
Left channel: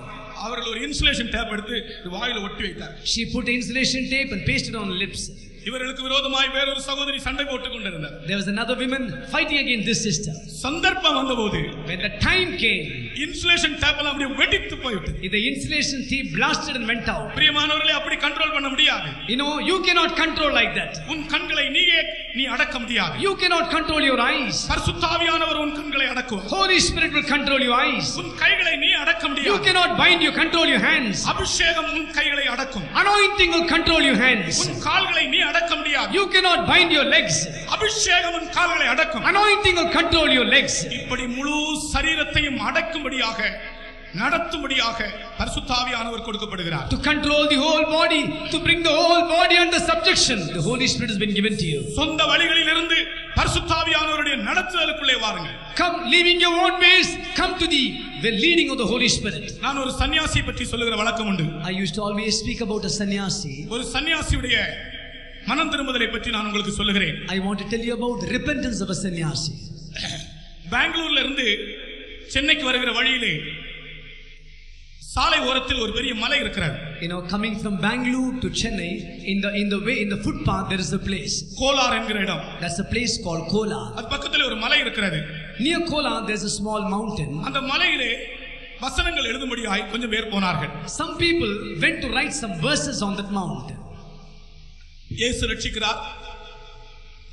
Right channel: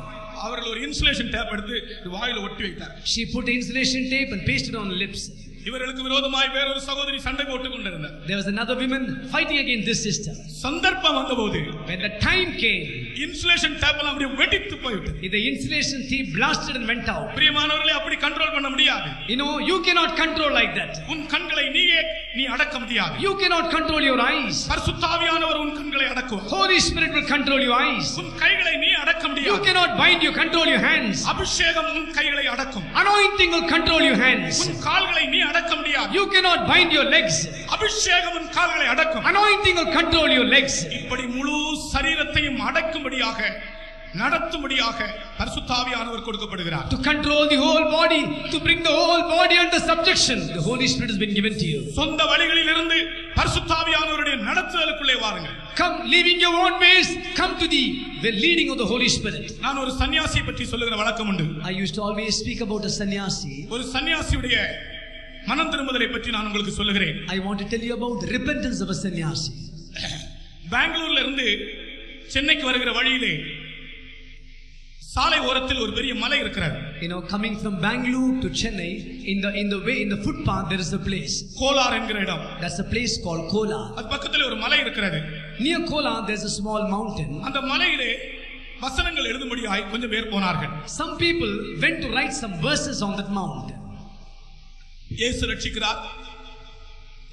அவர்கள் ஒரு இன்சுலேஷன் டேப் எடுத்து வாயில ஒட்டி வைத்தார். She put insulation tape and pasted on her lips. இவர்களுக்கு விரோதமாய் வேறொரு சகோதரி சண்டை போட்டுக் கொண்டிருந்தார். There was another woman fighting against this sister. சந்தர்ப்பம் வந்தபோது When the time came, insulation tape எல்லாம் அப்படியே வெடித்து போய்விட்டது. the insulation tape blasted and went out. பிரியமானவர்களே, அப்படி கண்ட்ரோல் பண்ண முடியாது. You know, you cannot control like that. உன் கண்களை நீ அடக்க முடியாது. You cannot control your eyes. பரிசுத்த ஆவியானவர் உன் கண்களை அடக்குவார். Holy Spirit will control your eyes. உன் கைகளை நீ அடக்க முடியாது. You cannot bind, you control your hands. அபிஷேகம் உன் கைகளை அடக்கும். Anointing will control your hands. உன் கால்களை நீ அடக்க முடியாது. You cannot bind your legs. அபிஷேகம் உன் கால்களை அடக்கும். Anointing will control your legs. இப்படி முழு சரீரத்தையும் அடக்கும்படியாக நடத்தும்படியாக பரிசுத்த ஆவியானவர் கொடுக்கப்படுகிறார். To control the whole body, to bring the whole body under subjection, the Holy Spirit has been given to you. சொந்த வழிகளில் இருந்து பரிசுத்த ஆவியானவருடைய நடத்துதலுக்குள்ளே வாருங்கள். Come, leaving your own ways, come to the leading of the Holy Spirit. நான் ஒரு சன்னியாசி பற்றி சொல்லுகிற வழக்கம் உண்டு. I used to always speak about a sannyasi. ஒரு சன்னியாசியுடைய மனம் திரும்புதலை பற்றி நான் உங்களுக்கு சொல்லுகிறேன். I want to tell you about the repentance of a sannyasi. பெங்களூர்ல இருந்து சென்னைக்கு வருகிற வழியிலே சாலை ஓரத்தில் ஒரு பெரிய மலை இருக்கிறது. You know, coming from Bangalore to Chennai, in the footpath there is a place. Kolar என்கிற இடம். That's a place called Kolar. அது பக்கத்துல ஒரு மலை இருக்கிறது. Near Kolar there's a small mountain. அந்த மலையிலே வசனங்கள் எழுதும்படியாய் கொஞ்சம் பேர் போனார்கள். Some people went to write some verses on that mountain. இயேசு ரட்சிக்கிறார்.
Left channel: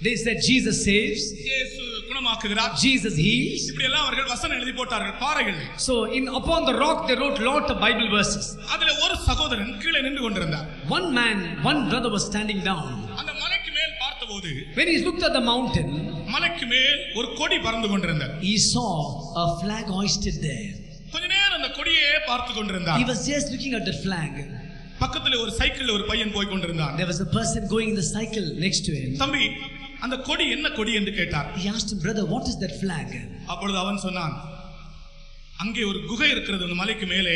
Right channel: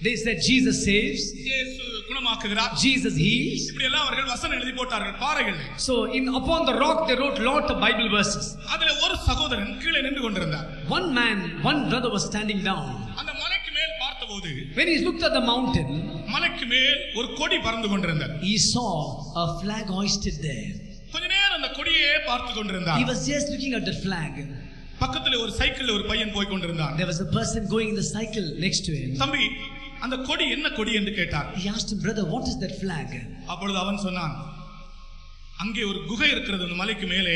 They said Jesus saves. இயேசு குணமாக்குகிறார். Jesus heals. இப்படி எல்லாம் அவர்கள் வசனம் எழுதி போட்டார்கள் பாறைகள். So upon the rock they wrote lot of Bible verses. அதிலே ஒரு சகோதரன் கீழே நின்று கொண்டிருந்தார். One brother was standing down. அந்த மலைக்கு மேல் பார்த்தபோது when he looked at the mountain, மலைக்கு மேல் ஒரு கொடி பறந்து கொண்டிருந்தது. he saw a flag hoisted there. கொஞ்ச நேரம் அந்த கொடியே பார்த்து கொண்டிருந்தார். He was just looking at the flag. பக்கத்துல ஒரு சைக்கிள்ல ஒரு பையன் போய் கொண்டிருந்தான். There was a person going in the cycle next to him. தம்பி, அந்த கொடி என்ன கொடி என்று கேட்டார். He asked him, brother, what is that flag? அப்பொழுது அவன் சொன்னான், அங்கே ஒரு குகை இருக்கிறது அந்த மலைக்கு மேலே,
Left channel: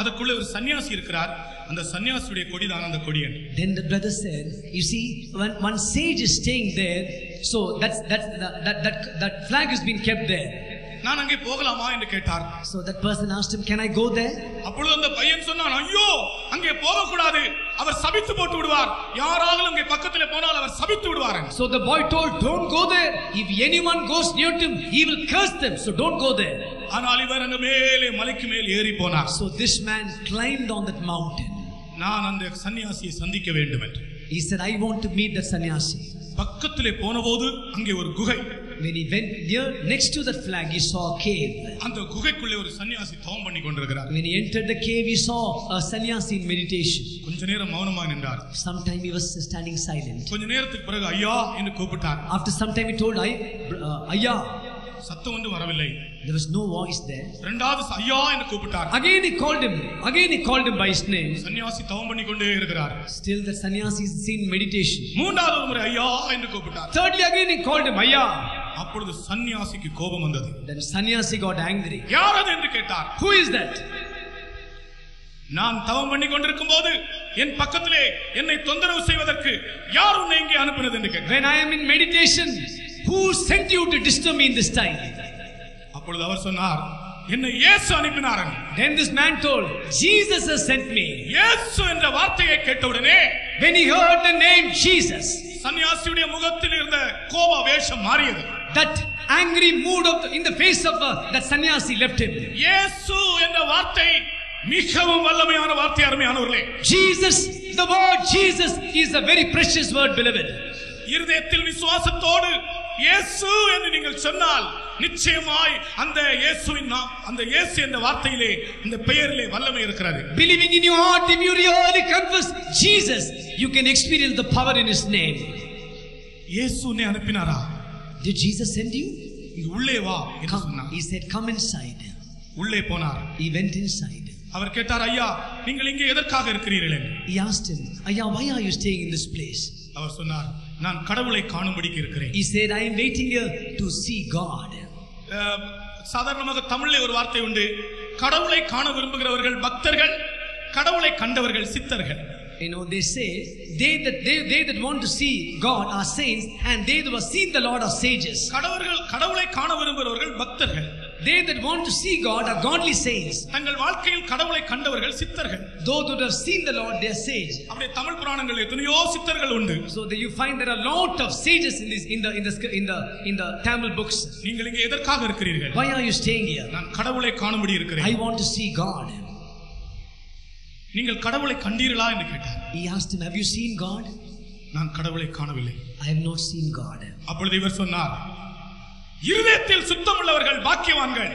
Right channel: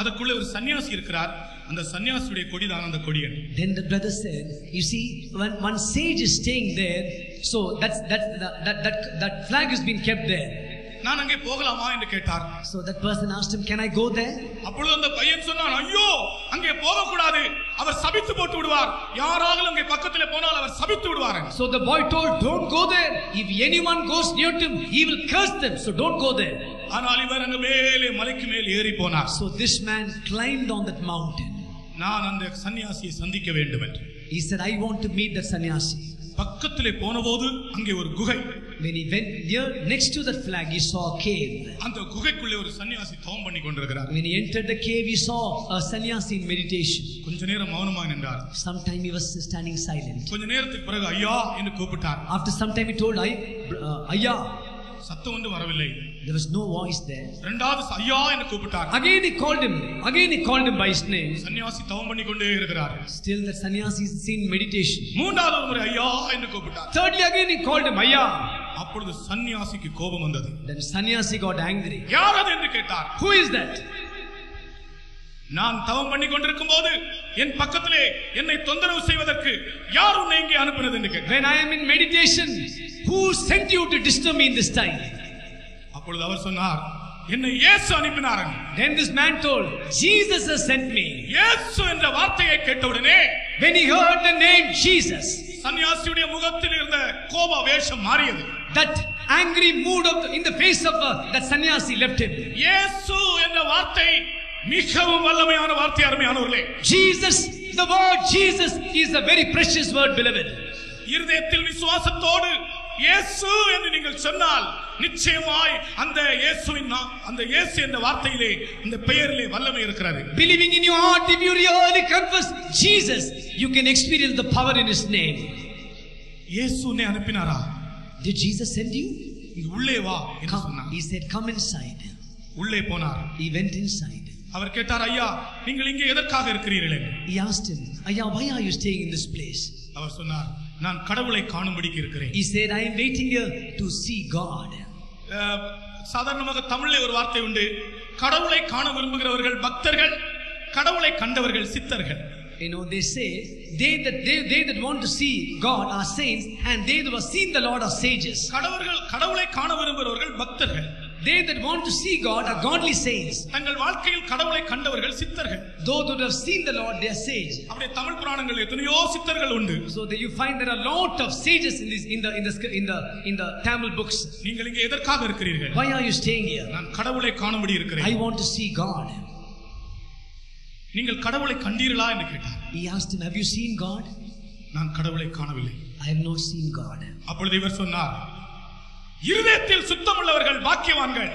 அதுக்குள்ள ஒரு சன்னியாசி இருக்கிறார், அந்த சன்னியாசியுடைய கொடி தான் அந்த கொடி. Then the brother said, you see, when one sage is staying there, so that flag has been kept there. நான் அங்கே போகலாமா என்று கேட்டார். So that person asked him, can I go there? அப்பொழுது அந்த பையன் சொன்னான், ஐயோ அங்கே போக கூடாது, அவர் சபித்து போட்டு விடுவார், யாராவது அங்கே பக்கத்திலே போனால் அவர் சபித்து விடுவார். So the boy told, don't go there, if anyone goes near him he will curse them, so don't go there. ஆனால் இவர் அங்கே மேலே மலைக்கு மேல் ஏறி போனார். So this man climbed on that mountain. நான் அந்த சன்னியாசியை சந்திக்க வேண்டும் என்று. He said, I want to meet the sannyasi. பக்கத்திலே போனபோது அங்கே ஒரு குகை. When he went near next to that flag, he saw a cave. அந்த குகைக்குள்ளே ஒரு சன்னியாசி தவம் பண்ணி கொண்டிருக்கிறார். When he entered the cave, he saw a sannyasi in meditation. கொஞ்ச நேரம் மௌனமாக நின்றார். Sometime he was standing silent. கொஞ்ச நேரத்துக்கு பிறகு ஐயா என்று கூப்பிட்டார். After some time he told, ஐயா. சத்தம் ஒன்றும் வரவில்லை. There was no voice there. இரண்டாவது ஐயா என்று கூப்பிட்டார். Again he called him by his name. சன்னியாசி தவம் பண்ணி கொண்டே இருக்கிறார். Still the sannyasi is in meditation. மூன்றாவது முறை ஐயா என்று கூப்பிட்டார். Thirdly again he called him ஐயா. அப்பொழுது சன்னியாசிக்கு கோபம் வந்தது. Then sannyasi got angry. யார் அது என்று கேட்டார். Who is that? நான் தவம் பண்ணி கொண்டிருக்கும் போது என் பக்கத்திலே என்னை தொந்தரவு செய்வதற்கு யார் உன்னை இங்கே அனுப்பினது என்று கேட்டார். When I am in meditation, who sent you to disturb me in this time? அப்பொழுது அவர் சொன்னார், என்னை இயேசு அனுப்பினார். Then this man told, Jesus has sent me. இயேசு என்ற வார்த்தையை கேட்டவுடனே, when he heard the name Jesus, சன்னியாசியுடைய முகத்தில் இருந்த கோப வேஷம் மாறியது. That angry mood in the face of that sannyasi left him. இயேசு என்ற வார்த்தை மிகவும் வல்லமையான வார்த்தை. அருமையானவர்களே, Jesus, the word Jesus is a very precious word, beloved. இருதயத்தில் விசுவாசத்தோடு இயேசு என்று நீங்கள் சொன்னால் நிச்சயமாய் அந்த இயேசு என்ற வார்த்தையிலே, இந்த பெயரிலே வல்லமை இருக்கிறது. Believing in your heart, if you really confess Jesus, you can experience the power in his name. இயேசு உன்னை அனுப்பினாரா? Did Jesus send you? உள்ளே வா என்று சொன்னார். He said, come inside. உள்ளே போனார். He went inside. அவர் கேட்டார், ஐயா நீங்கள் இங்கே எதற்காக இருக்கிறீர்கள்? He asked him, ஐயா, why are you staying in this place? அவர் சொன்னார், நான் கடவுளை காணும்படிக்கு இருக்கிறேன். He said, I am waiting here to see God. சாதாரணமாக தமிழிலே ஒரு வார்த்தை உண்டு, கடவுளை காண விரும்புகிறவர்கள் பக்தர்கள், கடவுளை கண்டவர்கள் சித்தர்கள். You know, they say they that want to see God are saints, and they who have seen the Lord are sages. கடவுளை காண விரும்புகிறவர்கள் பக்தர்கள். They that want to see God are godly saints. தங்கள் வாழ்க்கையில் கடவுளை கண்டவர்கள் சித்தர்கள். Those who have seen the Lord, they are sages. அப்படியே தமிழ் புராணங்கள் எத்தனையோ சித்தர்கள் உண்டு. So that you find there are a lot of sages in the Tamil books. நீங்கள் இங்கே எதற்காக இருக்கிறீர்கள்? Why are you staying here? நான் கடவுளை காணும்படி இருக்கிறேன். I want to see God. நீங்கள் கடவுளை கண்டீர்களா என்று கேட்டார். He asked him, have you seen God? நான் கடவுளை காணவில்லை. I have not seen God. அப்பொழுது இவர் சொன்னார், இருதயத்தில் சுத்தமுள்ளவர்கள் பாக்கியவான்கள்,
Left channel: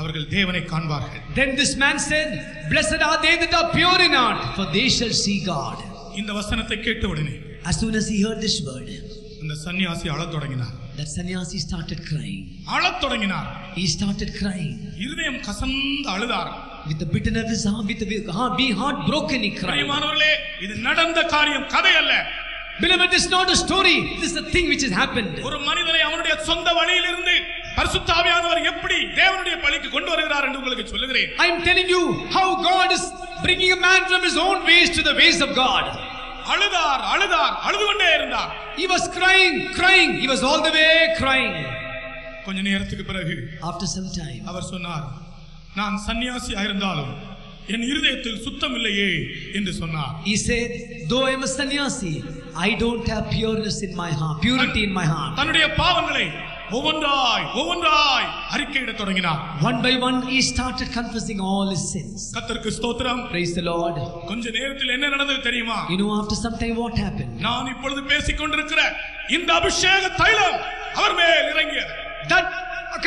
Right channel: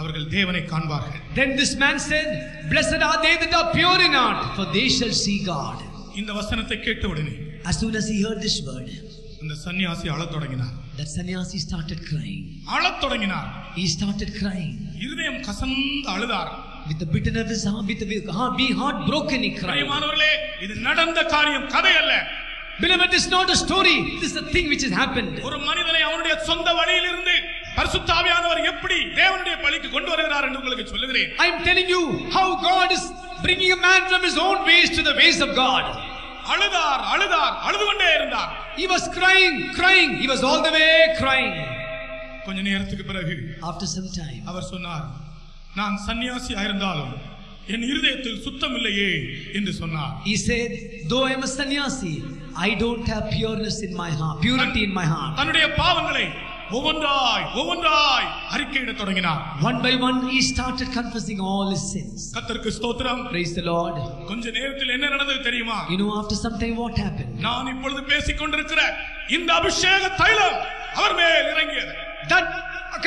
அவர்கள் தேவனை காண்பார்கள். Then this man said, blessed are they that are pure in heart, for they shall see God. இந்த வசனத்தை கேட்ட உடனே As soon as he heard this word, இந்த சன்னியாசி அழத் தொடங்கினார். that sannyasi started crying. அழத் தொடங்கினார். He started crying. இருதயம் கசந்து அழுதார். With the bitterness of his heart, with the heart broken, he cried. பிரியமானவர்களே, இது நடந்த காரியம், கதை அல்ல. Beloved, this is not a story. This is a thing which has happened. ஒரு மனிதனை அவனுடைய சொந்த வழியிலிருந்து பரிசுத்த ஆவியானவர் எப்படி தேவனுடைய பழிக்கு கொண்டு வருகிறார் என்று உங்களுக்கு சொல்லுகிறேன். I am telling you how God is bringing a man from his own ways to the ways of God. அழுதார், அழுது கொண்டே இருந்தார். He was crying. He was all the way crying. கொஞ்ச நேரத்துக்கு பிறகு After some time, அவர் சொன்னார், நான் சன்னியாசி ஆயிருந்தாலும் என் இருதயத்தில் சுத்தம் இல்லையே என்று சொன்னார். He said, though I am a sannyasi, I don't have pureness in my heart, purity in my heart. தன்னுடைய பாவங்களை ஒவ்வொன்றாய் அறிக்கையிடத் தொடங்கினார். One by one he started confessing all his sins. கர்த்தருக்கு ஸ்தோத்திரம். Praise the Lord. கொஞ்ச நேரத்தில் என்ன நடந்தது தெரியுமா? You know, after some time what happened? நான் இப்பொழுது பேசிக் கொண்டிருக்கிற இந்த அபிஷேக தைலம் அவர் மேல் இறங்கியது. That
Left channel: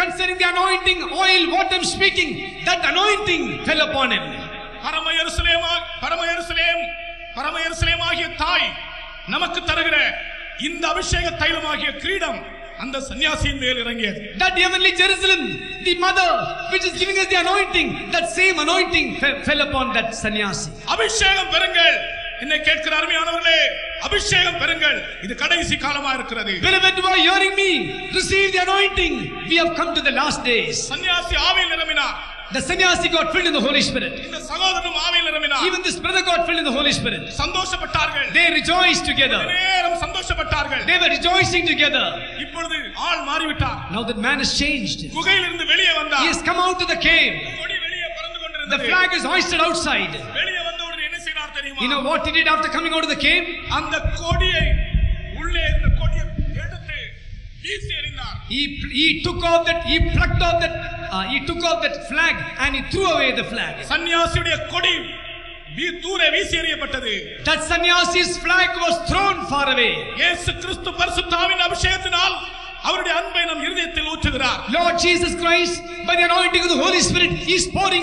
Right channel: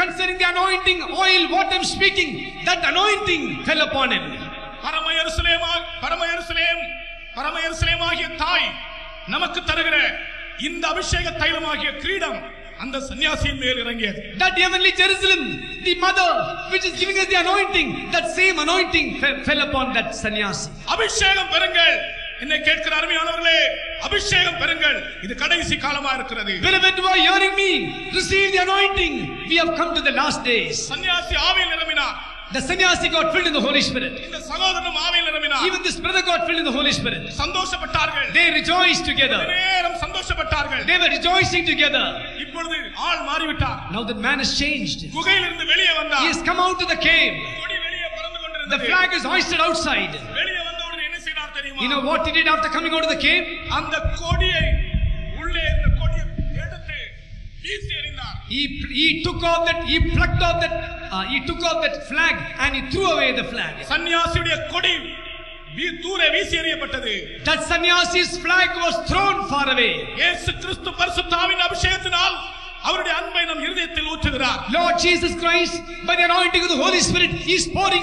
concerning the anointing oil, what I am speaking, that anointing fell upon him. பரம எருசலேமாகிய தாய் நமக்கு தருகிற இந்த அபிஷேக தைலமாகிய கிரீடம் அந்த சன்னியாசியின் மேல் இறங்கியது. That heavenly Jerusalem, the mother which is giving us the anointing, that same anointing fell upon that sannyasi. அபிஷேகம் பெறுங்கள். என்னை கேட்கிற அருமையானவர்களே, அபிஷேகம் பெறுங்கள். இது கடைசி காலமா இருக்கிறது. Beloved, who are hearing me, receive the anointing. We have come to the last days. சன்னியாசி ஆவியில் நிரம்பினார். The sannyasi got filled in the Holy Spirit. இந்த சகோதரனும் ஆவியில் நிரம்பினார். Even this brother got filled in the Holy Spirit. சந்தோஷப்பட்டார்கள். They rejoiced together. நேரம் சந்தோஷப்பட்டார்கள். They were rejoicing together. இப்பொழுது ஆள் மாறிவிட்டார். Now that man has changed. குகையிலிருந்து வெளியே வந்தார். He has come out of the cave. கொடி வெளியே பறந்து கொண்டிருந்தது. The flag is hoisted outside. வெளியே வந்தவுடனே என்ன செய்தார் தெரியுமா? You know what he did after coming out of the cave? அந்த கொடியை உள்ளே இந்த கொடியை எடுத்து வீசி எறிந்தார். He took off that flag and he threw away the flag. சன்னியாசியுடைய கொடி தூரே வீசி எறியப்பட்டது. That sannyasi's flag was thrown far away. இயேசு கிறிஸ்து பரிசுத்த ஆவியின் அபிஷேகத்தினால் அவருடைய அன்பை நம் இருதயத்தில் ஊற்றுகிறார். Lord Jesus Christ, by the anointing of the Holy Spirit, He is pouring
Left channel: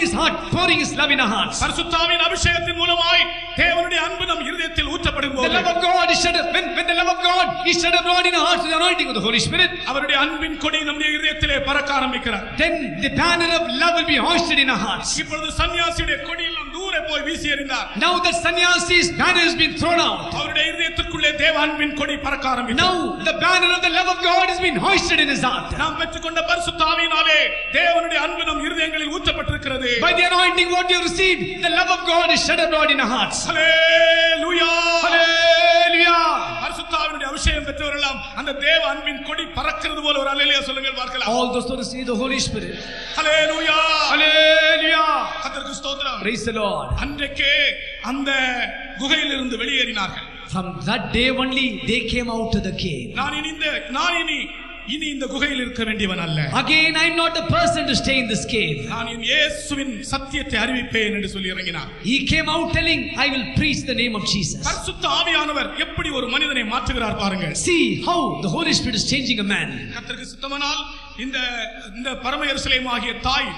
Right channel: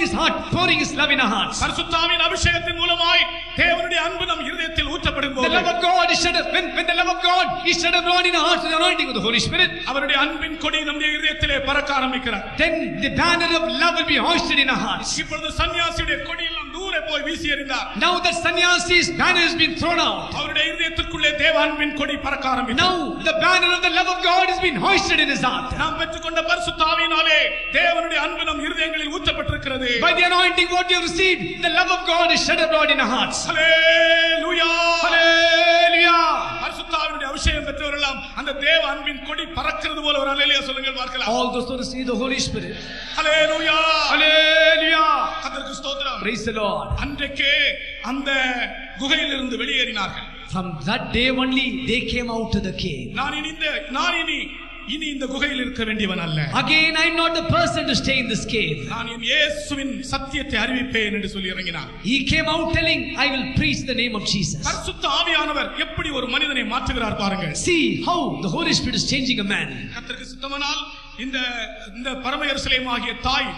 His love in our hearts. பரிசுத்த ஆவியின் அபிஷேகத்தின் மூலமாய் தேவனுடைய அன்பு நம் இருதயத்தில் ஊற்றப்படும்போது, the love of God is shed when the love of God is shed abroad in our hearts with the anointing of the Holy Spirit, அவருடைய அன்பின் கொடி நம்முடைய இருதயத்திலே பறக்க ஆரம்பிக்கிறார். Then the banner of love will be hoisted in our hearts. இப்பொழுது சன்னியாசியுடைய கொடி எல்லாம் தூரே போய் வீசி எறிந்தார். Now that sannyasi's banner has been thrown out. அவருடைய இருதயத்திற்குள்ளே தேவ அன்பின் கொடி பறக்க ஆரம்பித்தது. Now the banner of the love of God has been hoisted in his heart. நாம் பெற்றுக்கொண்ட பரிசுத்த ஆவியினாலே தேவனுடைய அன்பு நம் இருதயங்களில் ஊற்றப்பட்டிருக்கிறது. By the anointing what you received, the love of God is shed abroad in our hearts. Hallelujah! Hallelujah! பரிசுத்த ஆவியினுடைய அபிஷேகம் பெற்றவரெல்லாம் அந்த தேவ அன்பின் கொடி பறக்கிறது போல ஒரு அல்லேலூயா சொல்லுங்கள் பார்க்கலாம். All those who receive the Holy Spirit. Hallelujah! Hallelujah! கர்த்தருக்கு ஸ்தோத்திரம். Praise the Lord. அன்றைக்கே அந்த குகையிலிருந்து வெளியேறினார்கள். From that day only they came out to the cave. நான் இனி இந்த குகையில் இருக்க வேண்டியவன் அல்ல. Again I am not a person to stay in this cave. நான் என் இயேசுவின் சத்தியத்தை அறிவிப்பேன் என்று சொல்லி இறங்கினார். He came out telling, I will preach the name of Jesus. பரிசுத்த ஆவியானவர் எப்படி ஒரு மனிதனை மாற்றுகிறார் பாருங்கள். See how the Holy Spirit is changing a man. கர்த்தருக்கு சித்தமானால் இந்த பரம எருசலேமாகிய தாய்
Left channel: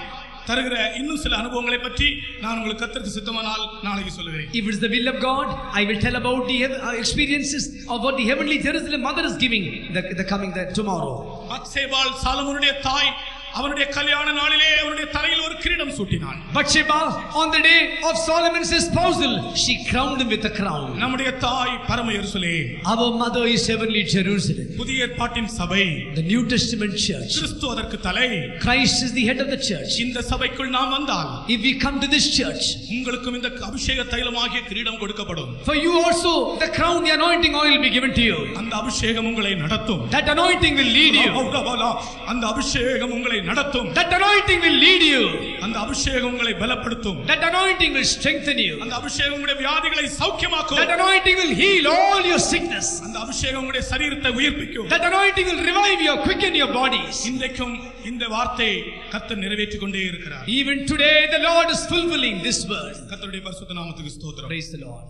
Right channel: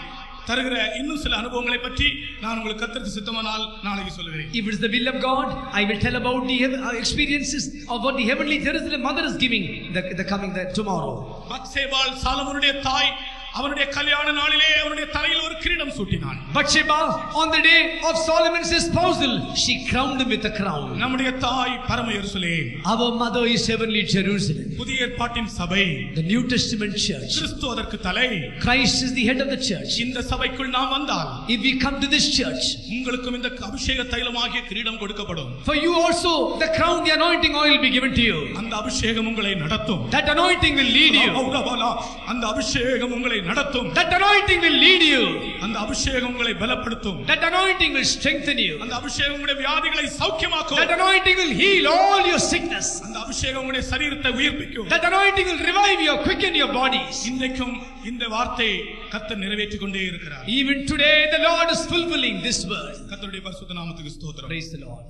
தருகிற இன்னும் சில அனுபவங்களை பற்றி நான் உங்களுக்கு கர்த்தருக்கு சித்தமானால் நாளைக்கு சொல்லுகிறேன். If it is the will of God, I will tell about the experiences of what the heavenly Jerusalem mother is giving the coming tomorrow. பத்சேபாள் சாலமோனுடைய தாய் அவனுடைய கல்யாண நாளிலே அவனுடைய தலையில் ஒரு கிரீடம் சூட்டினாள். Bathsheba, on the day of Solomon's espousal, she crowned him with a crown. நம்முடைய தாய் பரம எருசலேம். Our mother is heavenly Jerusalem. புதிய ஏற்பாட்டின் சபை, the New Testament church. கிறிஸ்து அதற்கு தலை. Christ is the head of the church. இந்த சபைக்குள் நாம் வந்தால், if we come to this church, உங்களுக்கும் இந்த அபிஷேக தைலமாகிய கிரீடம் கொடுக்கப்படும். For you also the crown, the anointing oil will be given to you. அந்த அபிஷேகம் உங்களை நடத்தும். That anointing will lead you. அந்த அபிஷேகம் உங்களை நடத்தும். That anointing will lead you. அந்த அபிஷேகம் உங்களை பலப்படுத்தும். That anointing will strengthen you. அந்த அபிஷேகம் உங்களுடைய வியாதிகளை சௌக்கியமாக்கும். That anointing will heal all your sickness. அந்த அபிஷேகம் உங்களுடைய சரீரத்தை உயிர்ப்பிக்கும். That anointing will revive you, quicken your bodies. இன்றைக்கும் இந்த வார்த்தை கர்த்தர் நிறைவேற்றிக் கொண்டே இருக்கிறார். Even today the Lord is fulfilling this word. கர்த்தருடைய பரிசுத்த நாமத்துக்கு ஸ்தோத்திரம். Praise the Lord.